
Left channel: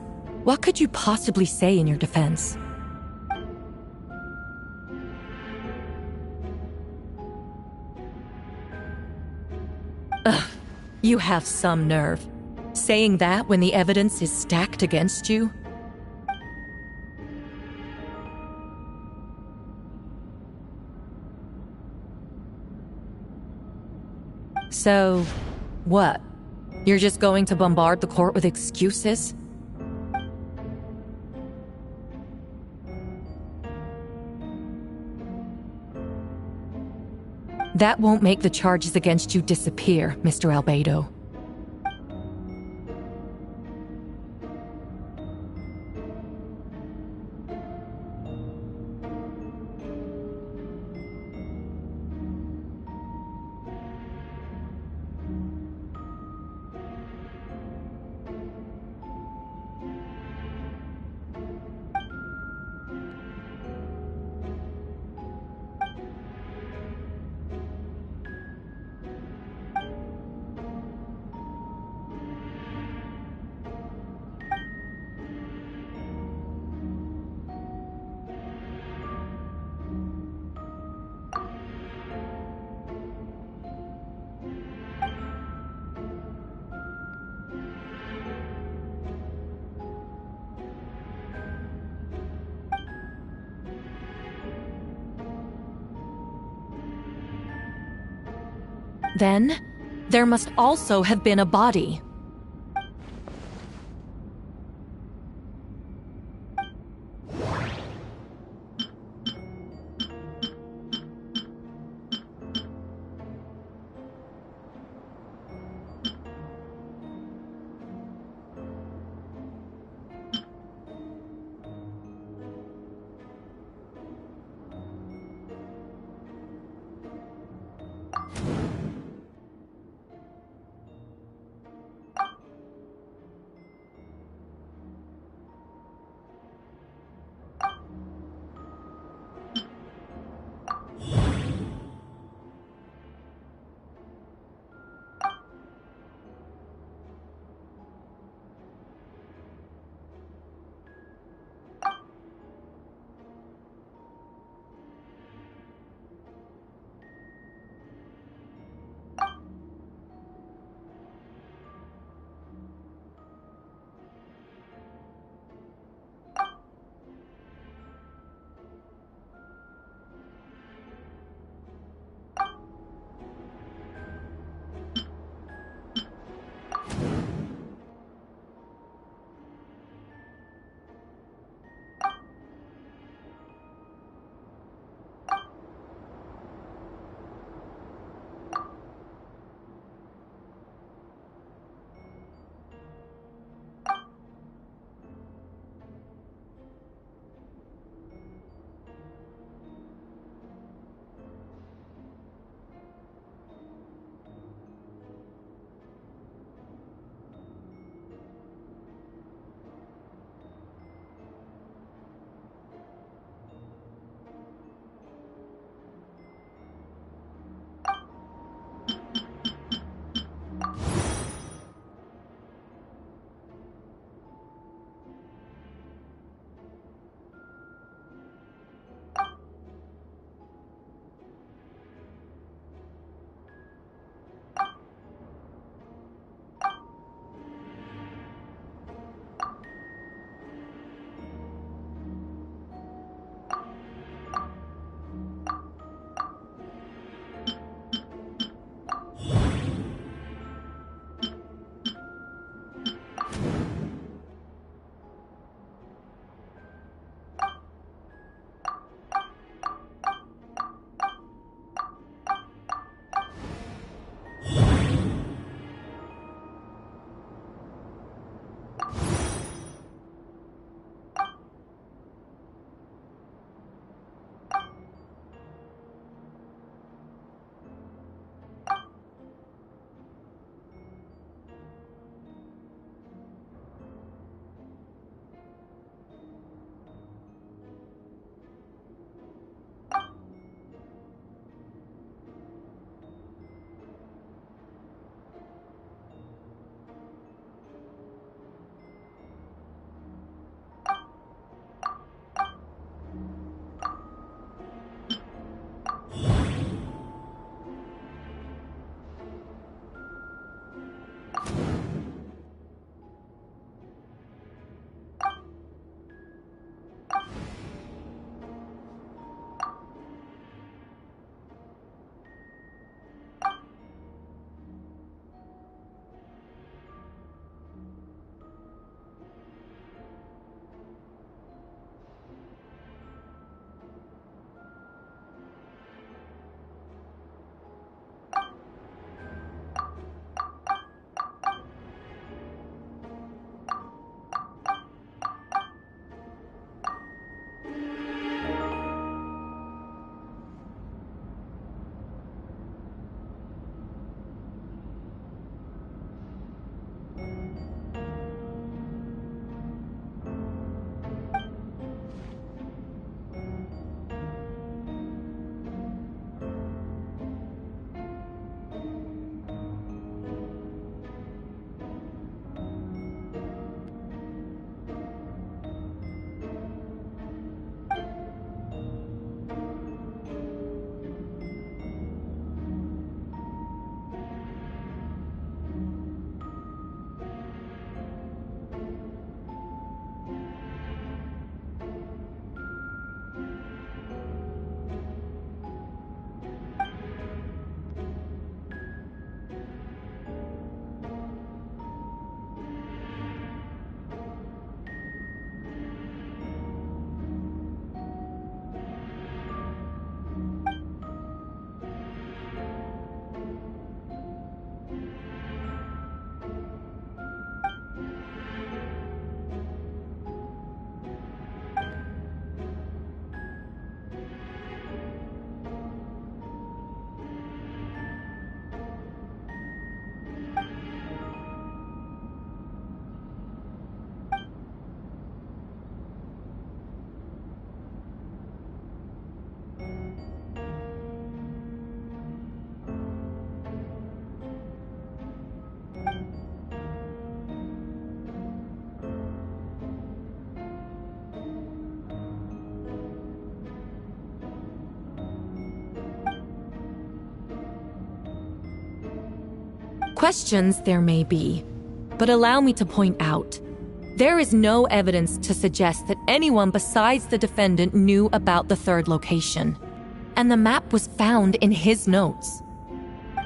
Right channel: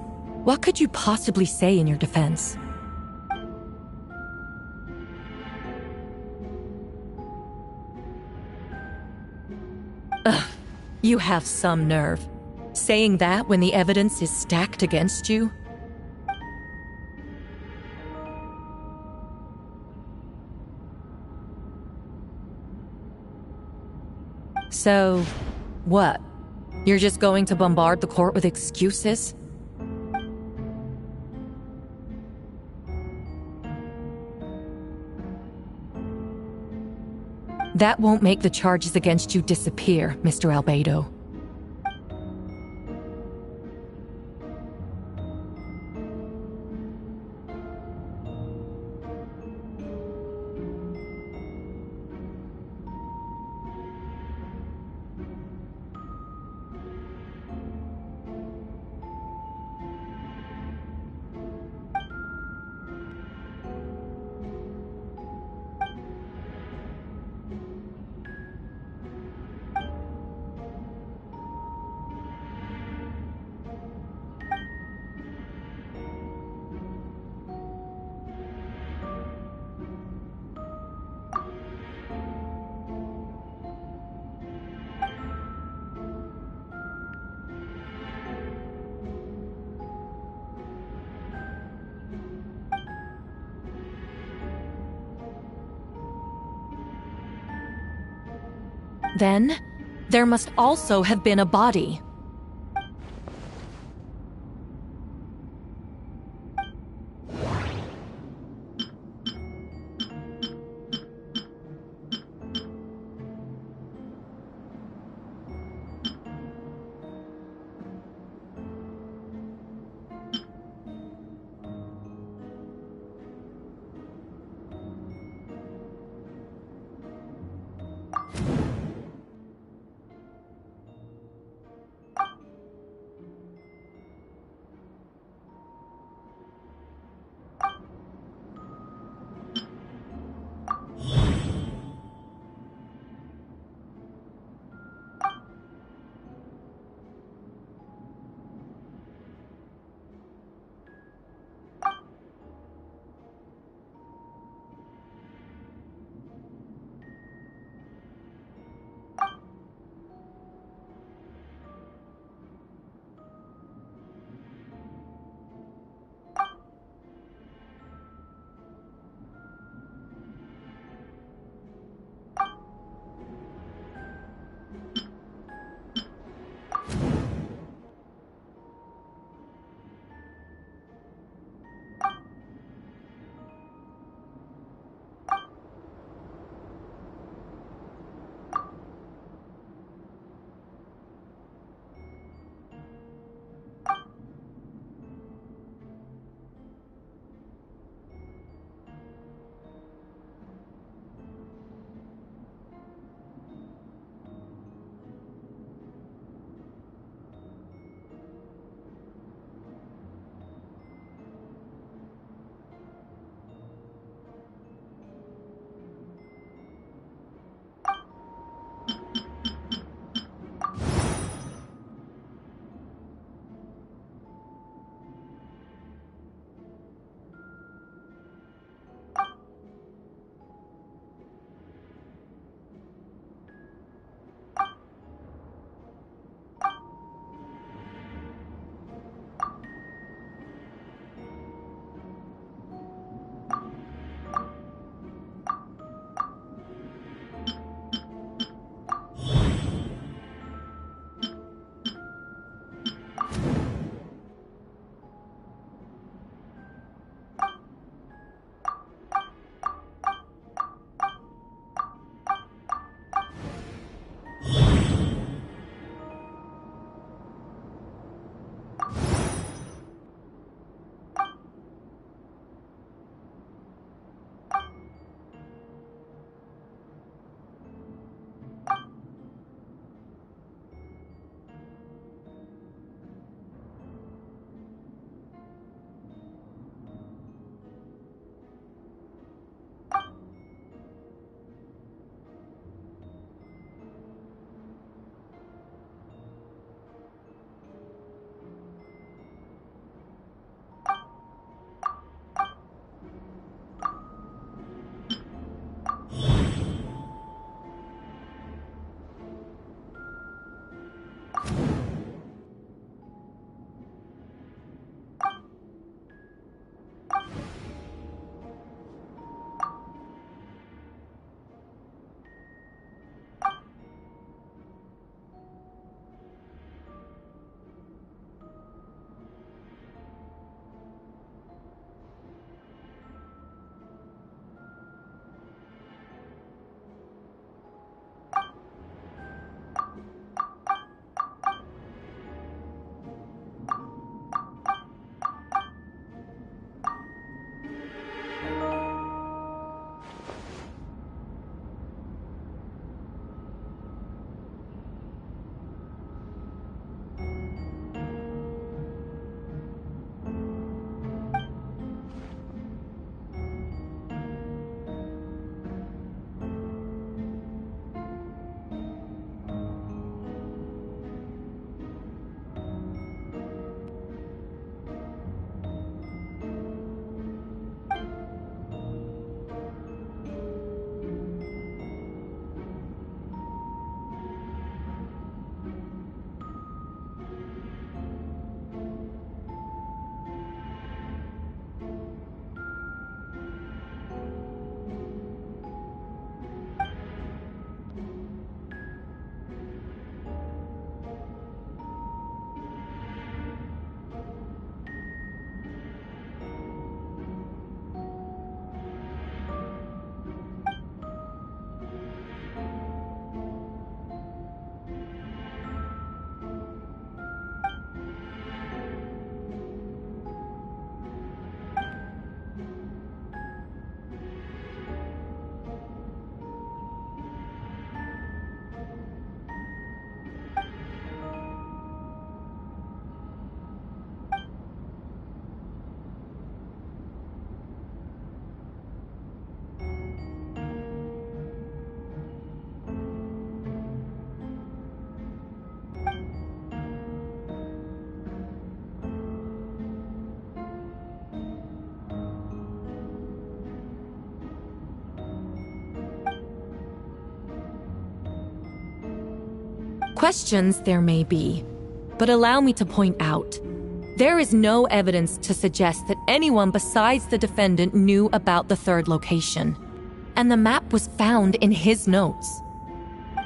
What could you possibly say in your defense? Ugh, you have some nerve. Saying that when the evidence is stacked against you? So, what? You're just going to bombard the court with excuses? That won't make the charges against you disappear, Mr. Albedo. Then, there must also have been a body. Questions there may be, but allow me to point out, there is no evidence to suggest that anyone besides the defendant knew about the third location, and the map was found in his notes.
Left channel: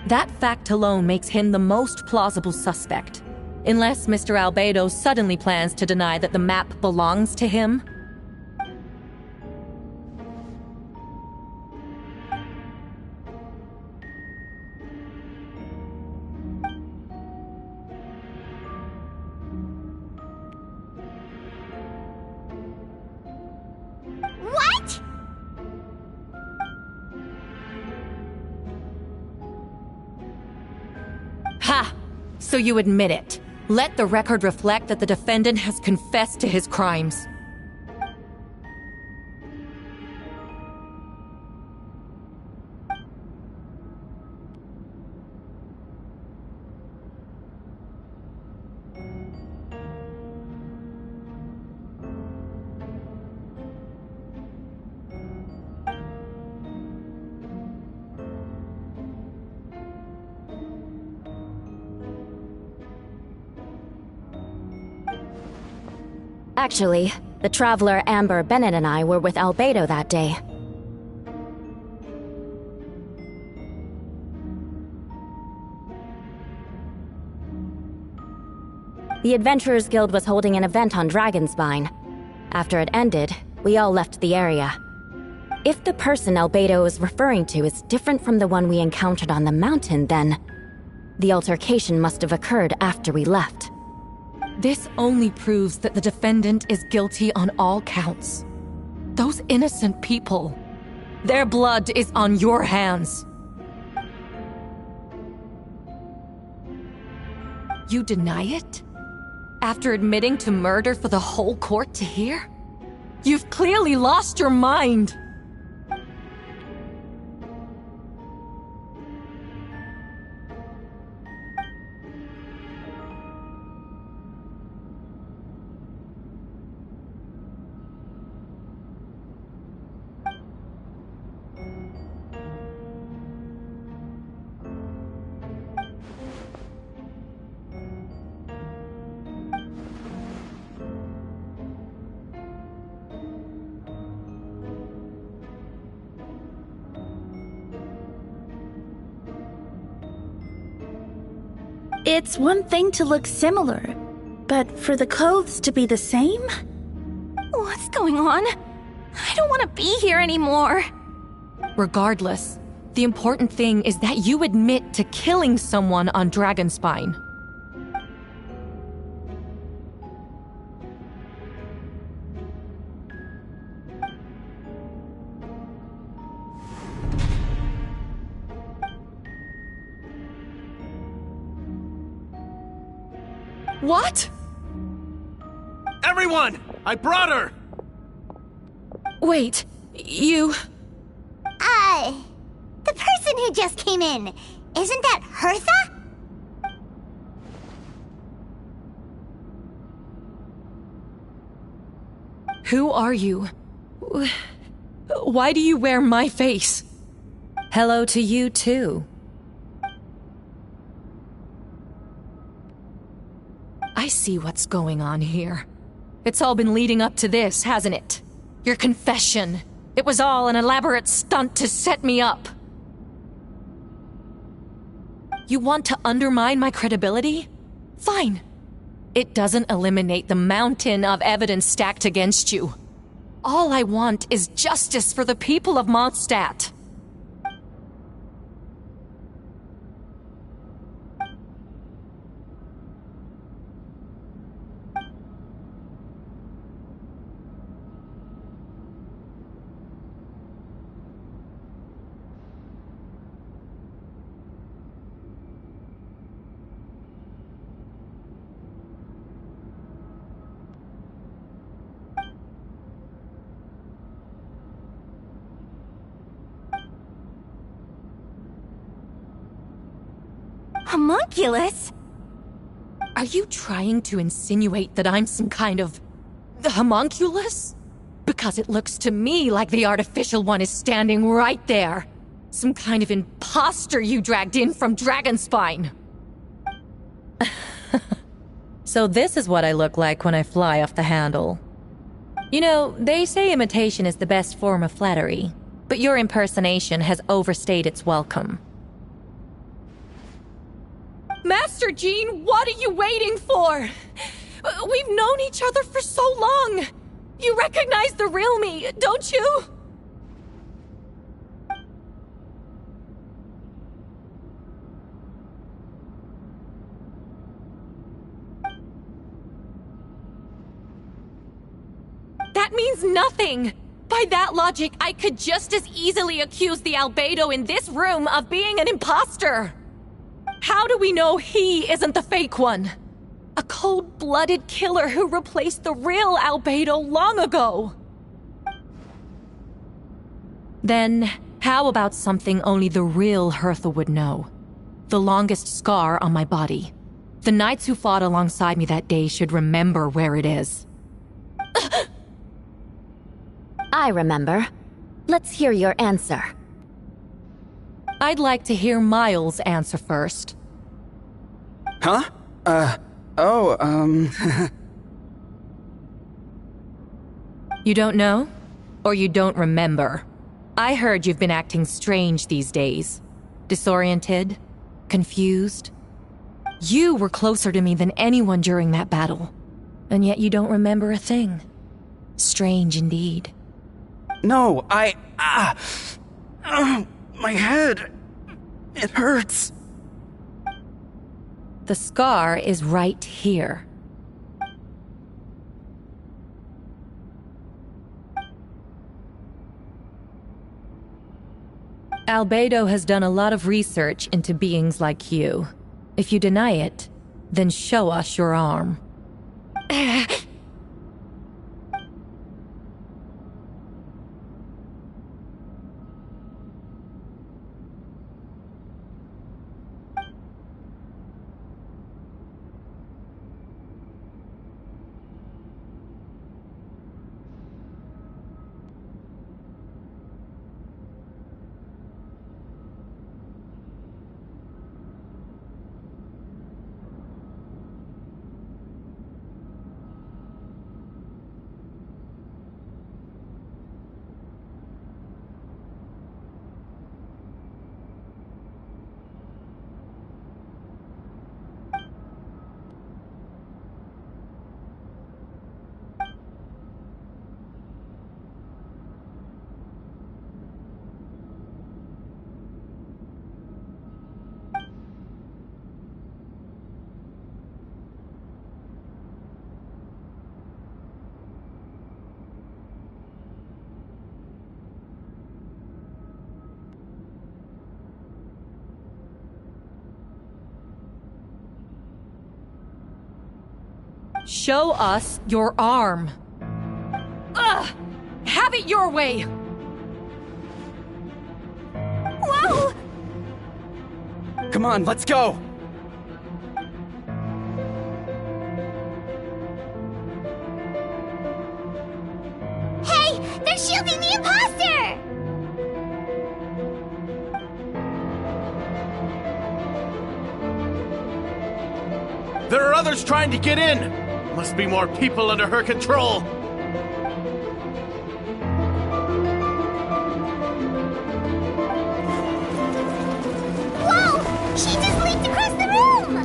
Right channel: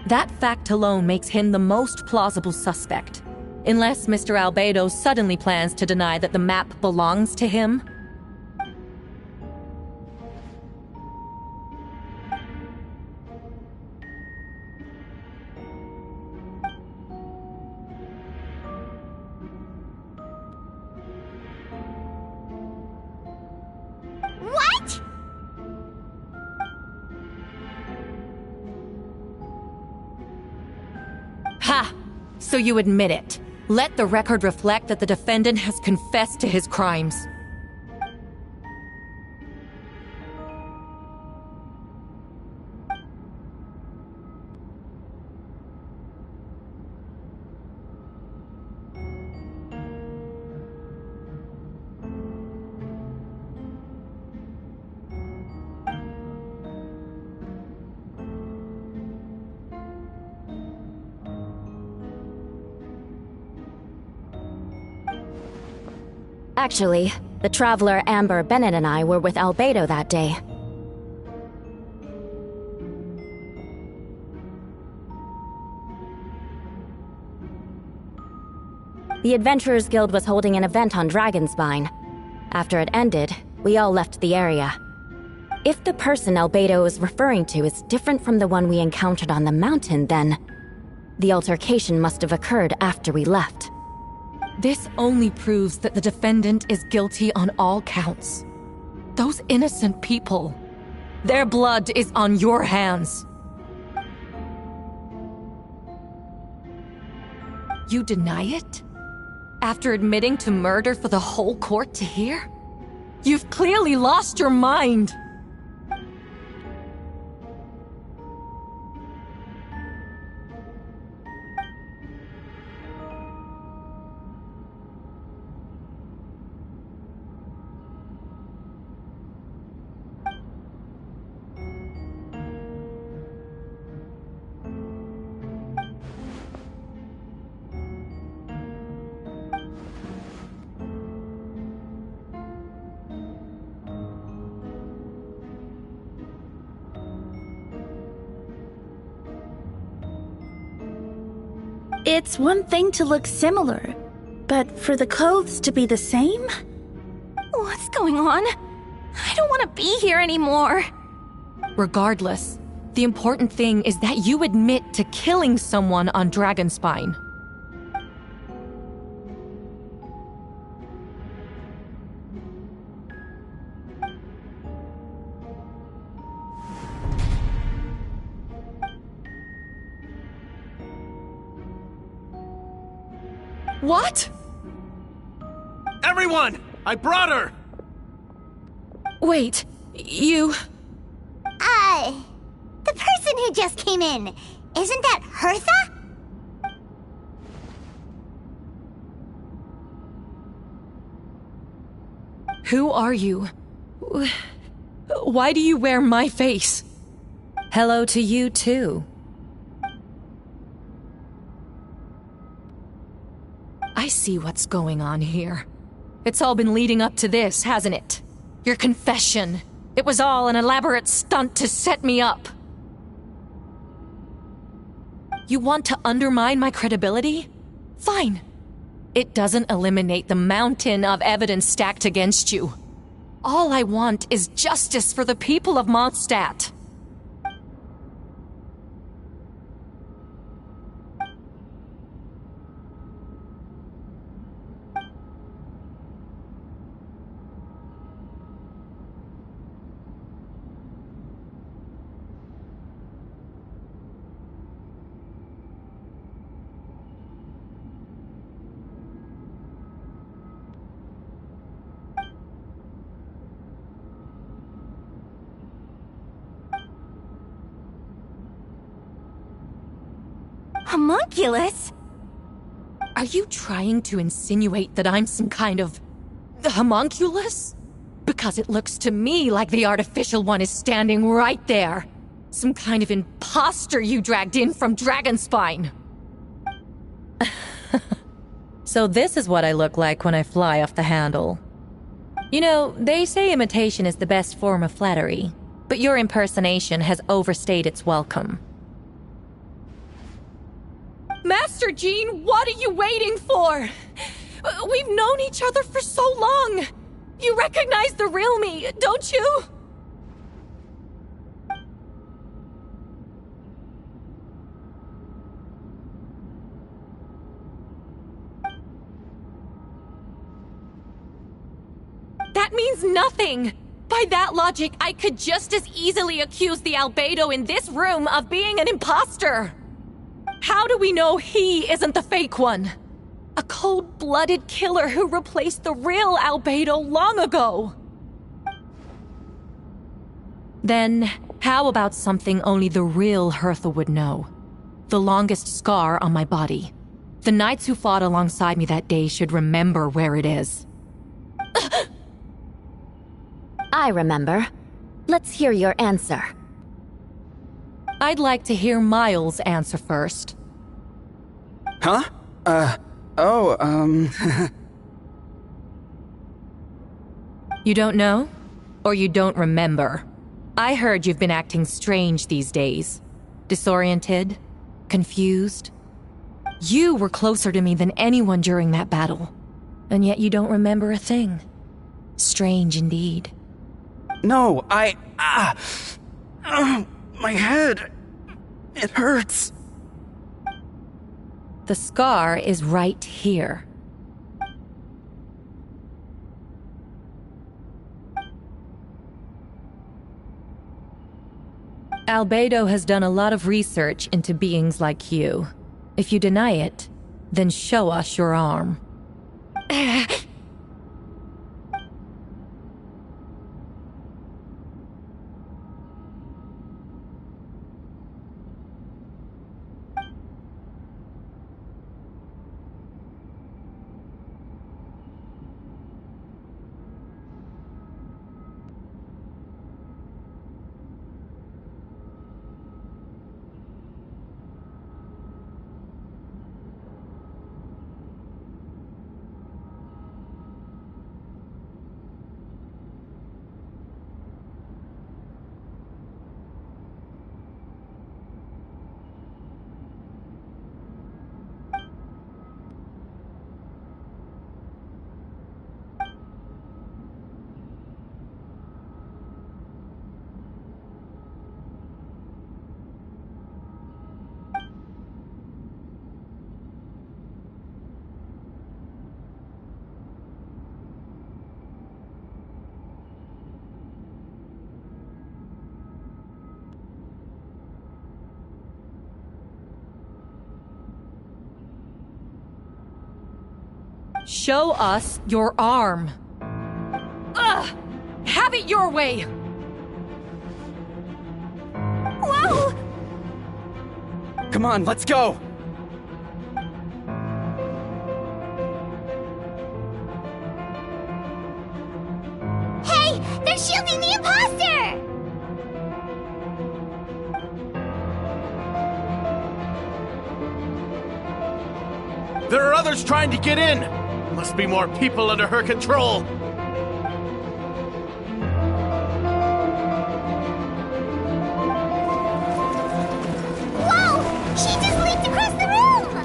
That fact alone makes him the most plausible suspect, unless Mr. Albedo suddenly plans to deny that the map belongs to him. What? Ha! So you admit it. Let the record reflect that the defendant has confessed to his crimes. Actually, the traveler Amber Bennett and I were with Albedo that day. The Adventurers Guild was holding an event on Dragonspine. After it ended, we all left the area. If the person Albedo is referring to is different from the one we encountered on the mountain, then the altercation must have occurred after we left. This only proves that the defendant is guilty on all counts. Those innocent people, their blood is on your hands. You deny it? After admitting to murder for the whole court to hear? You've clearly lost your mind! It's one thing to look similar, but for the clothes to be the same? What's going on? I don't want to be here anymore. Regardless, the important thing is that you admit to killing someone on Dragonspine. What? Everyone! I brought her! Wait, you... The person who just came in, isn't that Hertha? Who are you? Why do you wear my face? Hello to you, too. I see what's going on here. It's all been leading up to this, hasn't it? Your confession. It was all an elaborate stunt to set me up. You want to undermine my credibility? Fine. It doesn't eliminate the mountain of evidence stacked against you. All I want is justice for the people of Mondstadt. Homunculus? Are you trying to insinuate that I'm some kind of... homunculus? Because it looks to me like the artificial one is standing right there. Some kind of imposter you dragged in from Dragonspine. So this is what I look like when I fly off the handle. You know, they say imitation is the best form of flattery, but your impersonation has overstayed its welcome. Master Jean, what are you waiting for? We've known each other for so long. You recognize the real me, don't you? That means nothing! By that logic, I could just as easily accuse the albedo in this room of being an imposter! How do we know he isn't the fake one? A cold-blooded killer who replaced the real albedo long ago! Then, how about something only the real Hertha would know? The longest scar on my body. The knights who fought alongside me that day should remember where it is. I remember. Let's hear your answer. I'd like to hear Miles' answer first. Huh? You don't know? Or you don't remember? I heard you've been acting strange these days. Disoriented? Confused? You were closer to me than anyone during that battle. And yet you don't remember a thing. Strange indeed. No, my head. It hurts. The scar is right here. Albedo has done a lot of research into beings like you. If you deny it, then show us your arm. Show us your arm. Ugh! Have it your way! Whoa! Come on, let's go! Hey! They're shielding the imposter! There are others trying to get in! Must be more people under her control! Whoa! She just leaped across the room!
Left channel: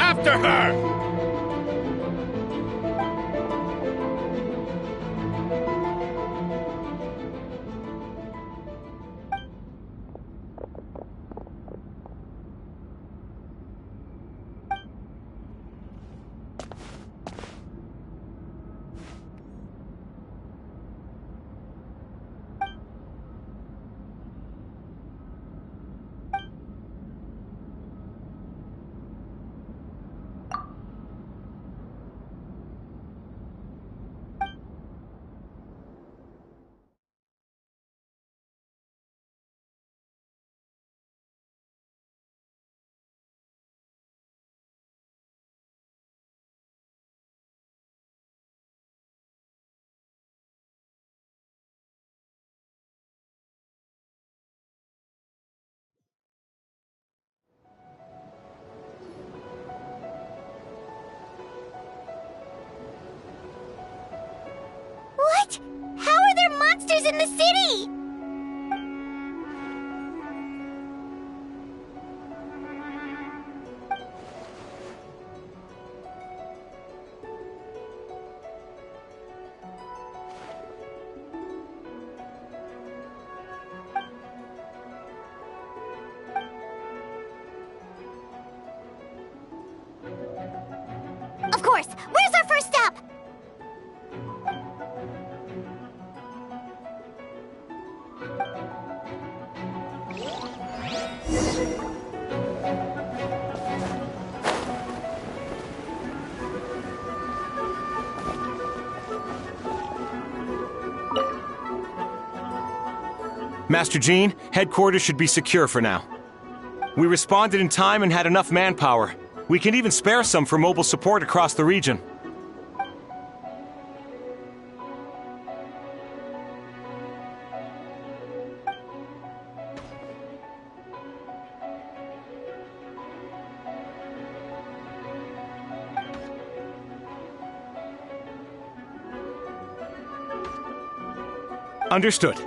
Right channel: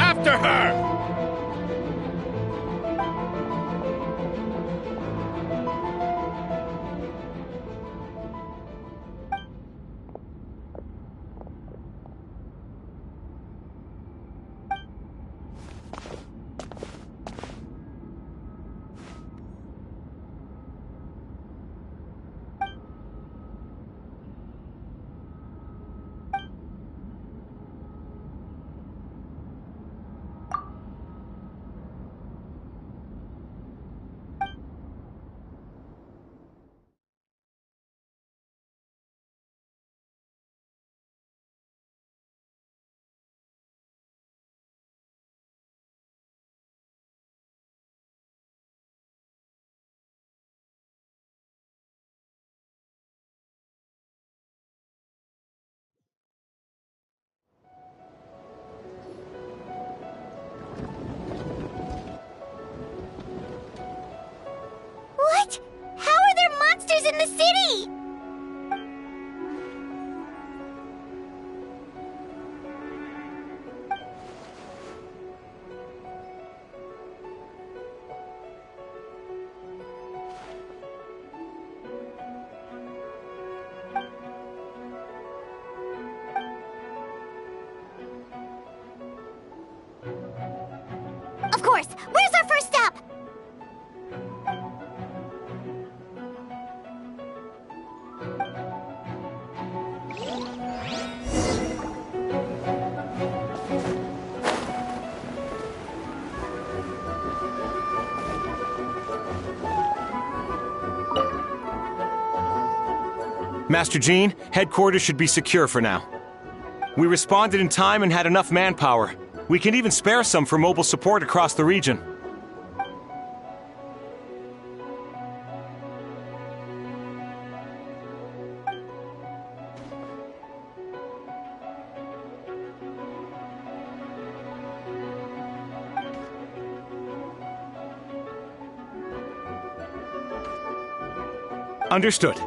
After her! in the city! Of course! Where's our first step? Master Jean, headquarters should be secure for now. We responded in time and had enough manpower. We can even spare some for mobile support across the region. Understood.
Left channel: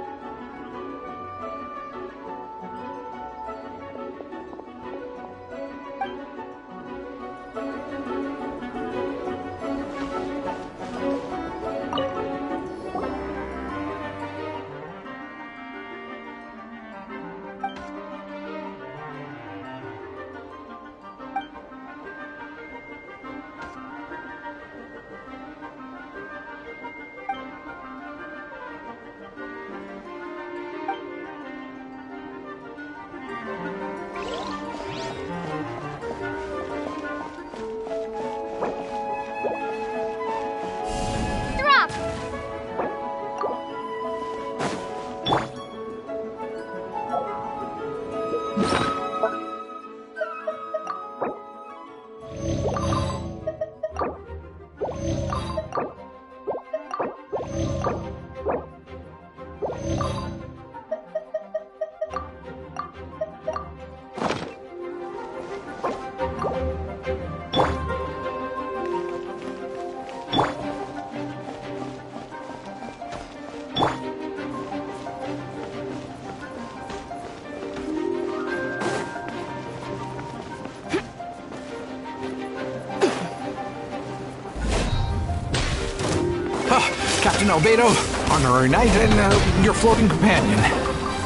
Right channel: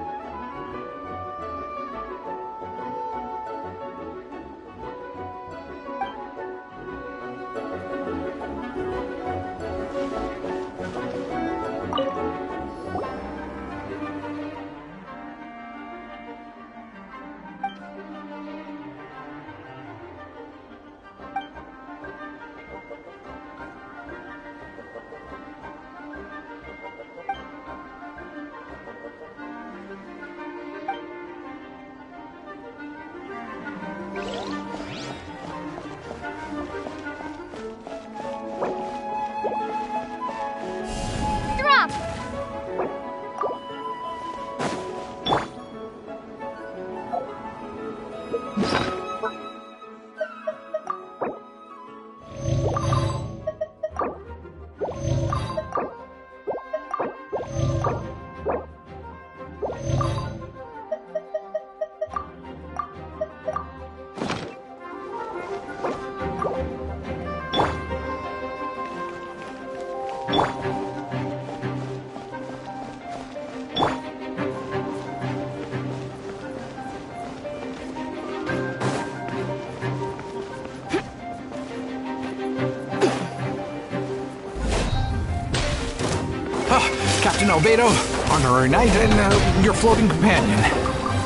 Captain Albedo, honorary knight, and your floating companion.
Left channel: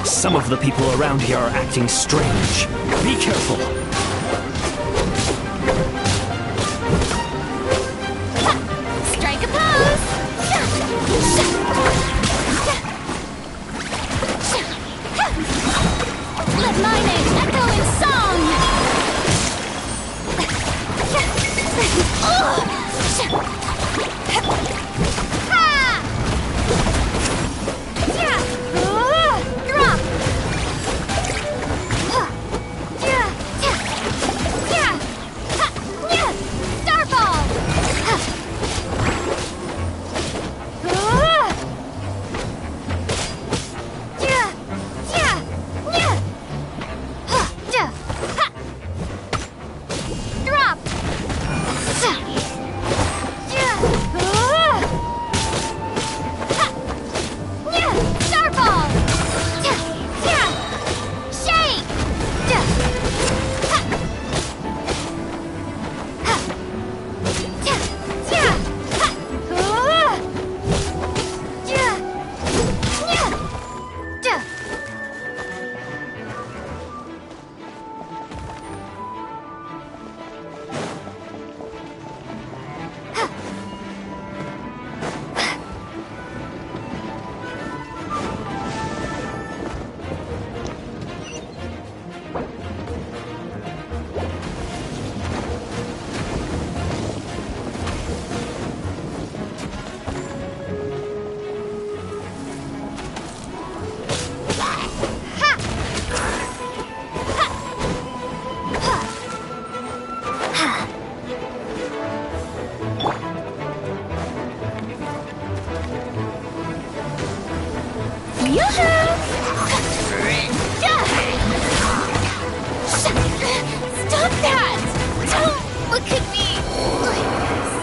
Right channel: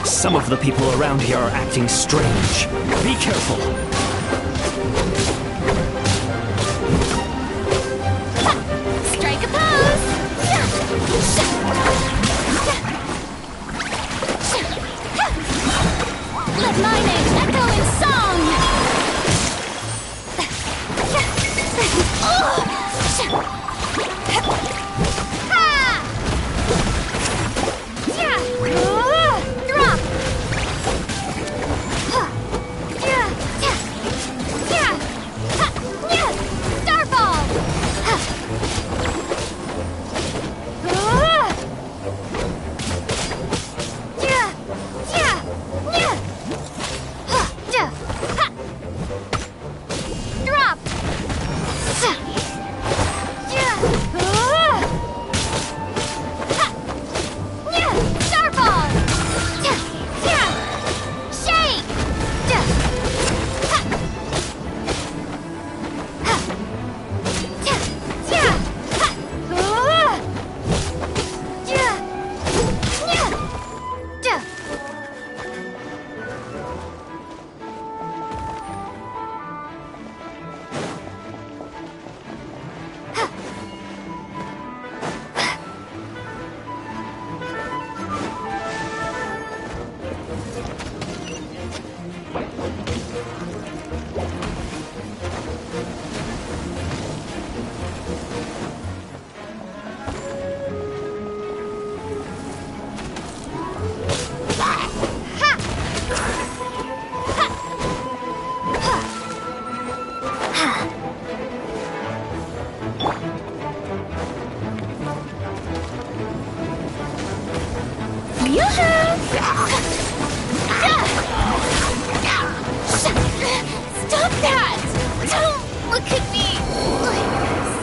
Some of the people around here are acting strange. Be careful. Strike a pose! Let my name echo in song! Stop that! Don't look at me like this.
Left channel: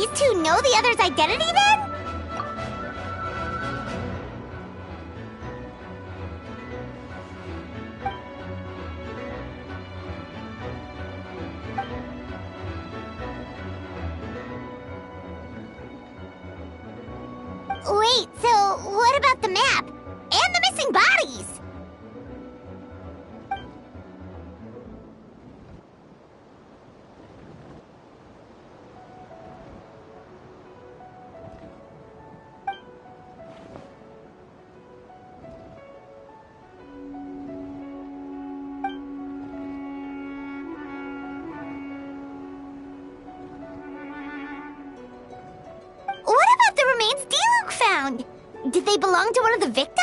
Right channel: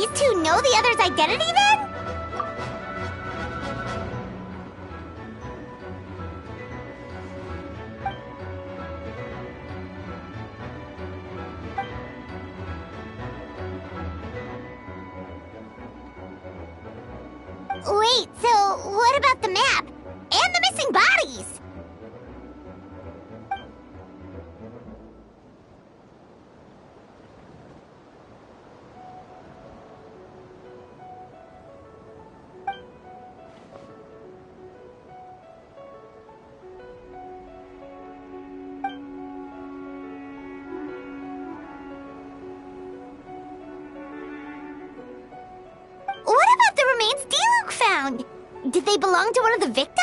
these two know the other's identity then? Wait, so what about the map? And the missing bodies? What about the remains D-Luke found? Did they belong to one of the victims?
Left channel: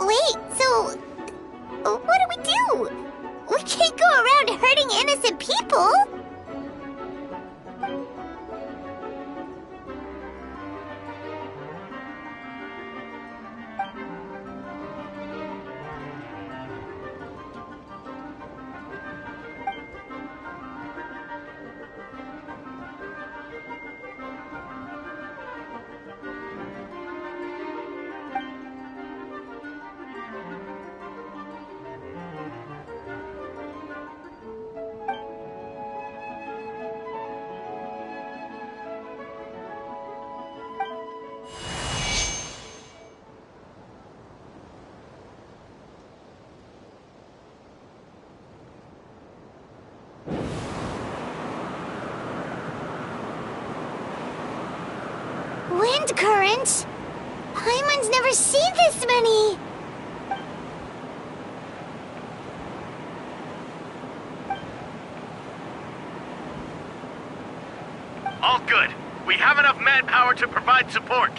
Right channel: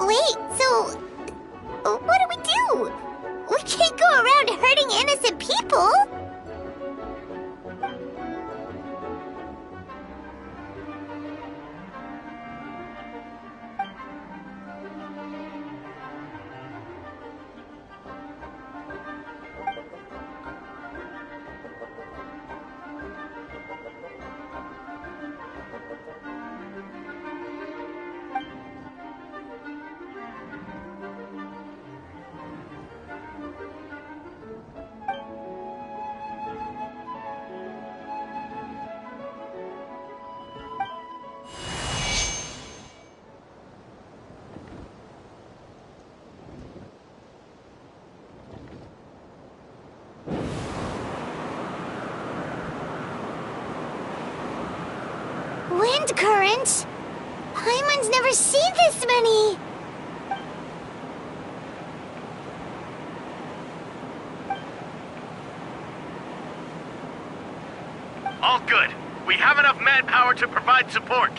Wait, so what do we do? We can't go around hurting innocent people! Wind currents? Paimon's never seen this many! All good. We have enough manpower to provide support.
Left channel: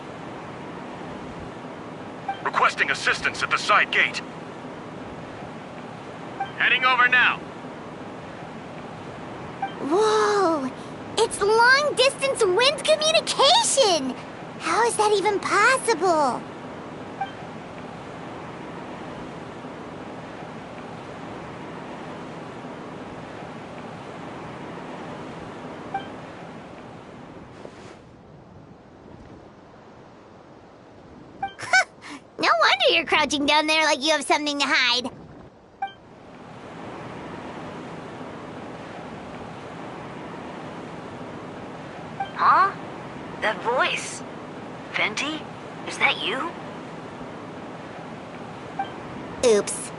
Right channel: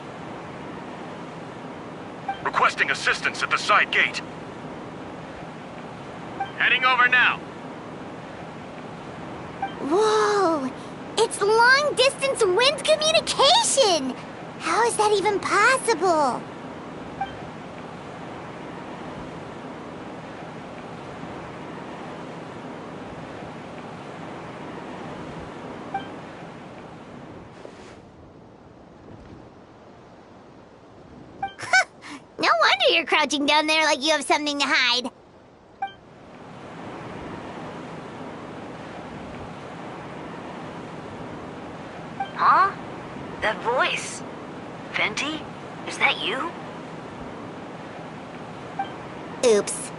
Requesting assistance at the side gate. Heading over now. Whoa! It's long-distance wind communication! How is that even possible? No wonder you're crouching down there like you have something to hide. Huh? That voice. Venti? Is that you? Oops.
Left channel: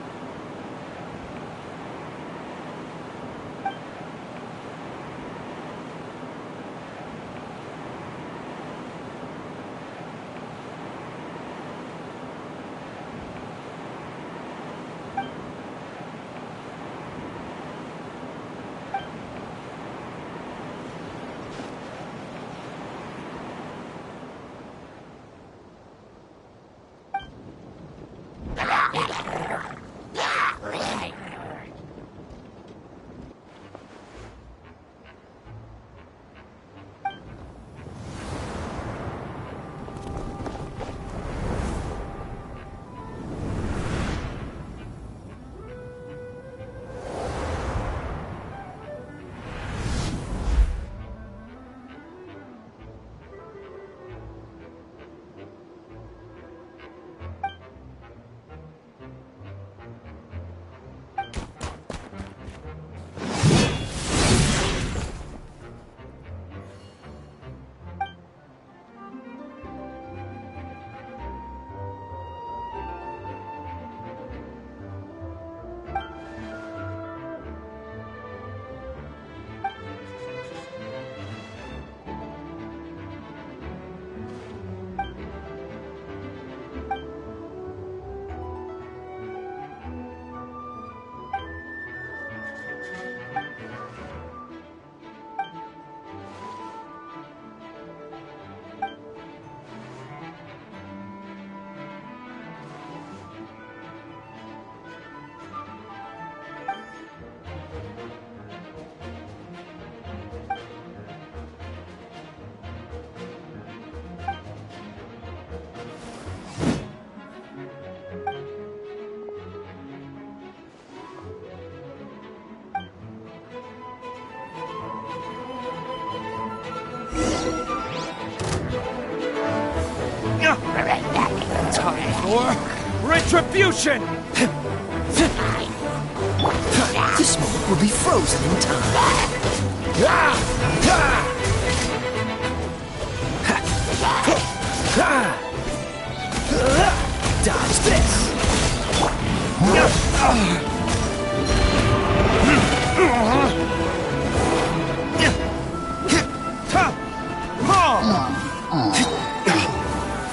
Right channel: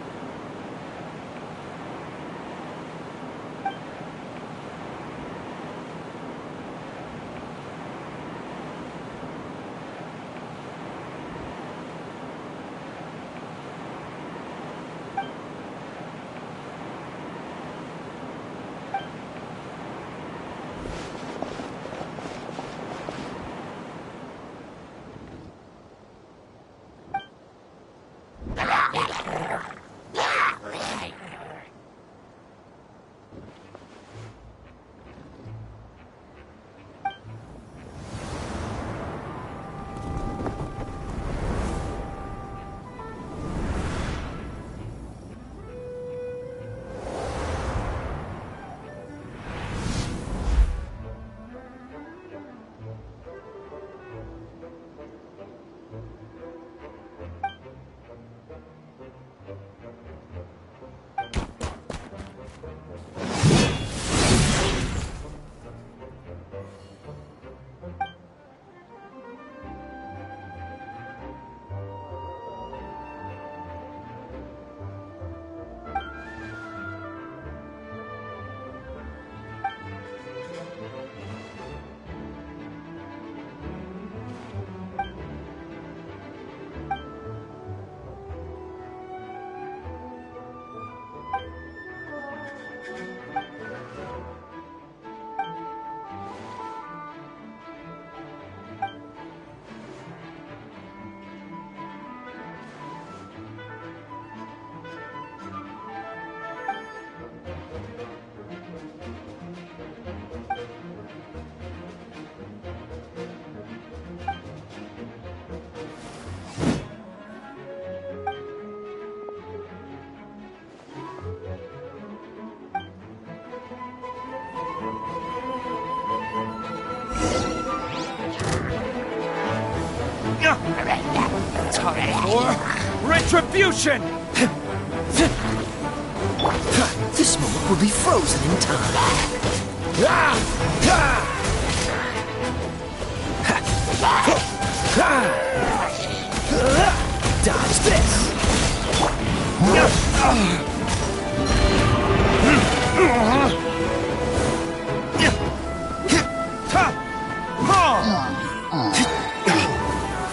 for retribution! This moment will be frozen in time. Dodge this!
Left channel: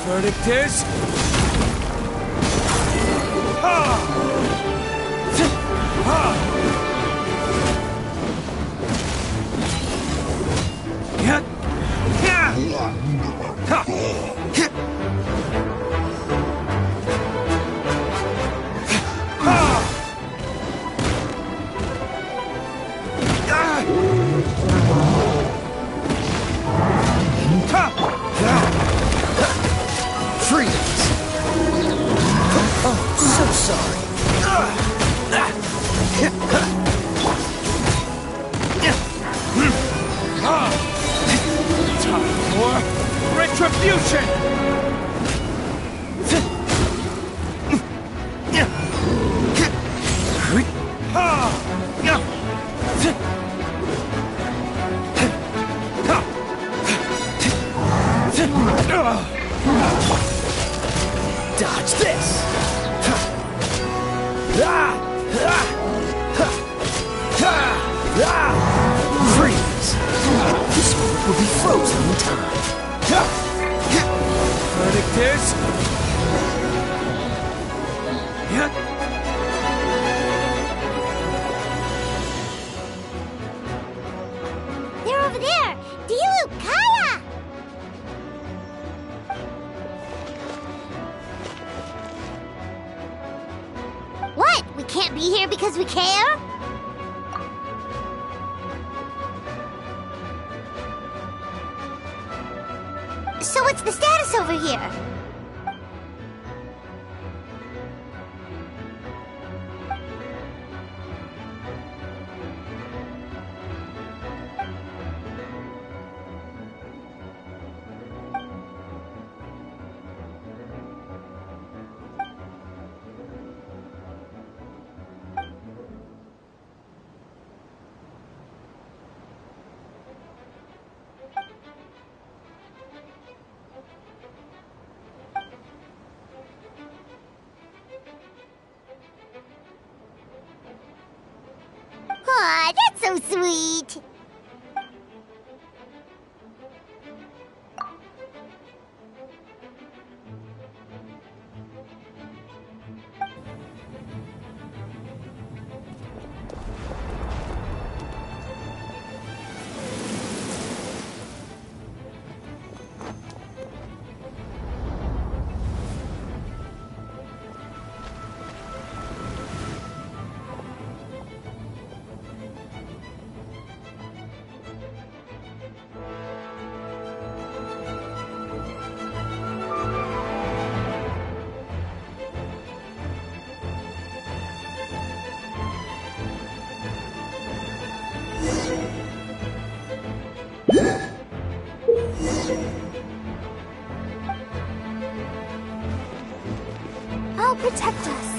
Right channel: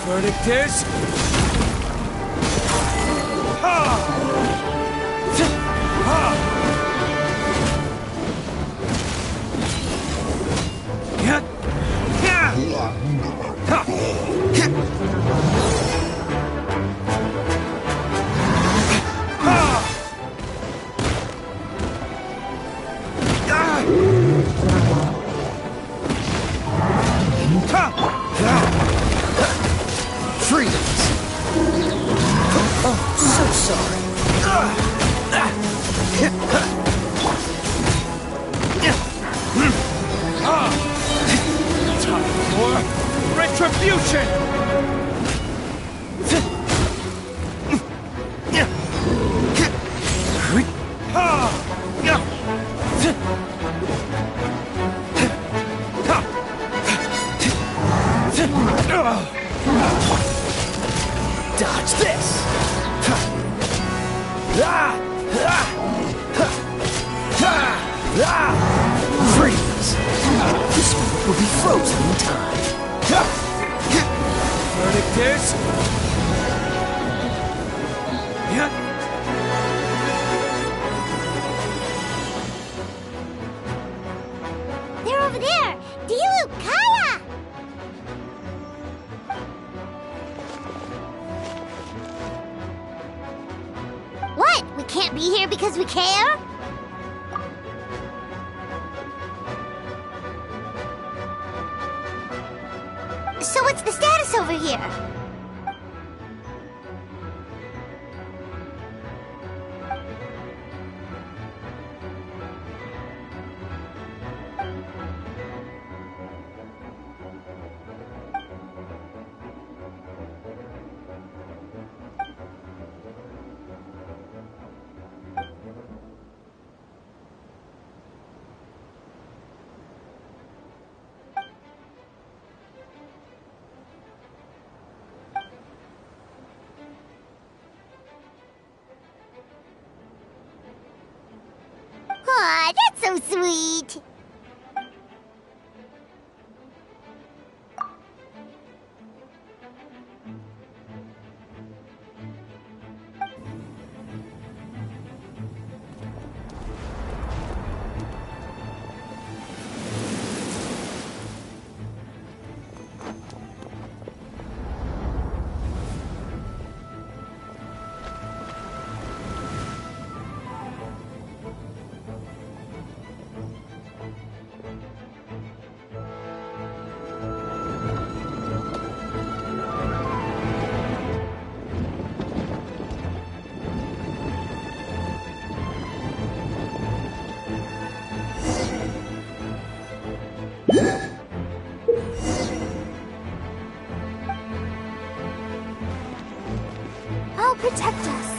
Verdict is... Freeze! Oh, so sorry. Time for retribution! Dodge this! Freeze! This moment will be frozen in time. Verdict is... They're over there! Dilu, Kaya! What? We can't be here because we care? So what's the status over here? Aw, that's so sweet! I'll protect us.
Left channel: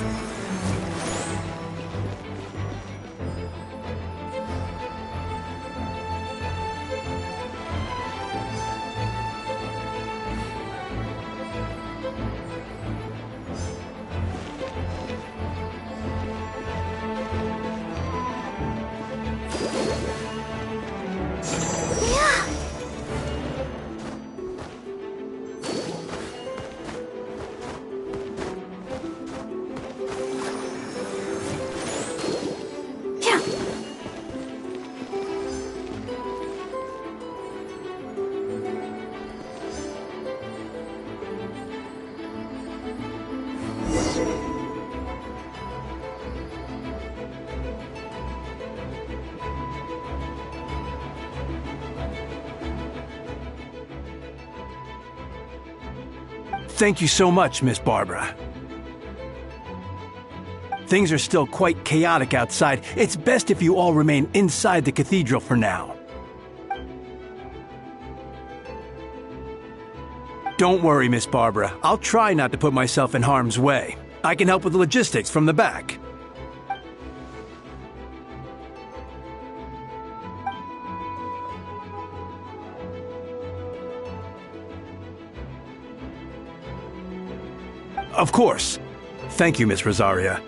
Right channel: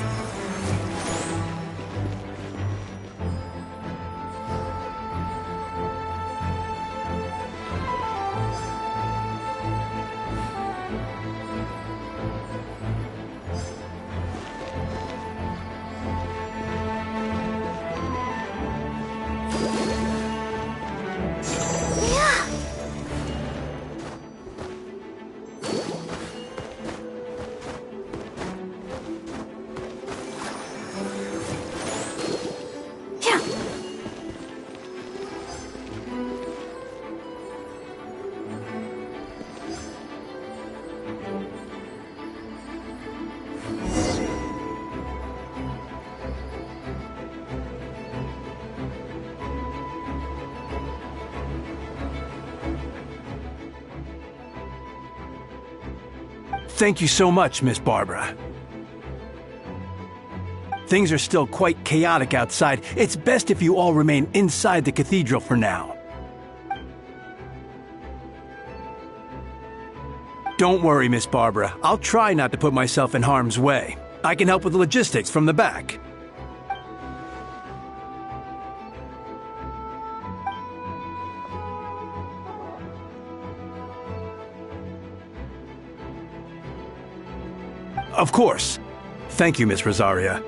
Thank you so much, Miss Barbara. Things are still quite chaotic outside. It's best if you all remain inside the cathedral for now. Don't worry, Miss Barbara. I'll try not to put myself in harm's way. I can help with the logistics from the back. Of course. Thank you, Miss Rosaria.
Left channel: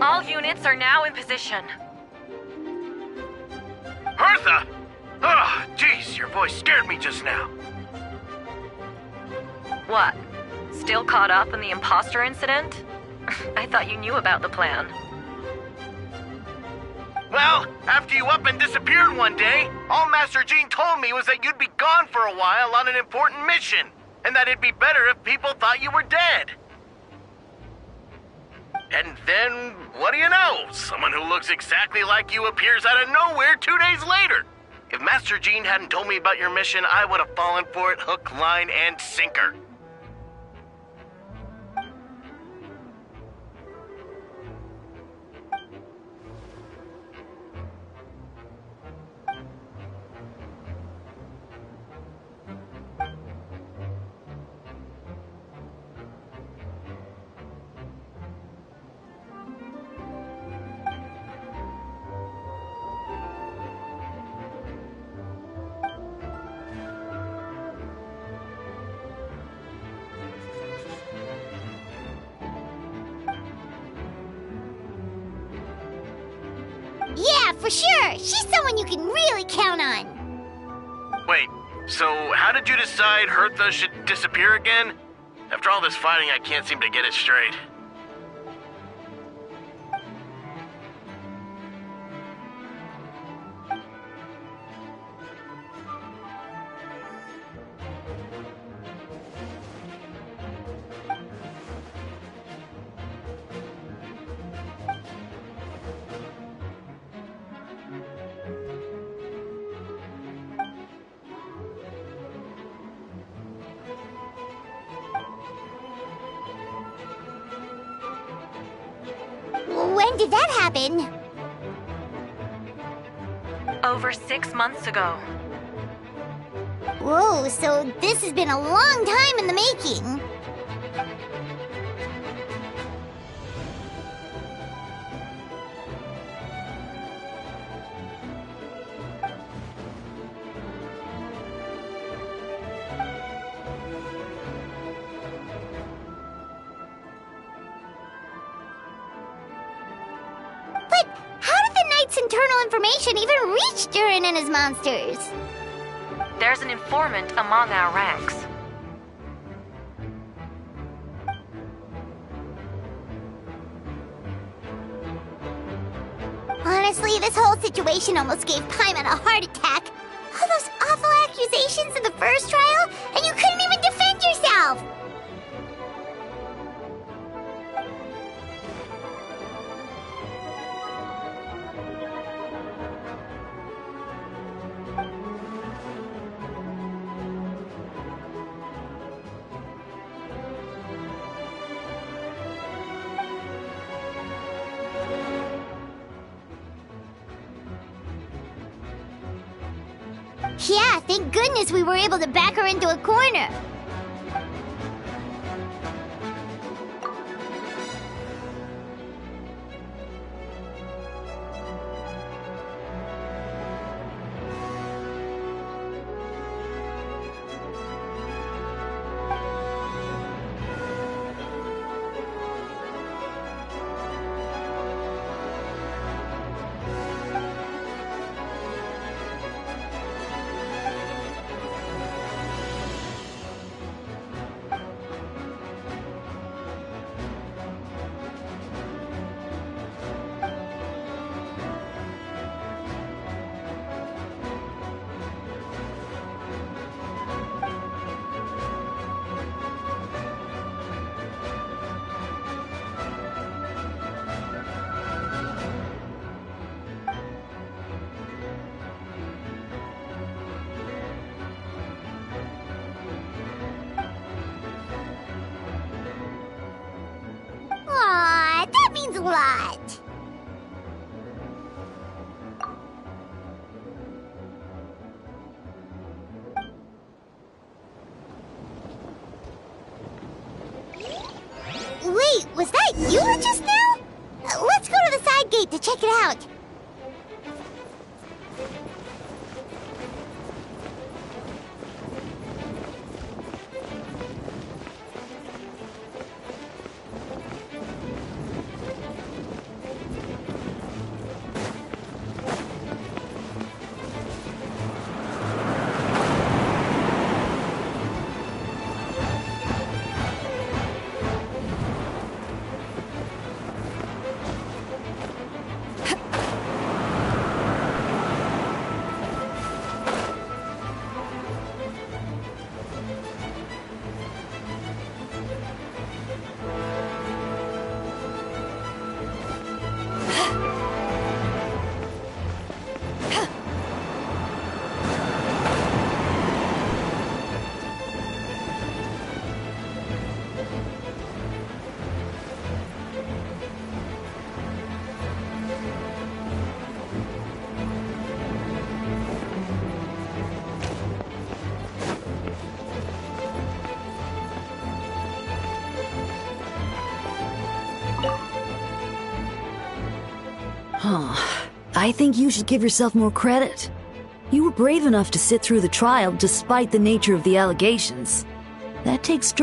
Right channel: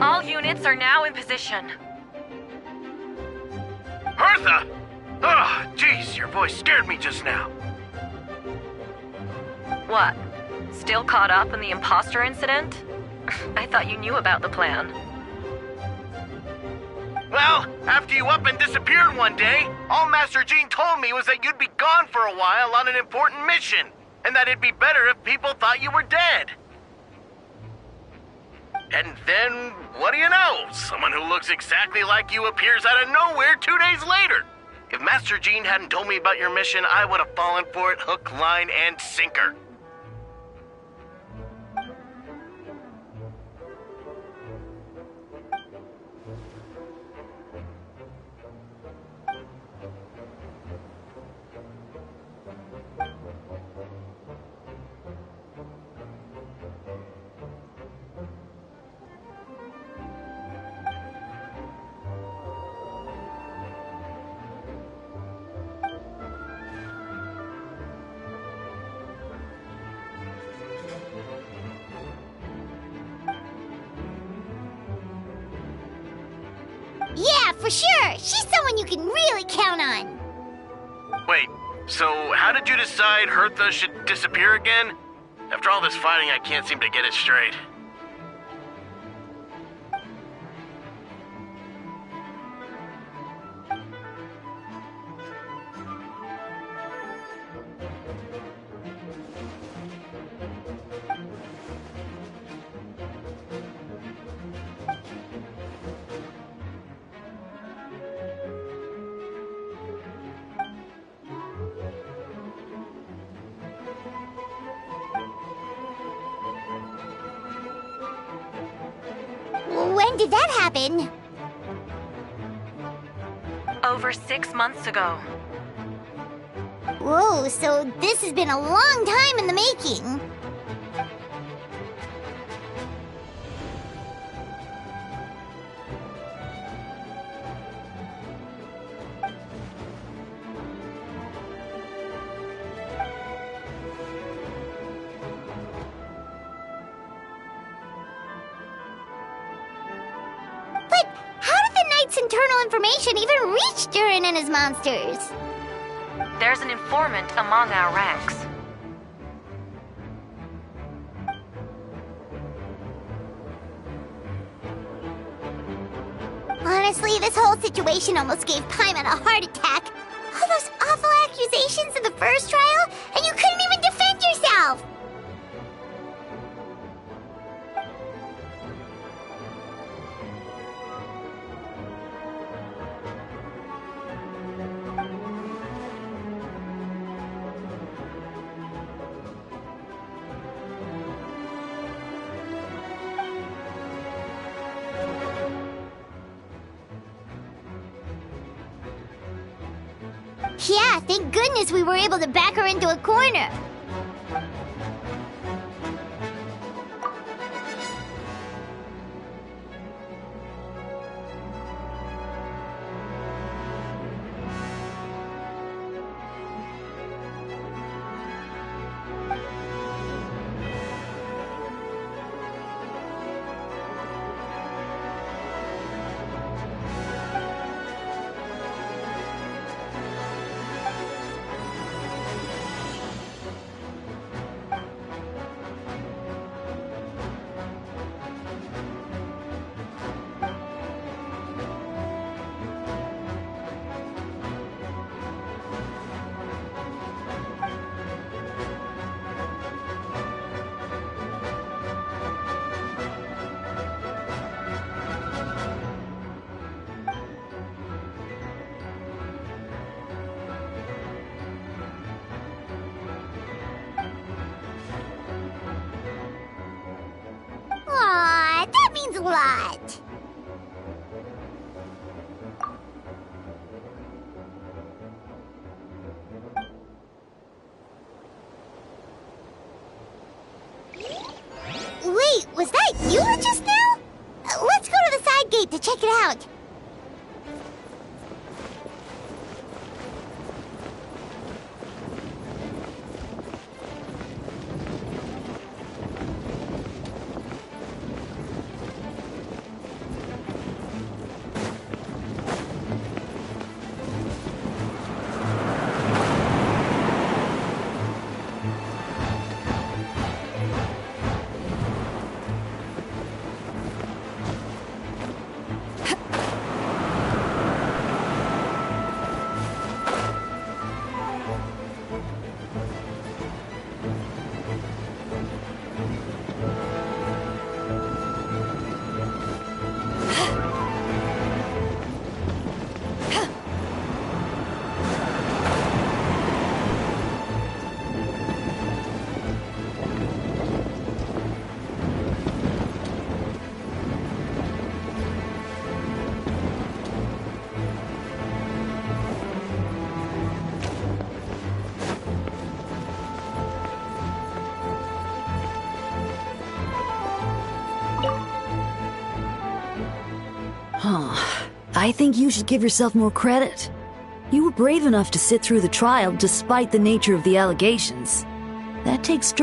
All units are now in position. Hertha! Oh, jeez, your voice scared me just now. What? Still caught up in the imposter incident? I thought you knew about the plan. Well, after you up and disappeared one day, all Master Jean told me was that you'd be gone for a while on an important mission, and that it'd be better if people thought you were dead. And then, what do you know? Someone who looks exactly like you appears out of nowhere 2 days later. If Master Jean hadn't told me about your mission, I would have fallen for it hook, line, and sinker. Yeah, for sure. She's someone you can really count on. Wait, so how did you decide Hertha should disappear again? After all this fighting, I can't seem to get it straight. When did that happen? Over 6 months ago. Whoa, so this has been a long time in the making. Internal information even reach Durin and his monsters? There's an informant among our ranks. Honestly, this whole situation almost gave Paimon a heart attack. All those awful accusations in the first trial, and you couldn't even defend yourself! Yeah, thank goodness we were able to back her into a corner. Aw, that means a lot. Wait, was that you just now? What gate to check it out. I think you should give yourself more credit. You were brave enough to sit through the trial despite the nature of the allegations. That takes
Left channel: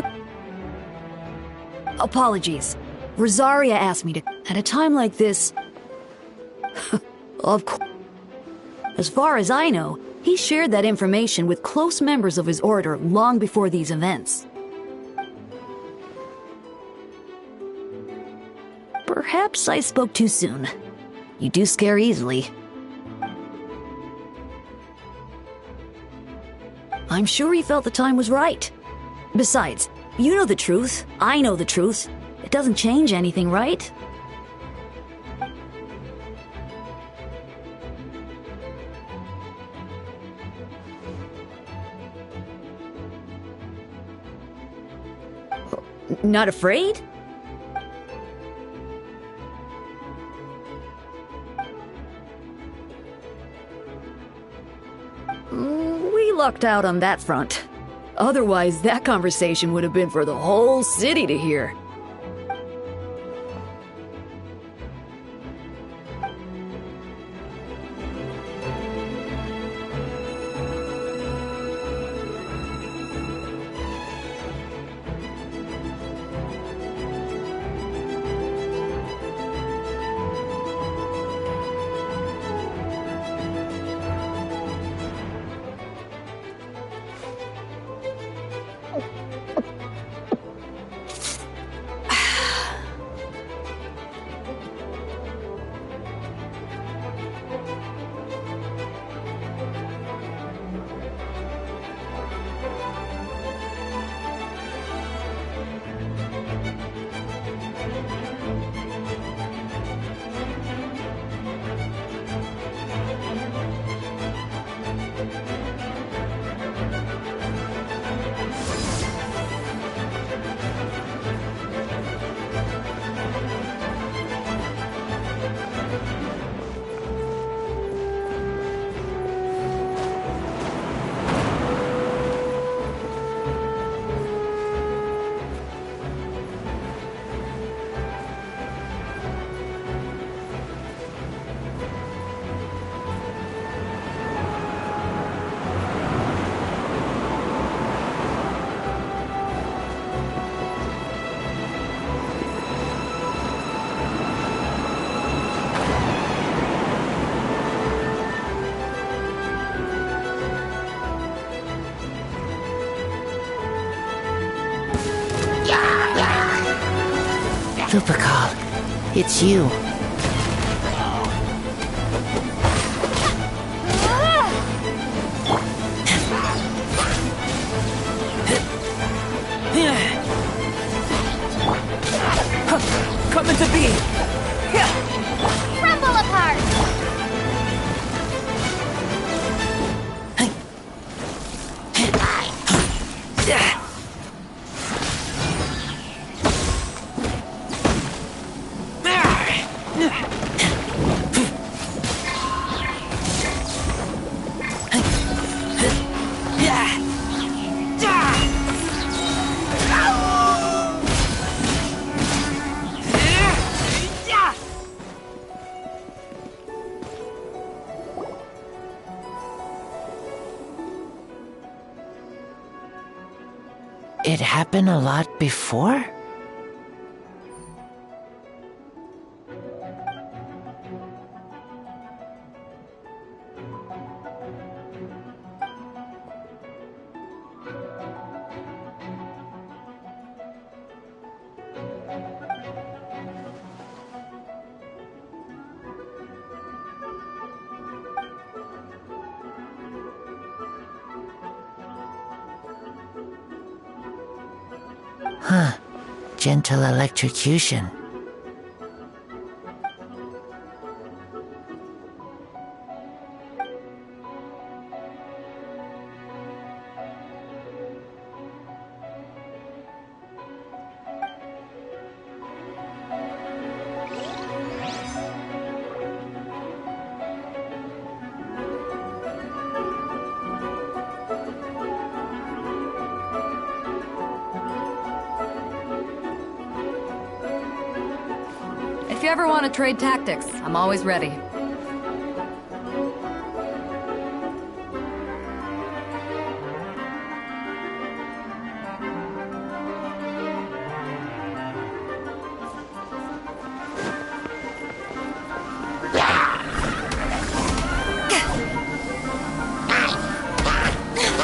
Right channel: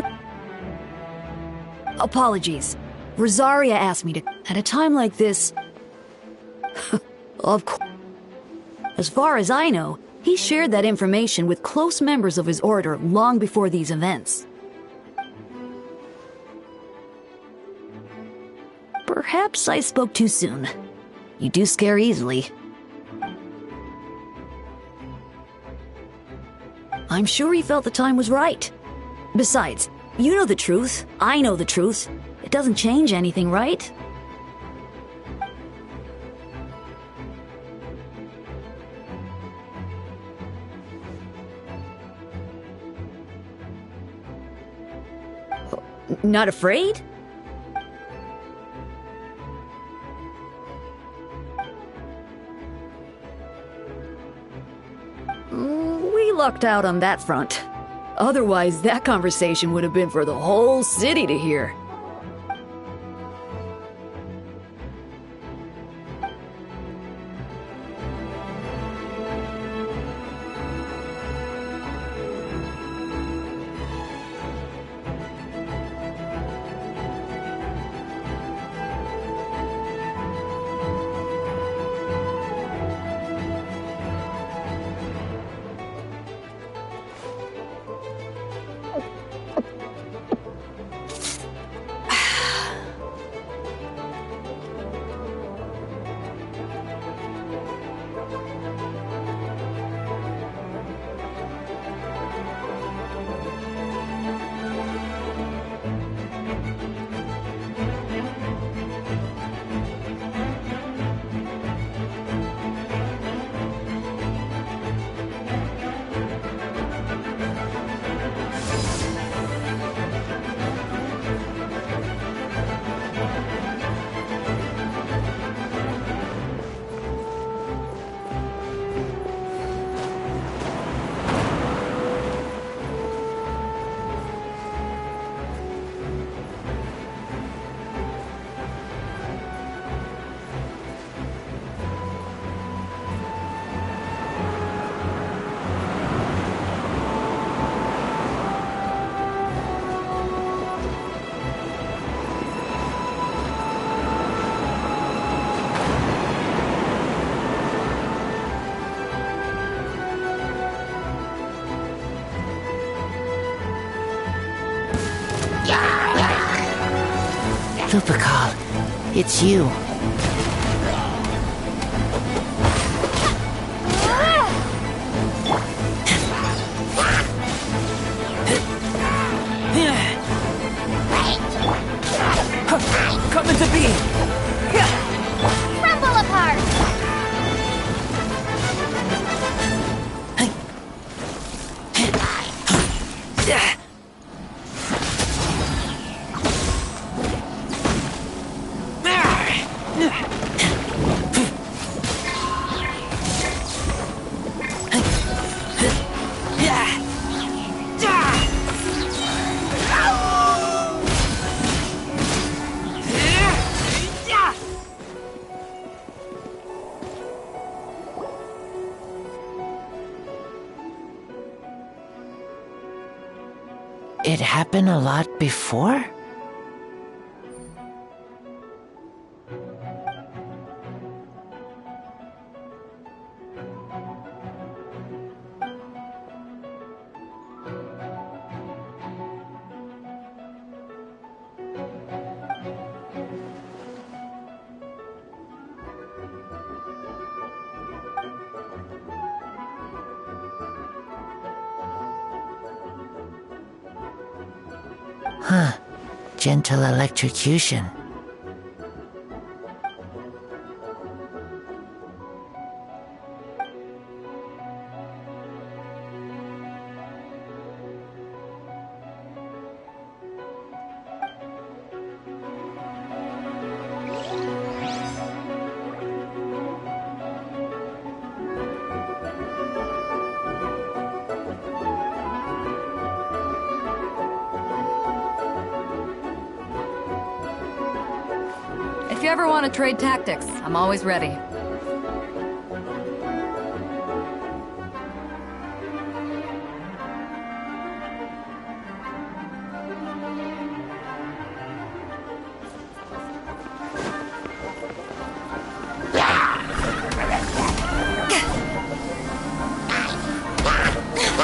Apologies. Rosaria asked me to... At a time like this... Of course. As far as I know, he shared that information with close members of his order long before these events. Perhaps I spoke too soon. You do scare easily. I'm sure he felt the time was right. Besides, you know the truth. I know the truth. It doesn't change anything, right? Not afraid? We lucked out on that front. Otherwise, that conversation would have been for the whole city to hear. Lupacol, it's you. Come into being! Crumble apart! happen a lot before? Huh. Gentle electrocution. If you ever want to trade tactics, I'm always ready.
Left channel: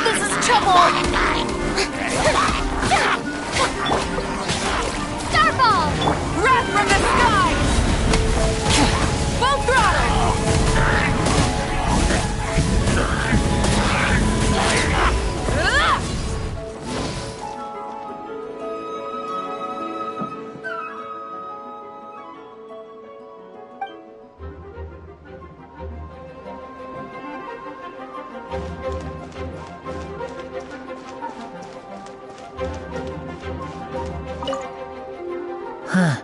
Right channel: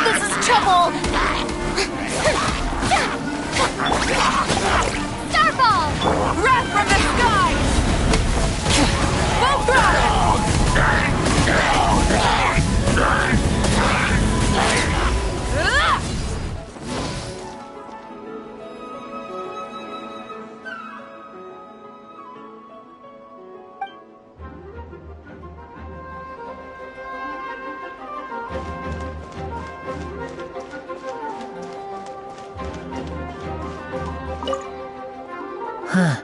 This is trouble! Starfall! Wrath from the sky! Full throttle! Huh.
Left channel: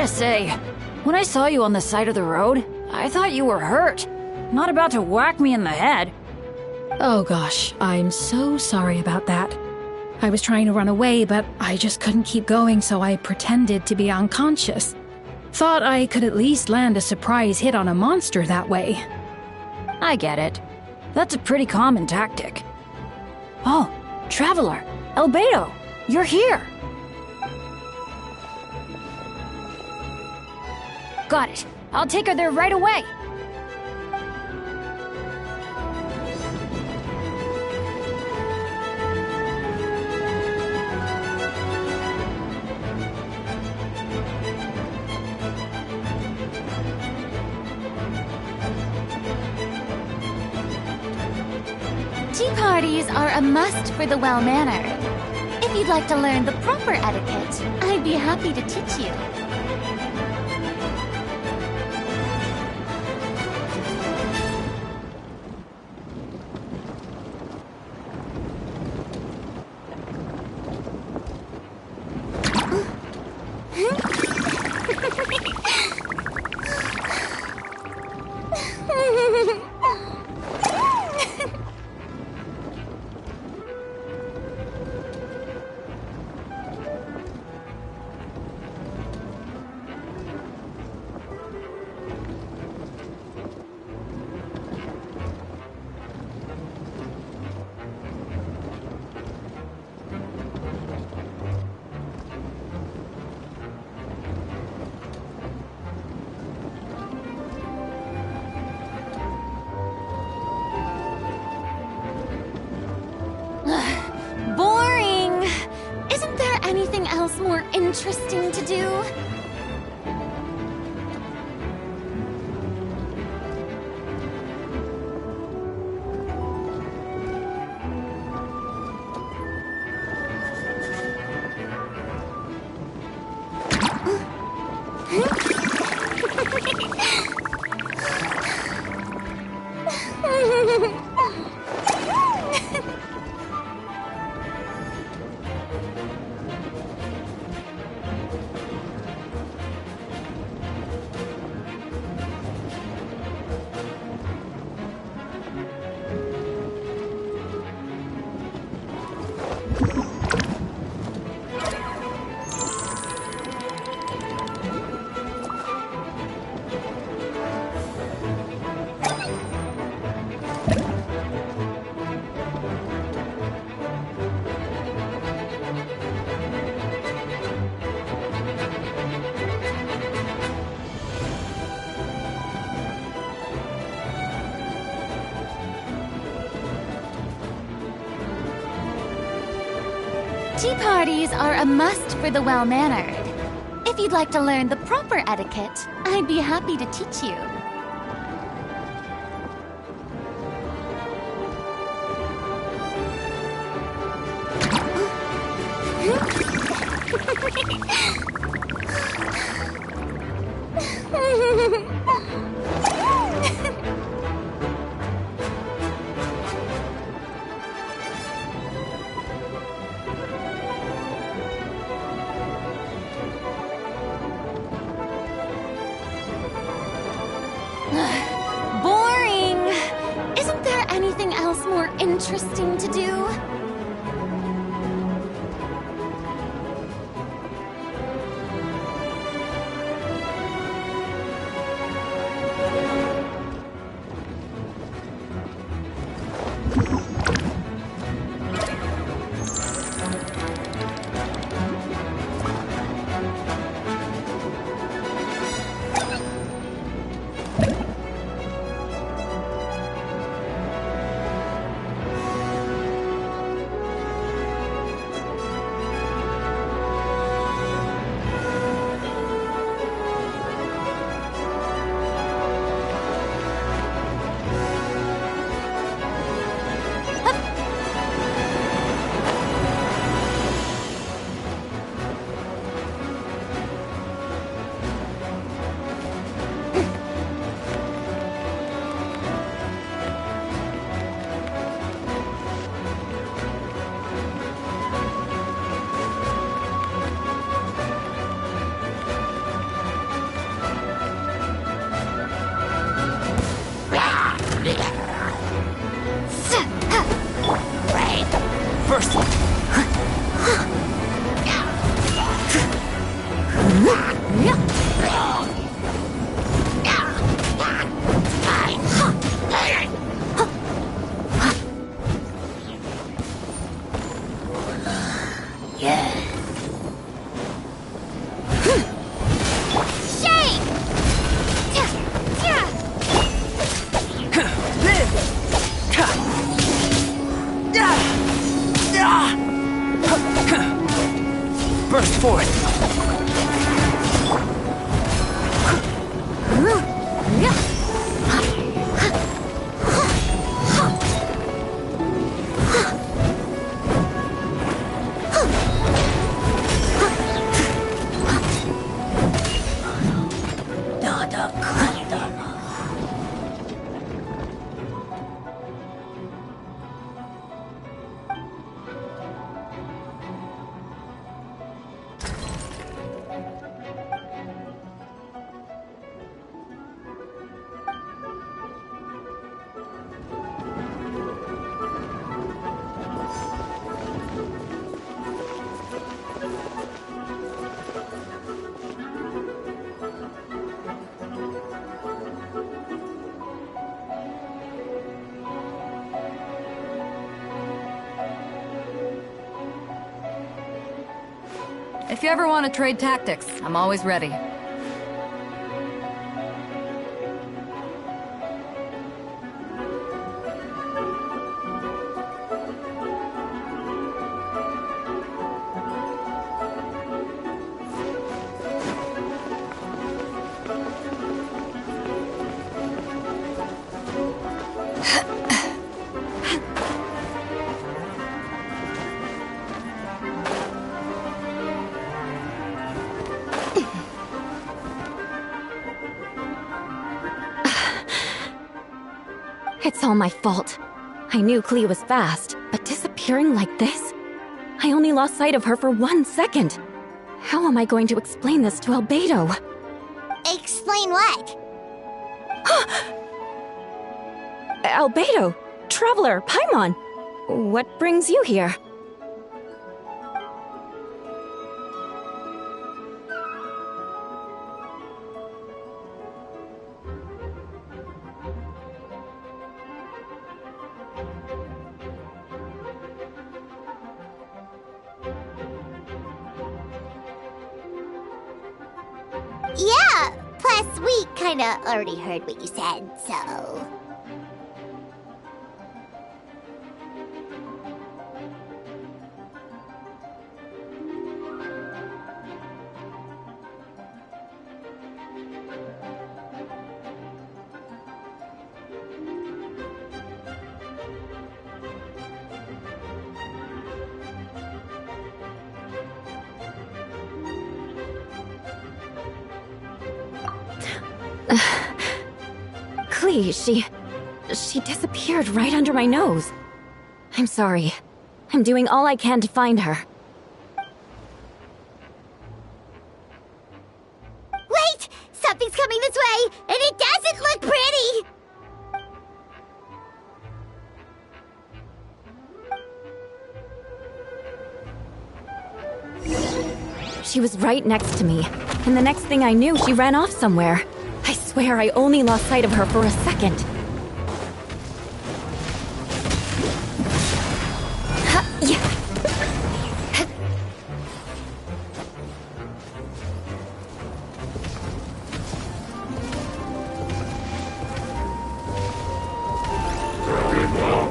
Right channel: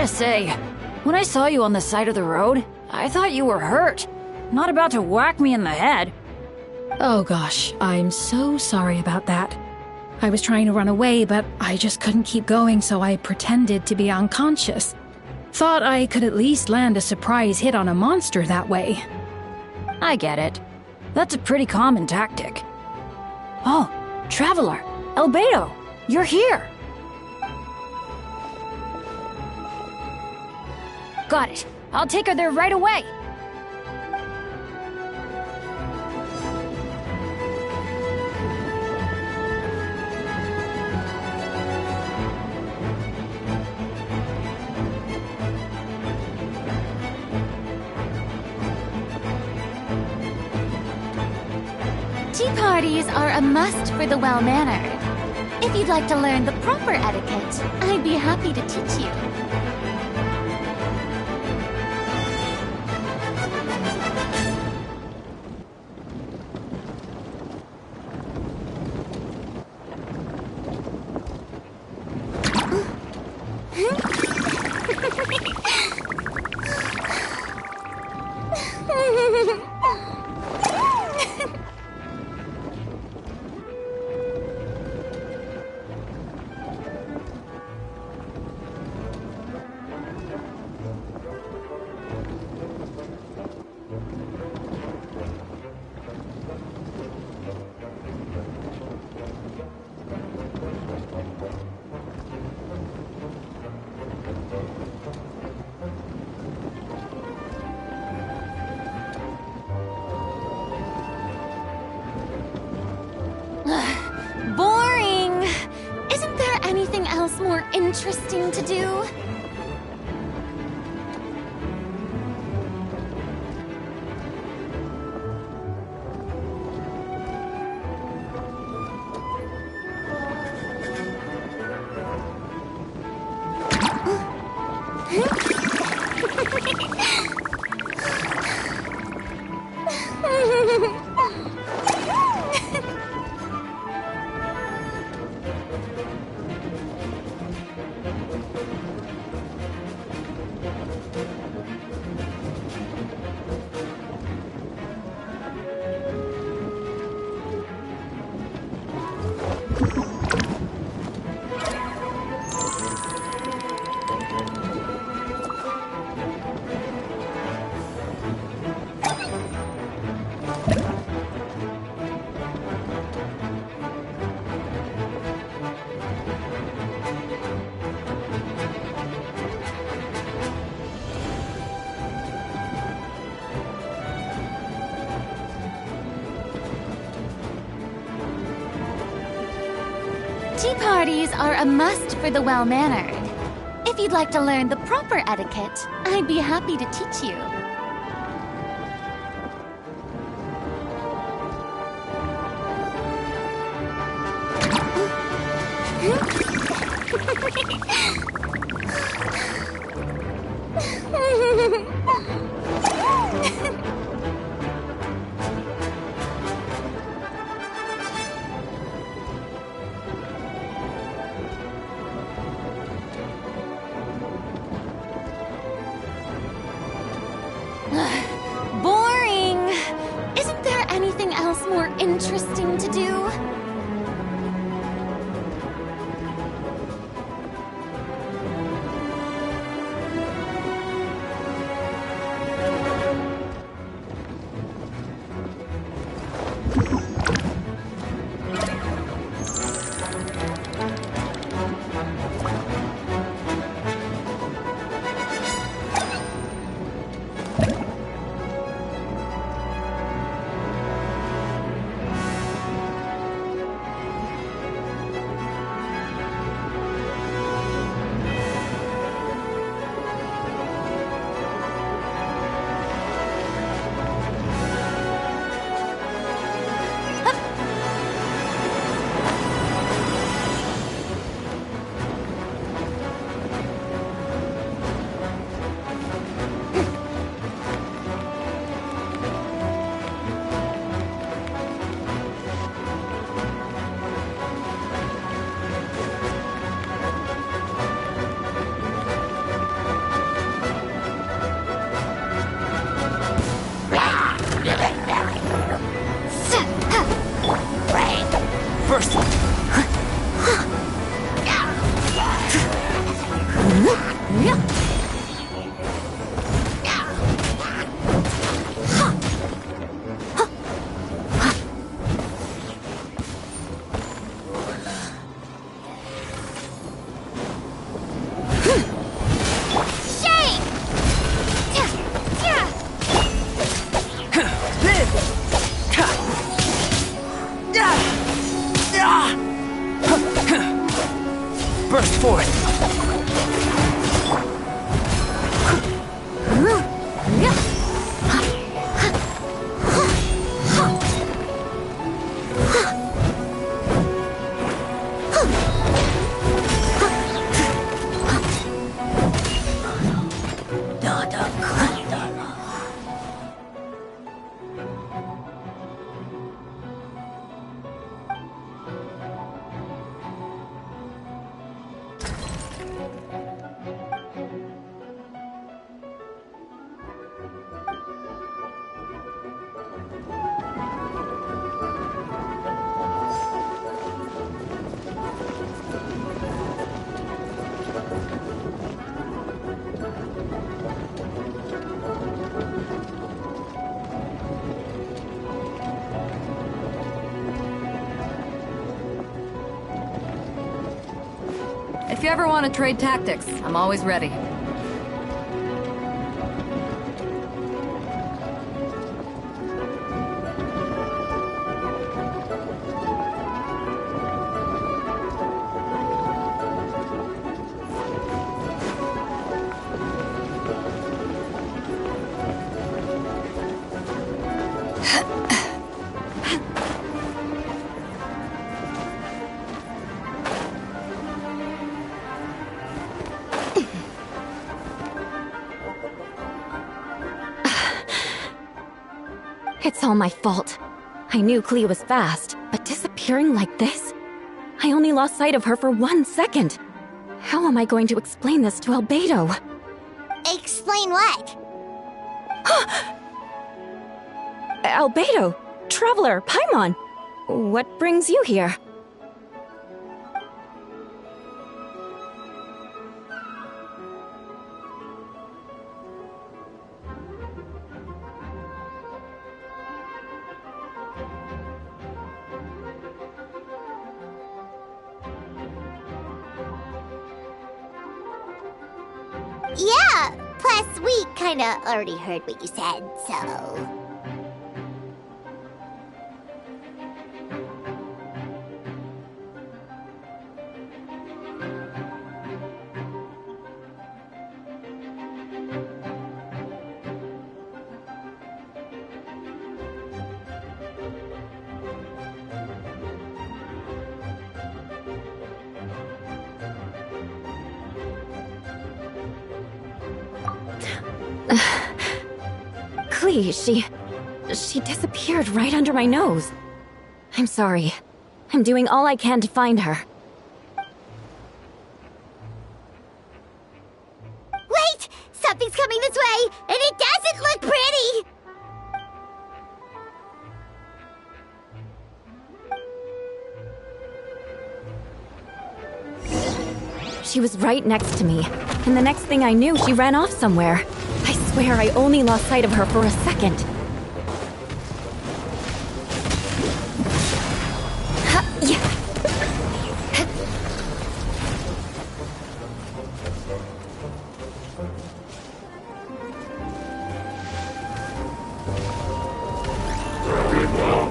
Gotta say, when I saw you on the side of the road, I thought you were hurt. Not about to whack me in the head. Oh gosh, I'm so sorry about that. I was trying to run away, but I just couldn't keep going, so I pretended to be unconscious. Thought I could at least land a surprise hit on a monster that way. I get it. That's a pretty common tactic. Oh, Traveler, Albedo, you're here. Got it. I'll take her there right away. Tea parties are a must for the well-mannered. If you'd like to learn the proper etiquette, I'd be happy to teach you. Boring! Isn't there anything else more interesting to do? Tea parties are a must for the well-mannered. If you'd like to learn the proper etiquette, I'd be happy to teach you. Boring! Isn't there anything else more interesting to do? Shake! Burst forth! If you ever want to trade tactics, I'm always ready. It's all my fault. I knew Clea was fast, but disappearing like this? I only lost sight of her for 1 second. How am I going to explain this to Albedo? Explain what? Albedo! Traveler! Paimon! What brings you here? Yeah, plus we kinda already heard what you said, so... Clea, she disappeared right under my nose. I'm sorry. I'm doing all I can to find her. Wait! Something's coming this way, and it doesn't look pretty! She was right next to me, and the next thing I knew, she ran off somewhere. I swear I only lost sight of her for a second.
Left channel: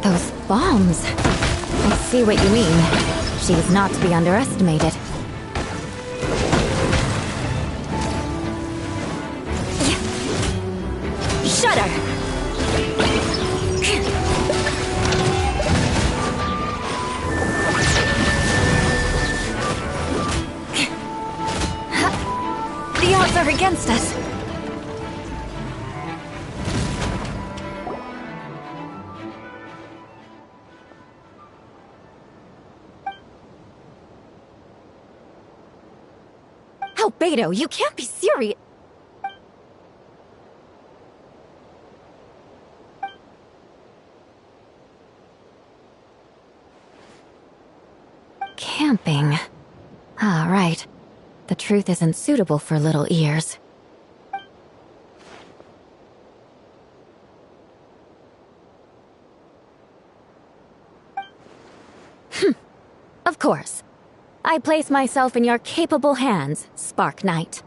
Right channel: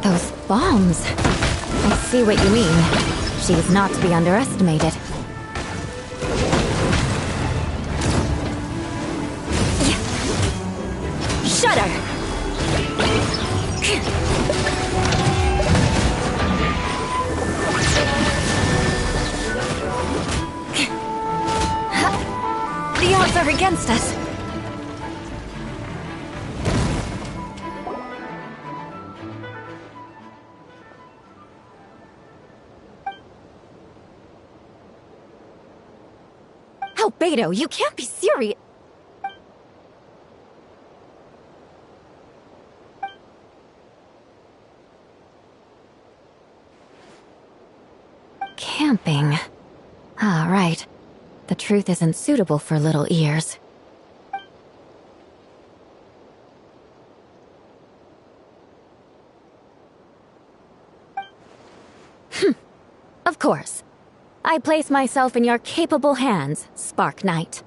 Those bombs. I see what you mean. She is not to be underestimated. Shudder! The odds are against us. Albedo, you can't be serious. Camping. Ah, right. The truth isn't suitable for little ears. Of course. I place myself in your capable hands, Spark Knight.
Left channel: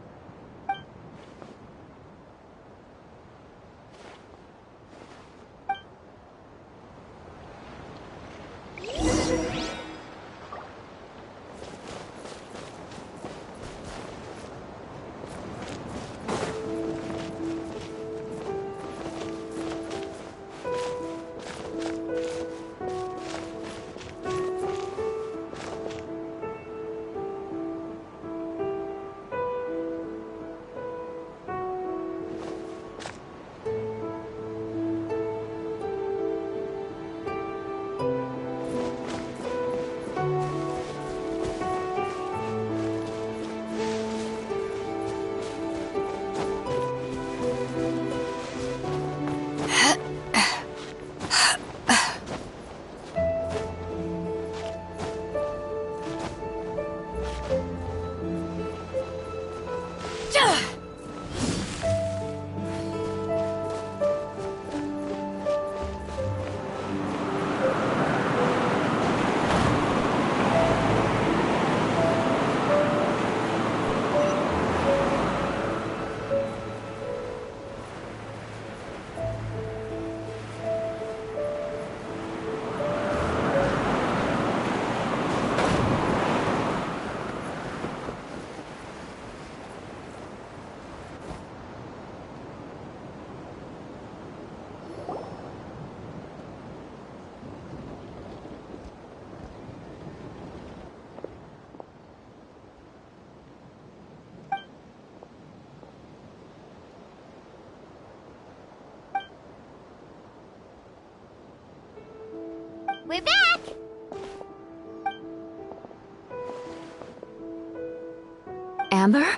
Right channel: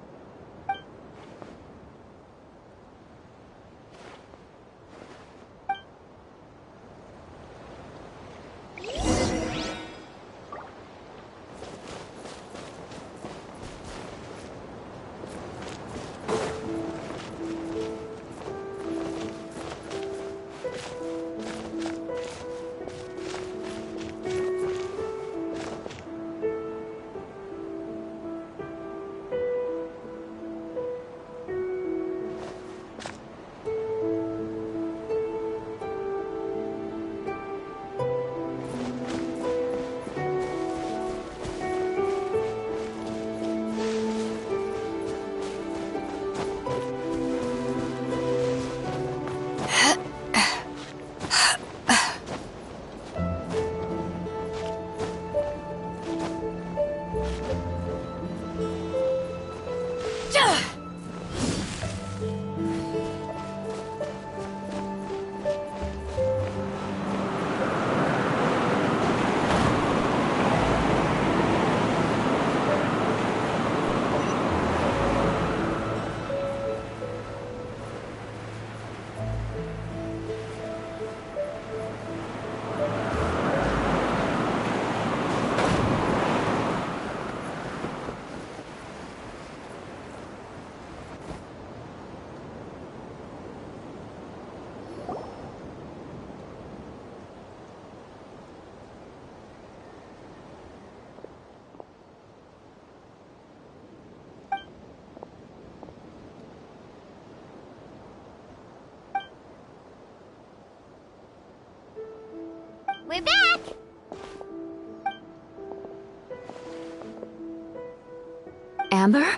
We're back! Amber?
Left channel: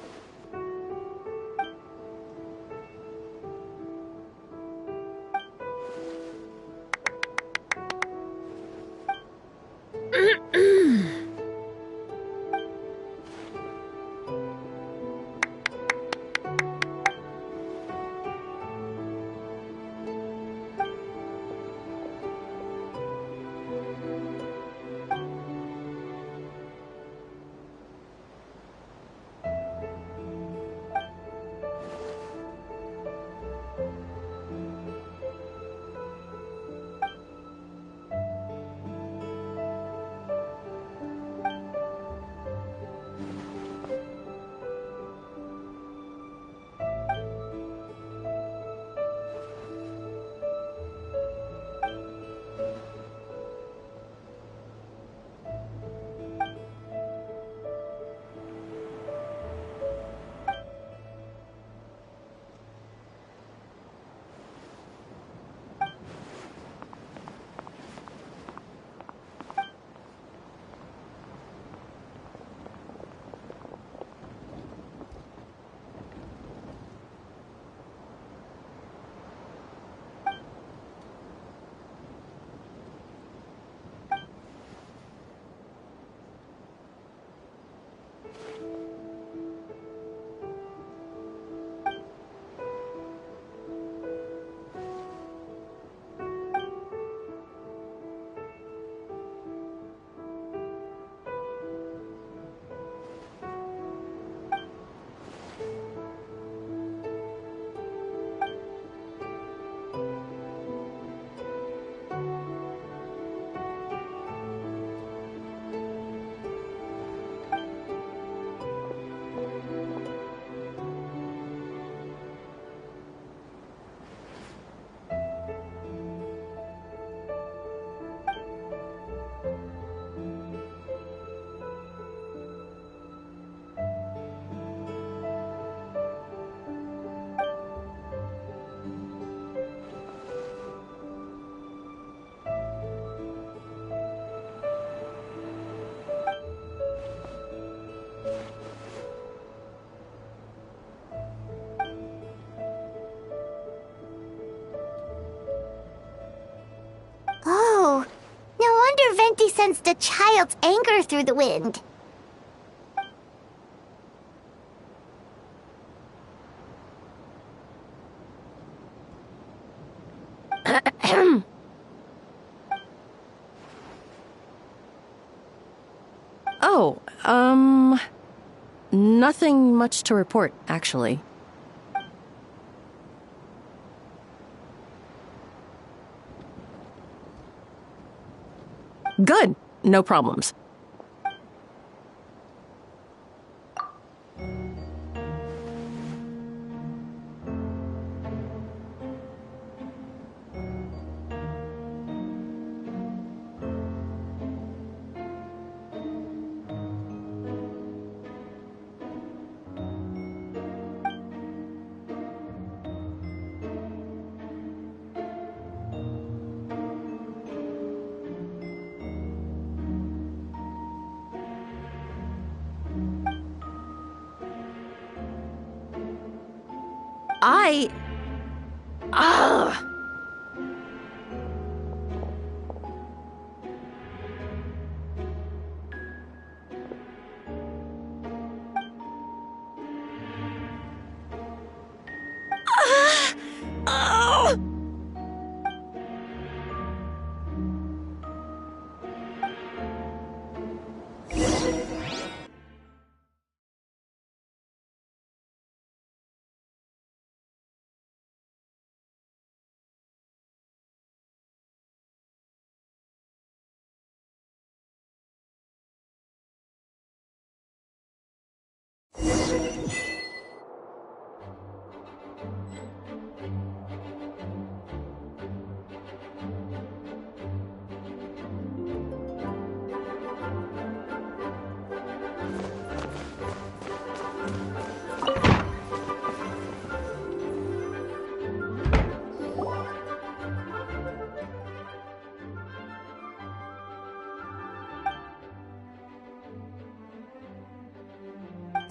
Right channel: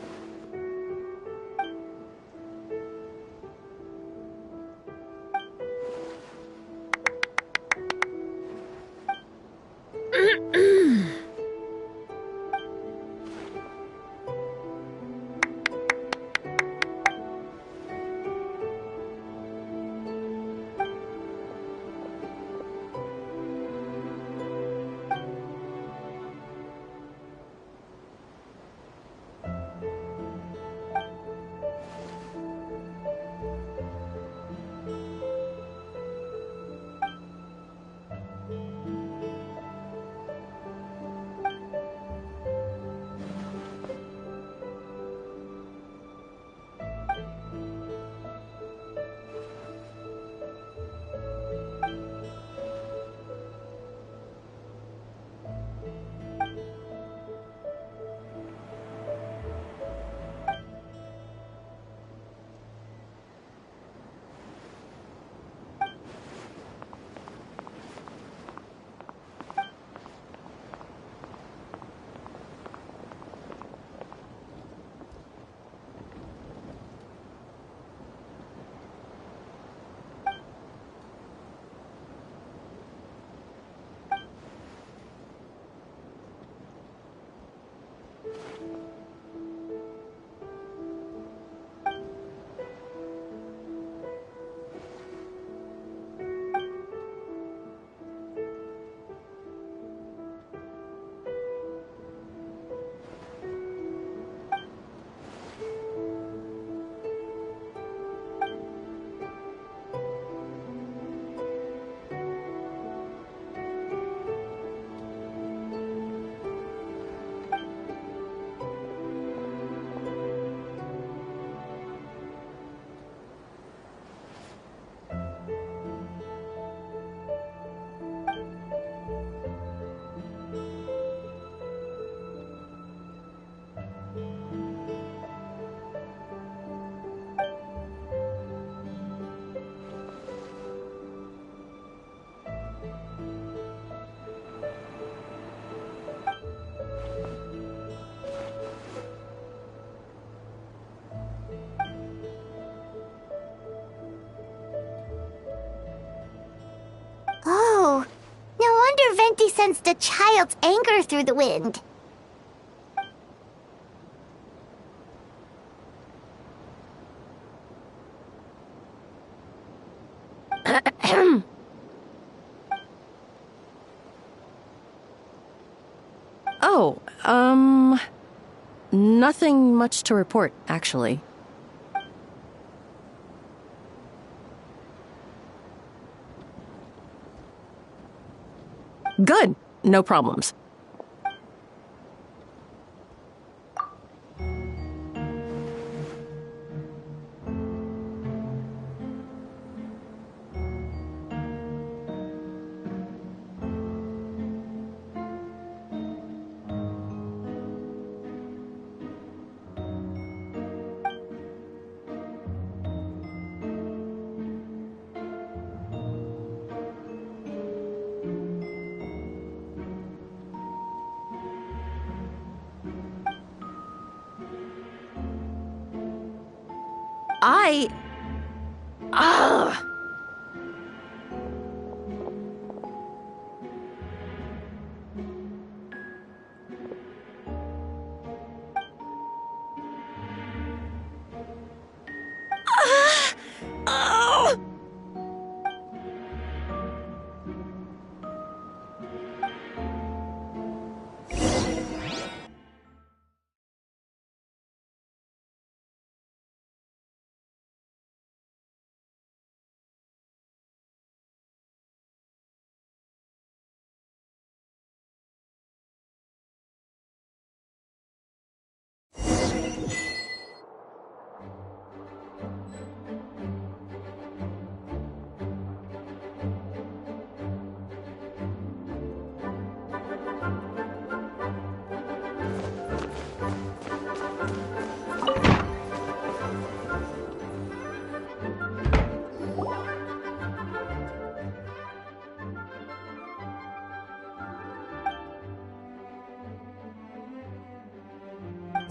Oh, no wonder Venti sensed a child's anger through the wind. Oh, nothing much to report, actually. Good. No problems. Ugh.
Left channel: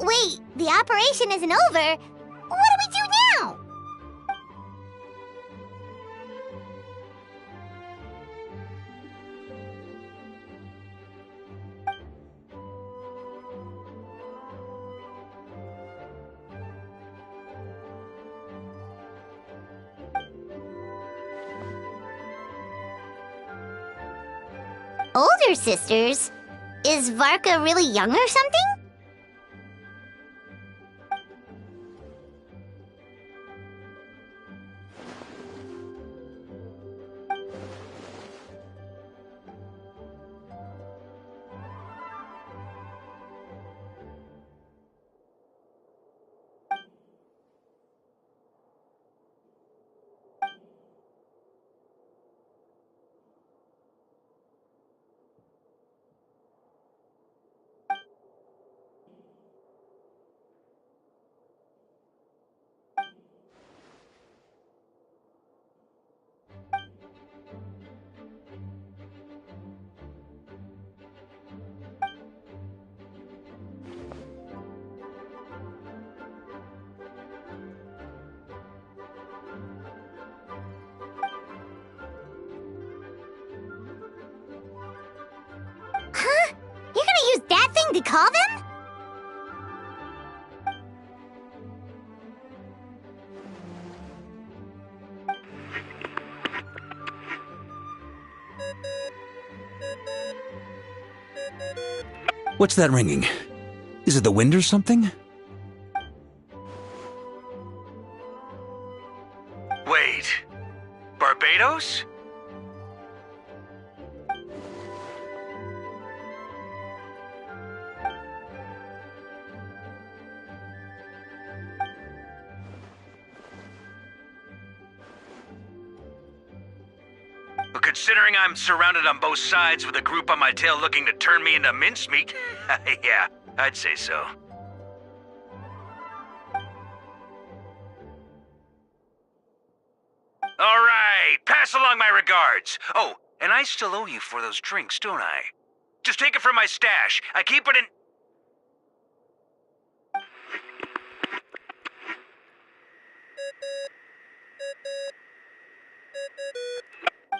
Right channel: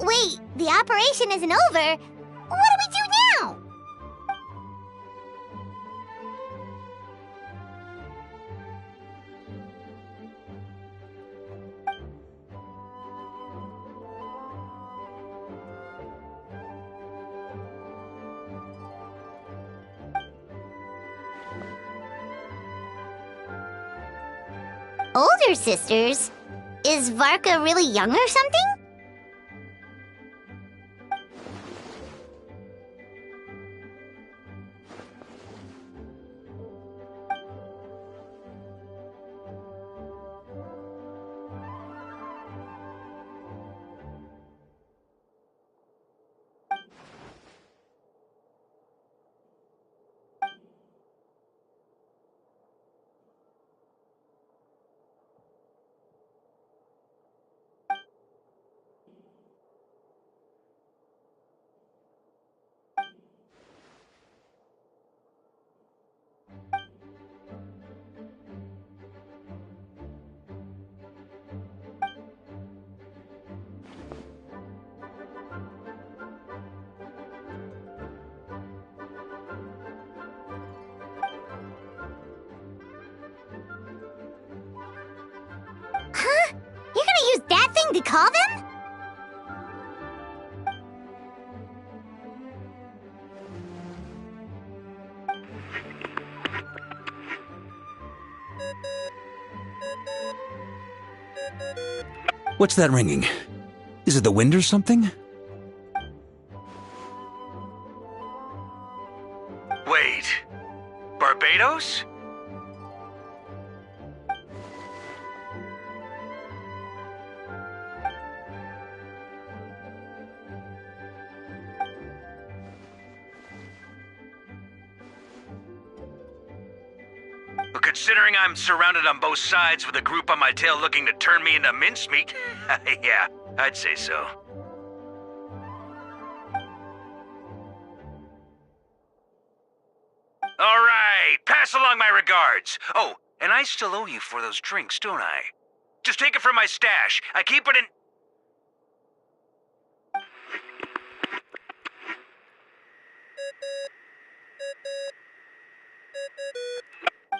Wait, the operation isn't over. What do we do now? Older sisters? Is Varka really young or something? Huh? You're gonna use that thing to call them? What's that ringing? Is it the wind or something? Wait. Barbados? But considering I'm surrounded on both sides with a group on my tail looking to turn me into mincemeat, yeah, I'd say so. All right, pass along my regards. Oh, and I still owe you for those drinks, don't I? Just take it from my stash. I keep it in...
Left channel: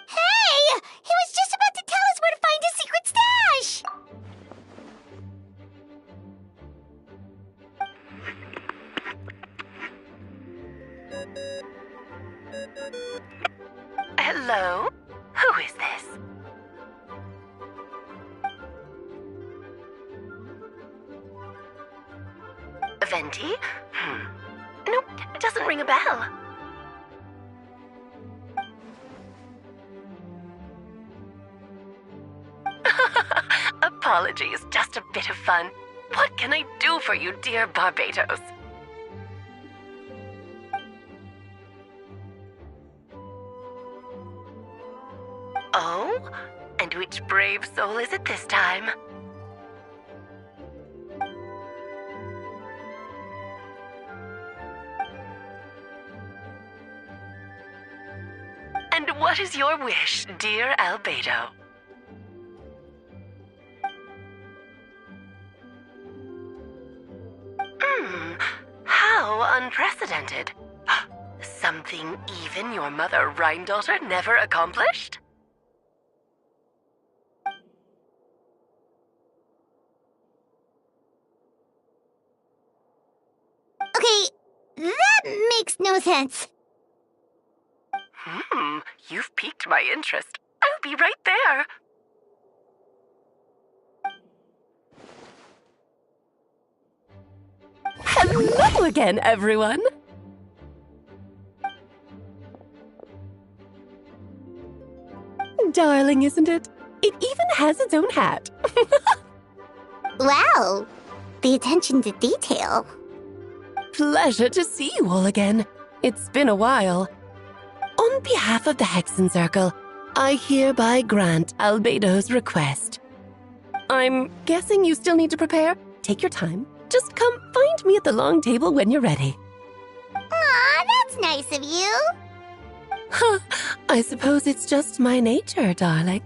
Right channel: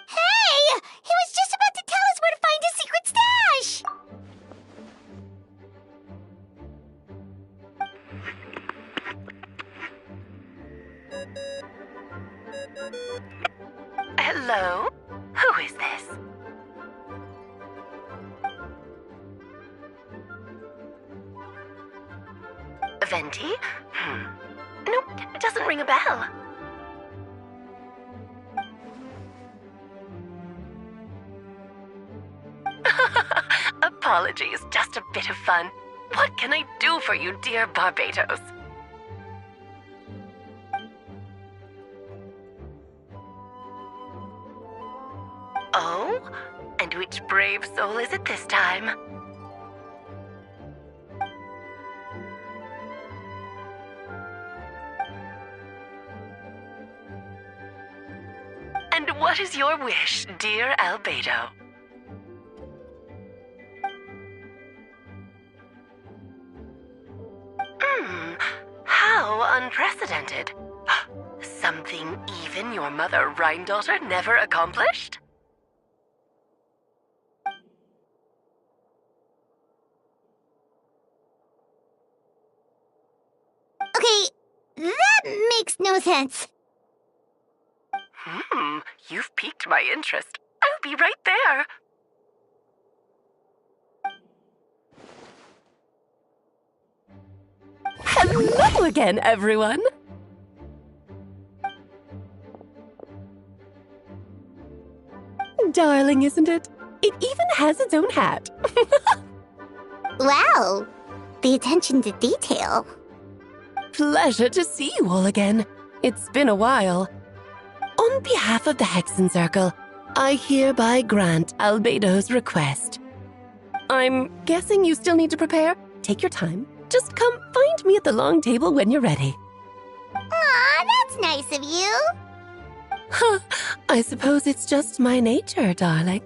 Hey! He was just about to tell us where to find his secret stash! Hello? Who is this? Venti? Nope, it doesn't ring a bell. Apologies, just a bit of fun. What can I do for you, dear Barbados? Oh? And which brave soul is it this time? And what is your wish, dear Albedo? How unprecedented. Something even your mother Rhine-daughter never accomplished? Okay, that makes no sense. You've piqued my interest. I'll be right there. Hello again, everyone. Darling, isn't it? It even has its own hat. Wow, the attention to detail. Pleasure to see you all again. It's been a while. On behalf of the Hexen Circle, I hereby grant Albedo's request. I'm guessing you still need to prepare? Take your time. Just come find me at the long table when you're ready. Aw, that's nice of you. Huh, I suppose it's just my nature, darling.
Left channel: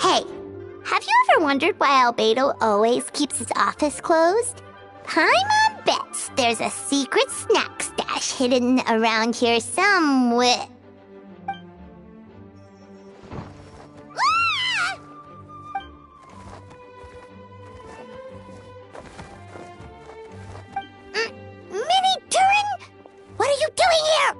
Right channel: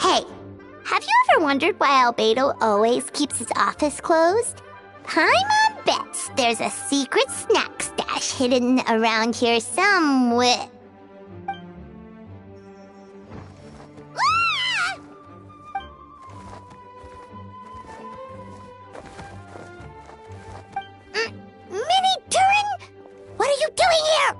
Hey, have you ever wondered why Albedo always keeps his office closed? Paimon bets there's a secret snack stash trash hidden around here somewhere. Mini Turin? What are you doing here?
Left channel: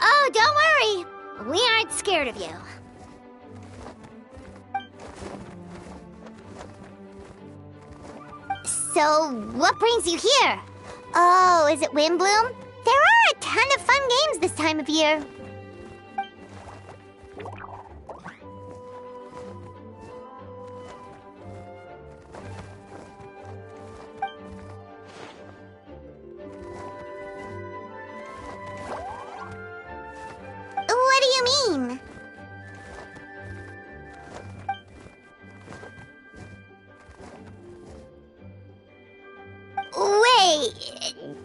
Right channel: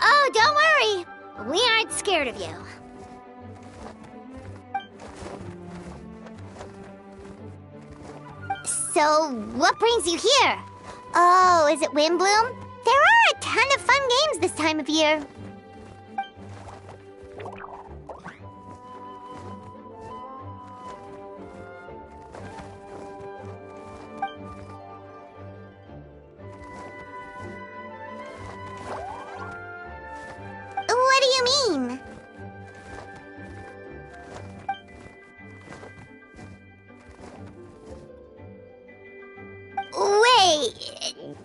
Oh, don't worry. We aren't scared of you. So, what brings you here? Oh, is it Windbloom? There are a ton of fun games this time of year. What do you mean? Wait,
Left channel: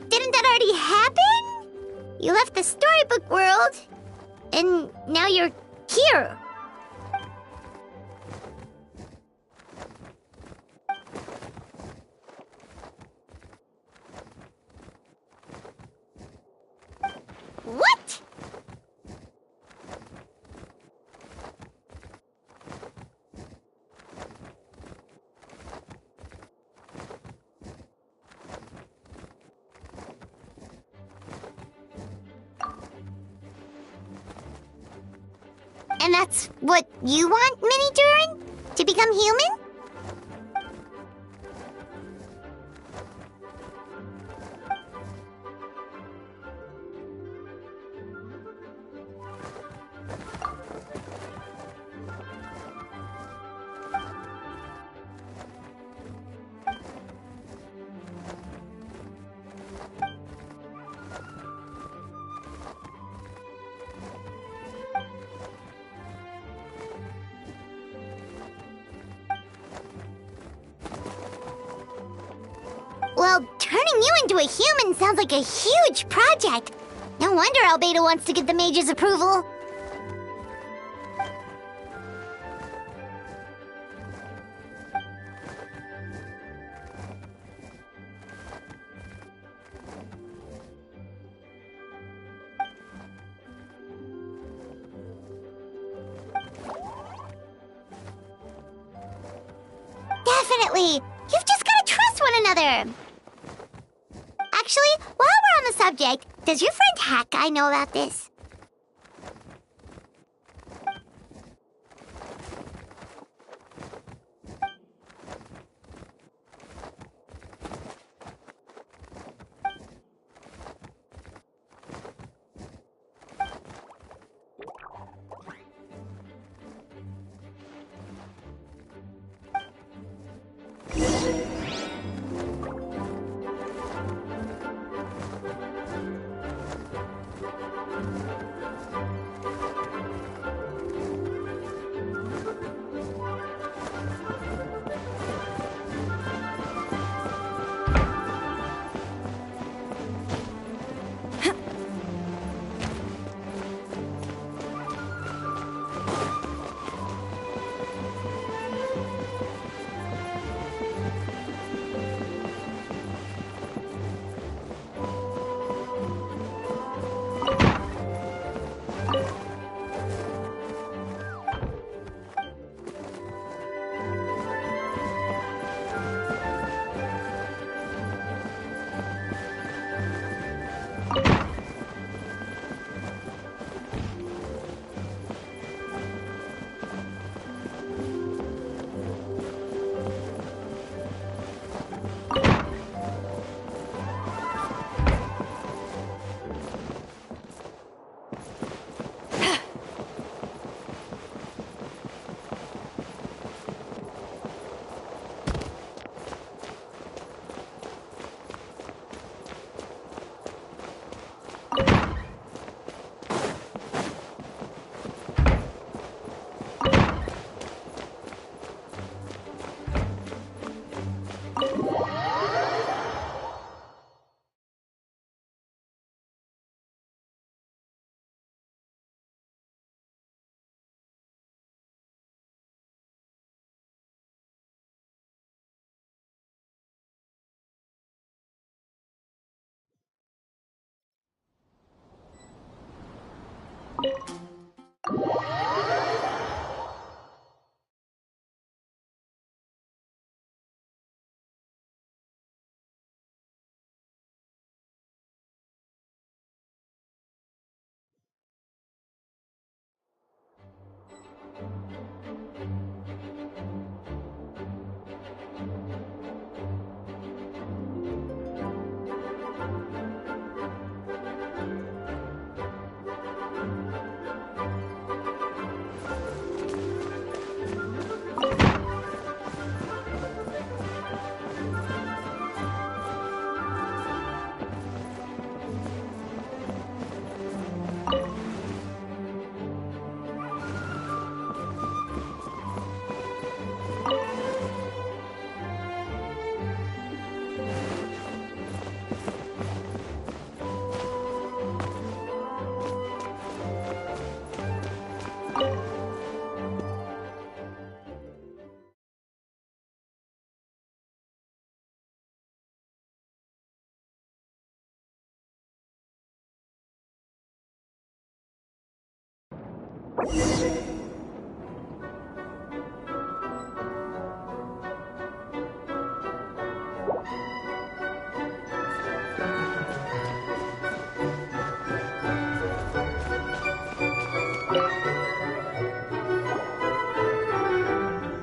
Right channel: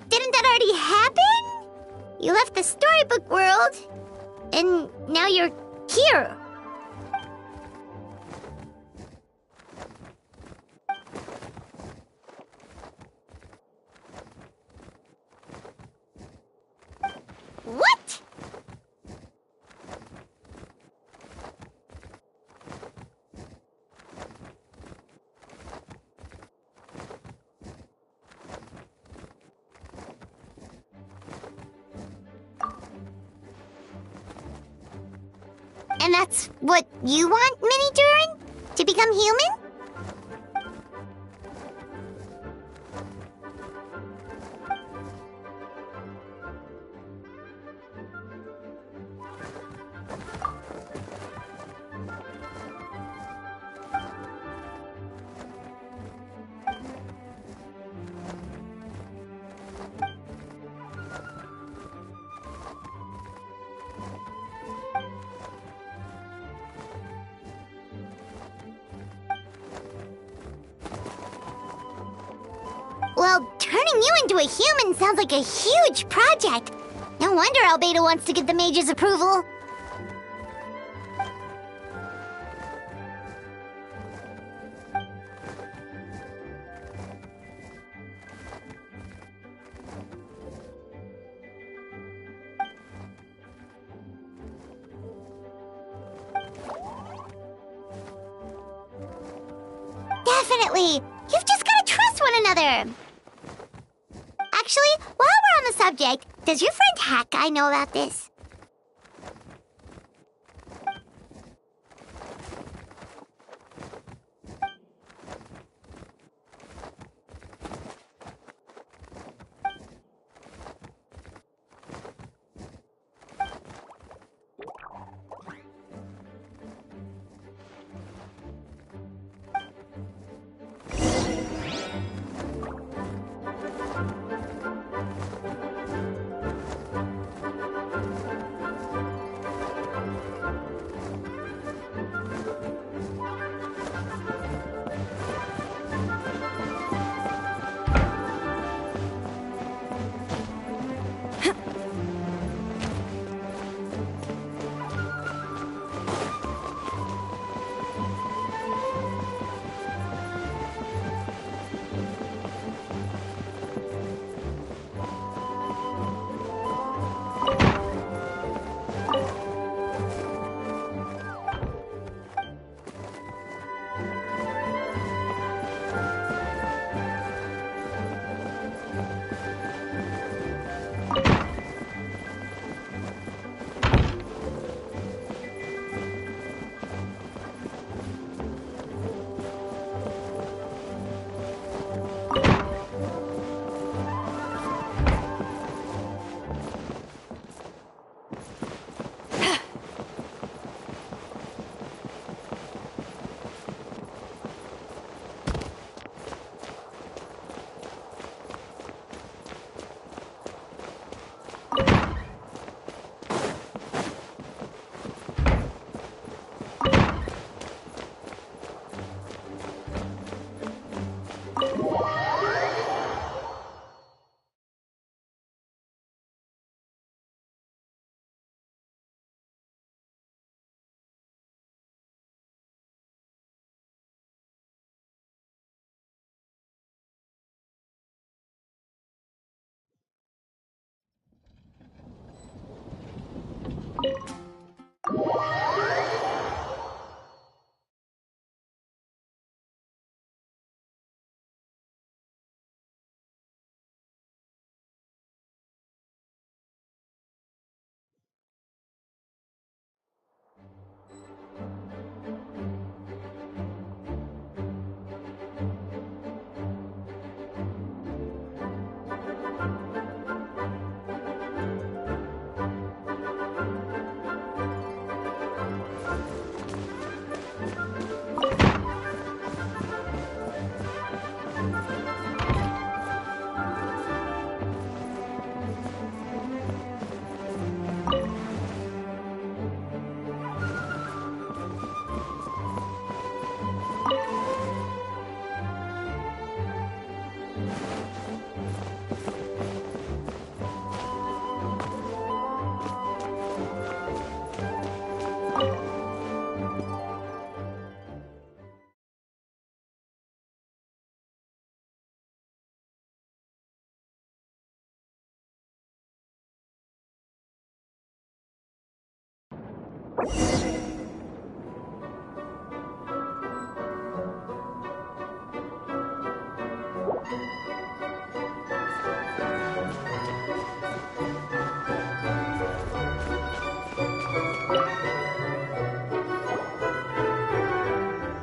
didn't that already happen? You left the storybook world, and now you're here. What? And that's what you want, Mini Durin? To become human? Well, turning you into a human sounds like a huge project. No wonder Albedo wants to get the mage's approval. Definitely. You've just got to trust one another. Actually, while we're on the subject, does your friend Hack Guy know about this?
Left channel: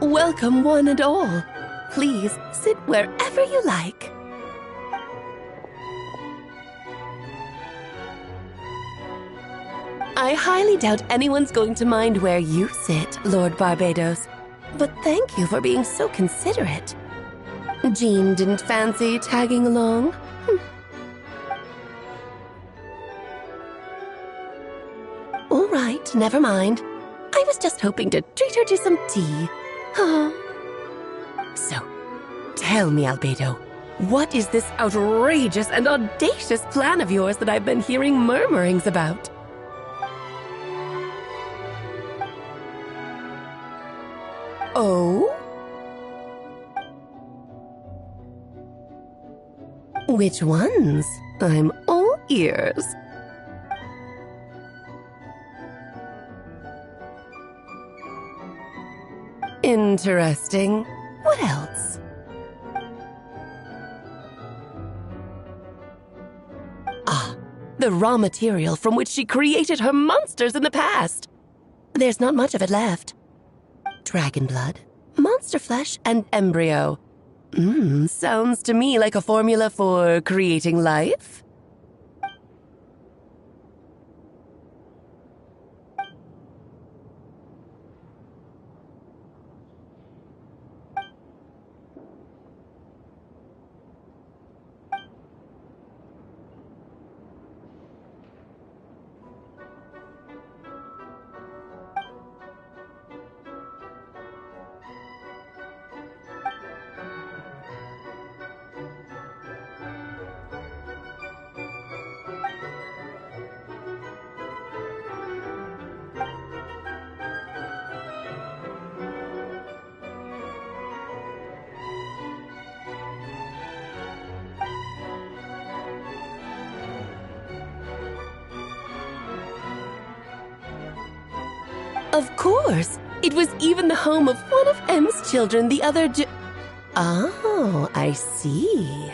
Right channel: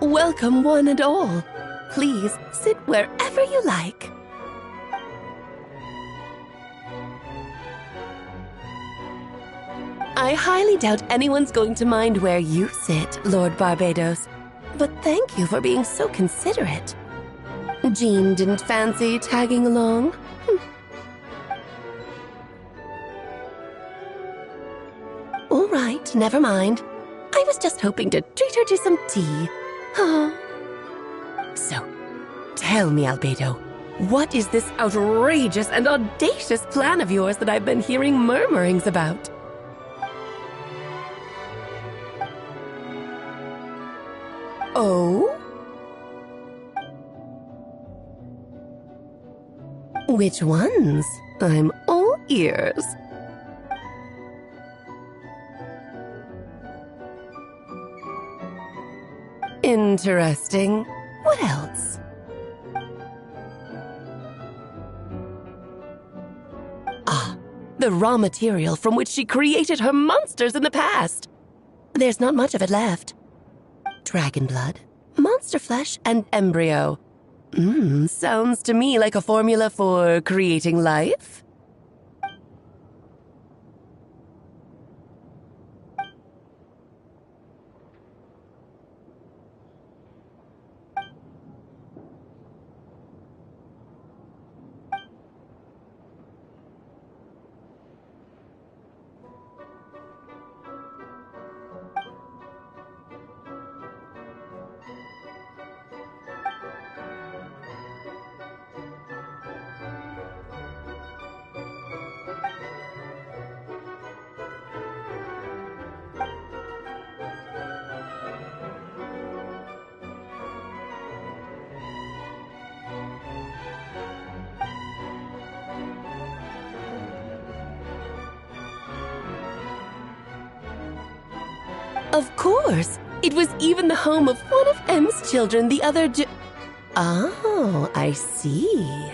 Welcome, one and all. Please sit wherever you like. I highly doubt anyone's going to mind where you sit, Lord Barbados. But thank you for being so considerate. Jean didn't fancy tagging along? All right, never mind. I was just hoping to treat her to some tea. So, tell me, Albedo, what is this outrageous and audacious plan of yours that I've been hearing murmurings about? Oh? Which ones? I'm all ears. Interesting. What else? Ah, the raw material from which she created her monsters in the past. There's not much of it left. Dragon blood, monster flesh, and embryo. Sounds to me like a formula for creating life. Of course! It was even the home of one of M's children, the other Oh, I see.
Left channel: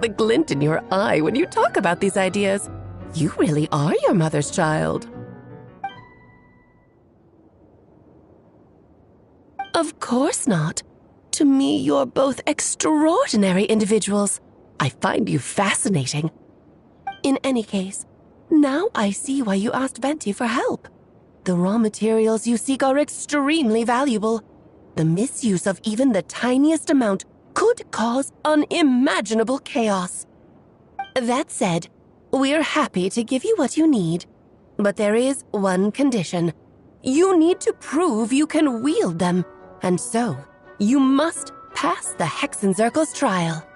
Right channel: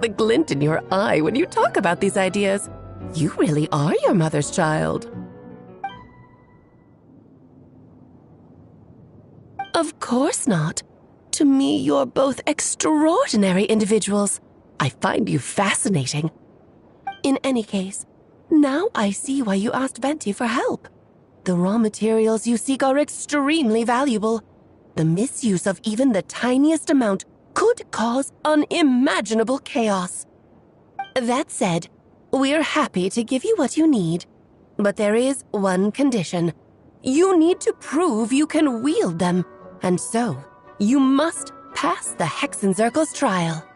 The glint in your eye when you talk about these ideas. You really are your mother's child. Of course not. To me, you're both extraordinary individuals. I find you fascinating. In any case, now I see why you asked Venti for help. The raw materials you seek are extremely valuable. The misuse of even the tiniest amount could cause unimaginable chaos. That said, we're happy to give you what you need, but there is one condition. You need to prove you can wield them, and so you must pass the Hexencircle's trial.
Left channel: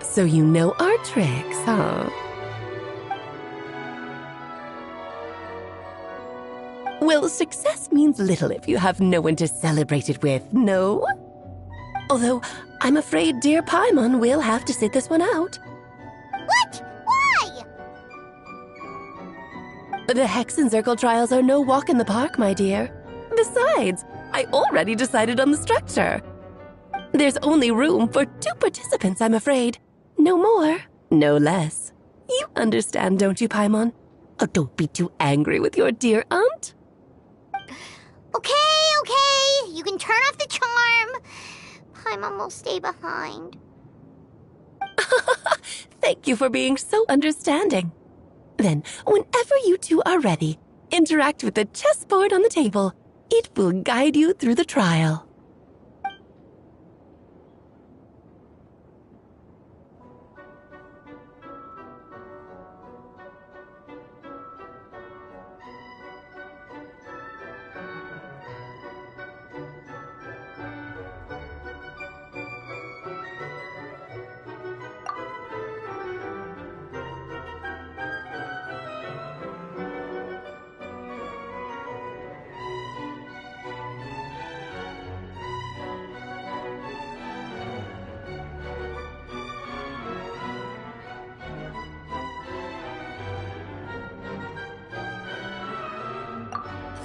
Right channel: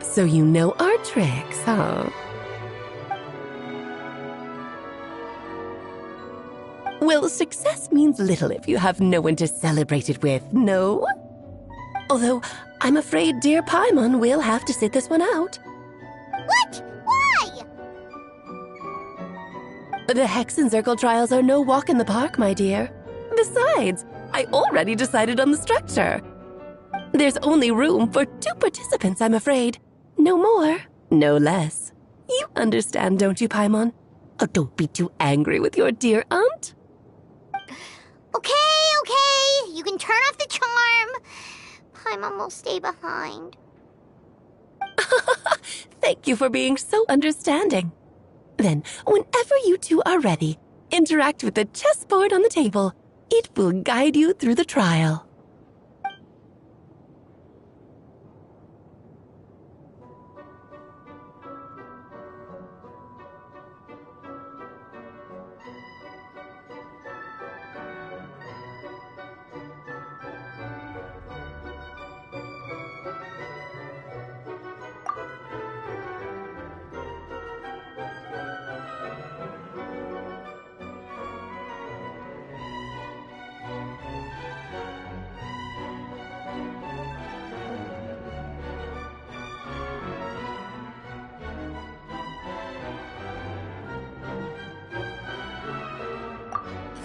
So you know our tricks, huh? Well, success means little if you have no one to celebrate it with, no? Although, I'm afraid dear Paimon will have to sit this one out. What? Why? The Hexencircle trials are no walk in the park, my dear. Besides, I already decided on the structure. There's only room for 2 participants, I'm afraid. No more, no less. You understand, don't you, Paimon? Oh, don't be too angry with your dear aunt. Okay. You can turn off the charm. Paimon will stay behind. Thank you for being so understanding. Then, whenever you two are ready, interact with the chessboard on the table. It will guide you through the trial.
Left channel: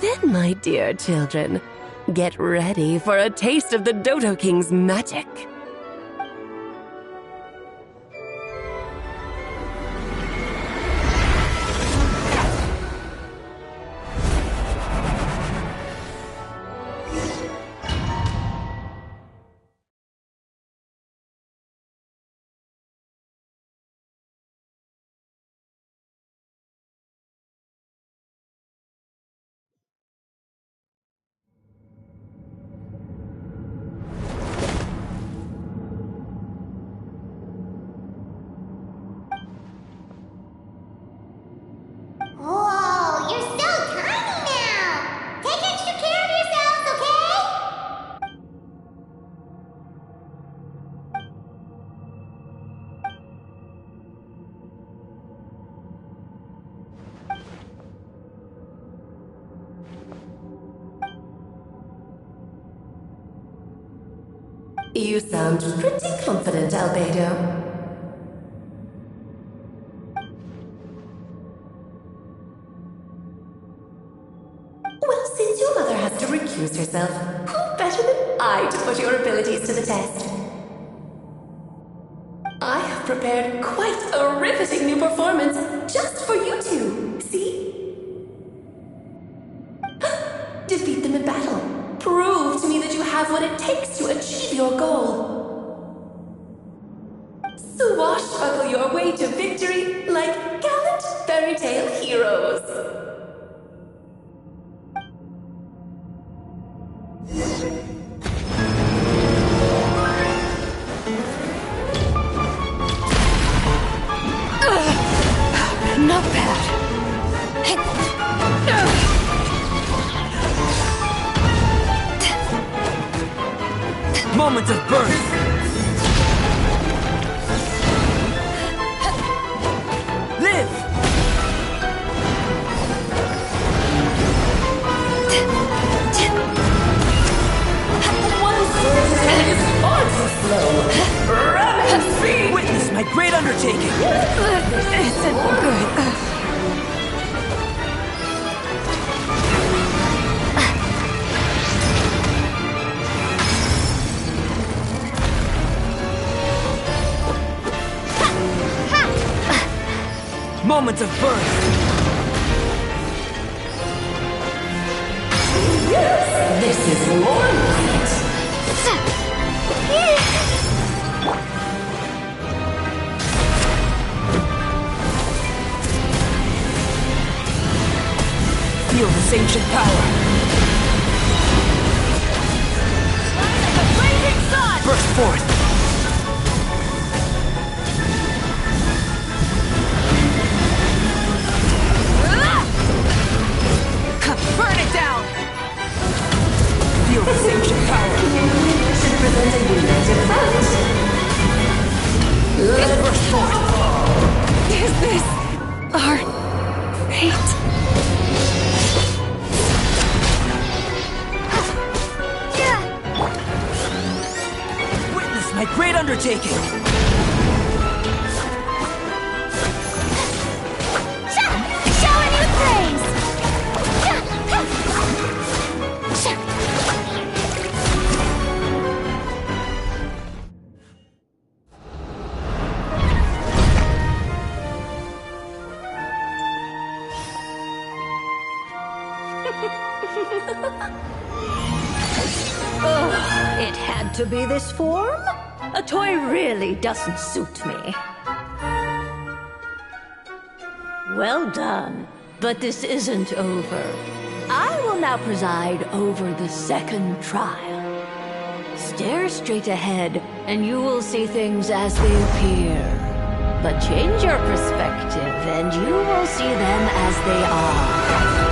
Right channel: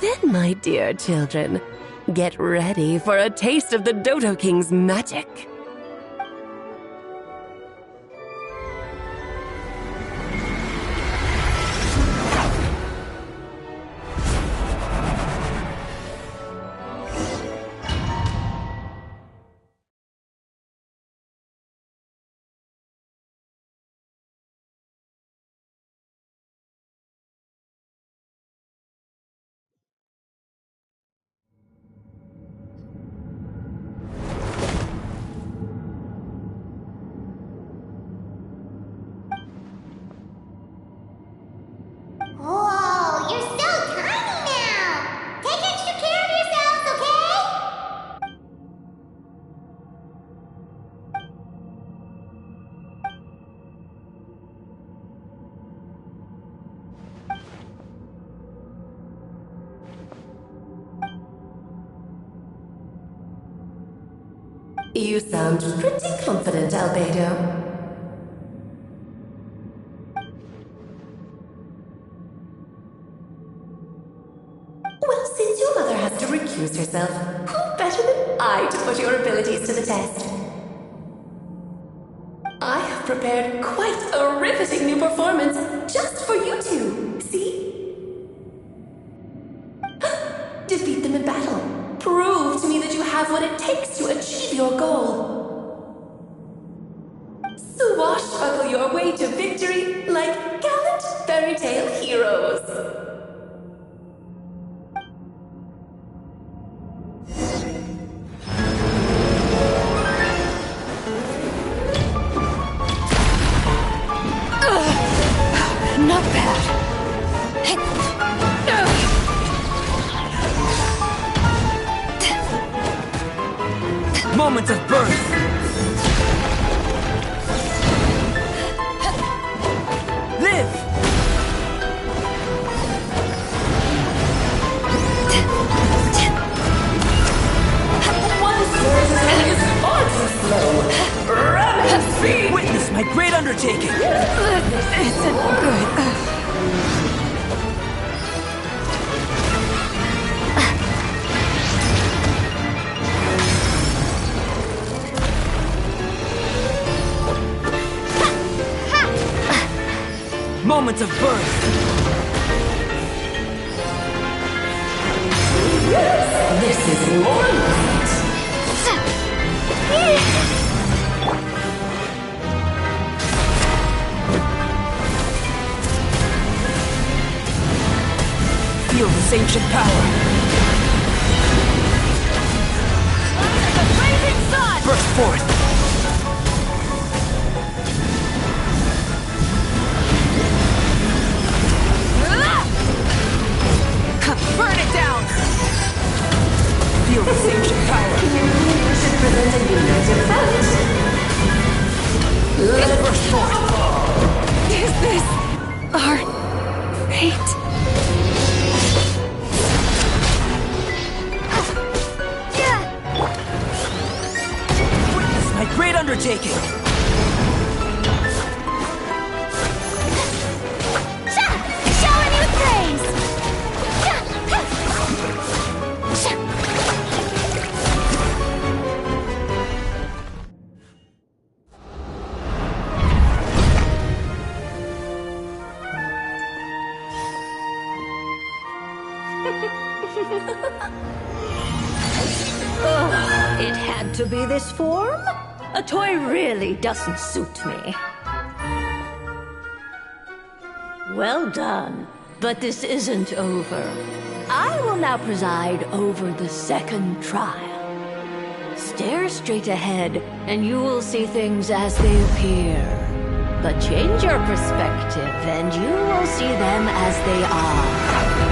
Then, my dear children, get ready for a taste of the Dodo King's magic. Whoa, you're so tiny now! Take extra care of yourselves, okay? You sound pretty confident, Albedo. Well, since your mother has to recuse herself, who better than I to put your abilities to the test? I have prepared quite a riveting new performance just for you two. See? Defeat them in battle. Prove to me that you have what it takes to achieve your goal. Swashbuckle your way to victory like gallant fairy tale heroes. Not bad. Moments of birth. Live. great undertaking! This isn't good. Moment of birth! This is more light. Feel this ancient power! The blazing sun! Burst forth! Burn it down! Feel this ancient power! Should present a united front. Let it burst forth! Is this our fate? Witness my great undertaking! Showing you praise! Ugh, it had to be this form? A toy really doesn't suit me. Well done, but this isn't over. I will now preside over the second trial. Stare straight ahead, and you will see things as they appear. But change your perspective, and you will see them as they are.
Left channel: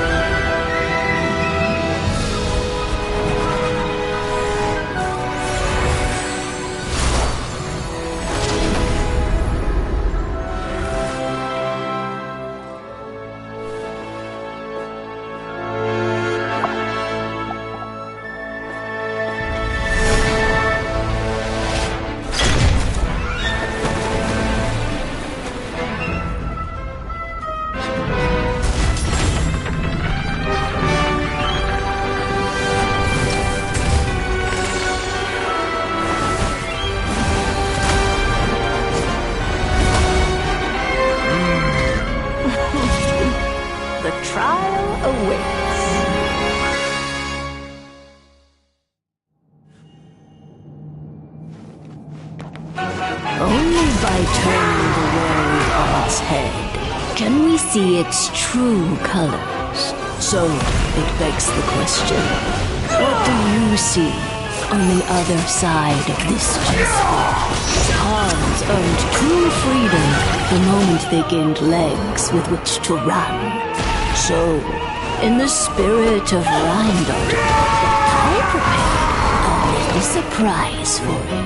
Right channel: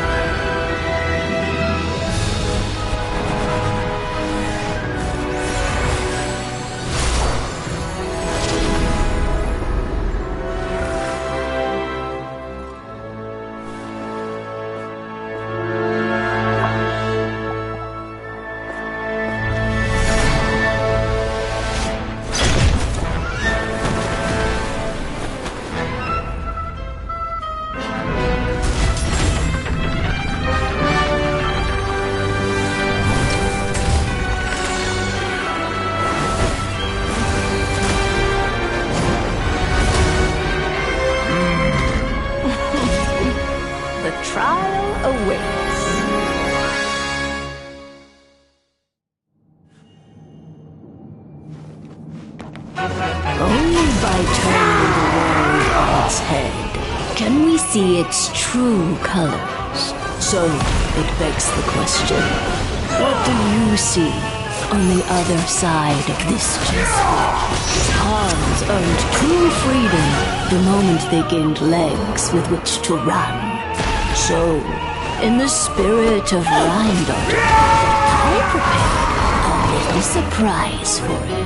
See its true colors. So, it begs the question, what do you see on the other side of this G-sphere? Pawns earned true freedom the moment they gained legs with which to run. So, in the spirit of Rheingold, I prepared a little surprise for you.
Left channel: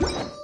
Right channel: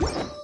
You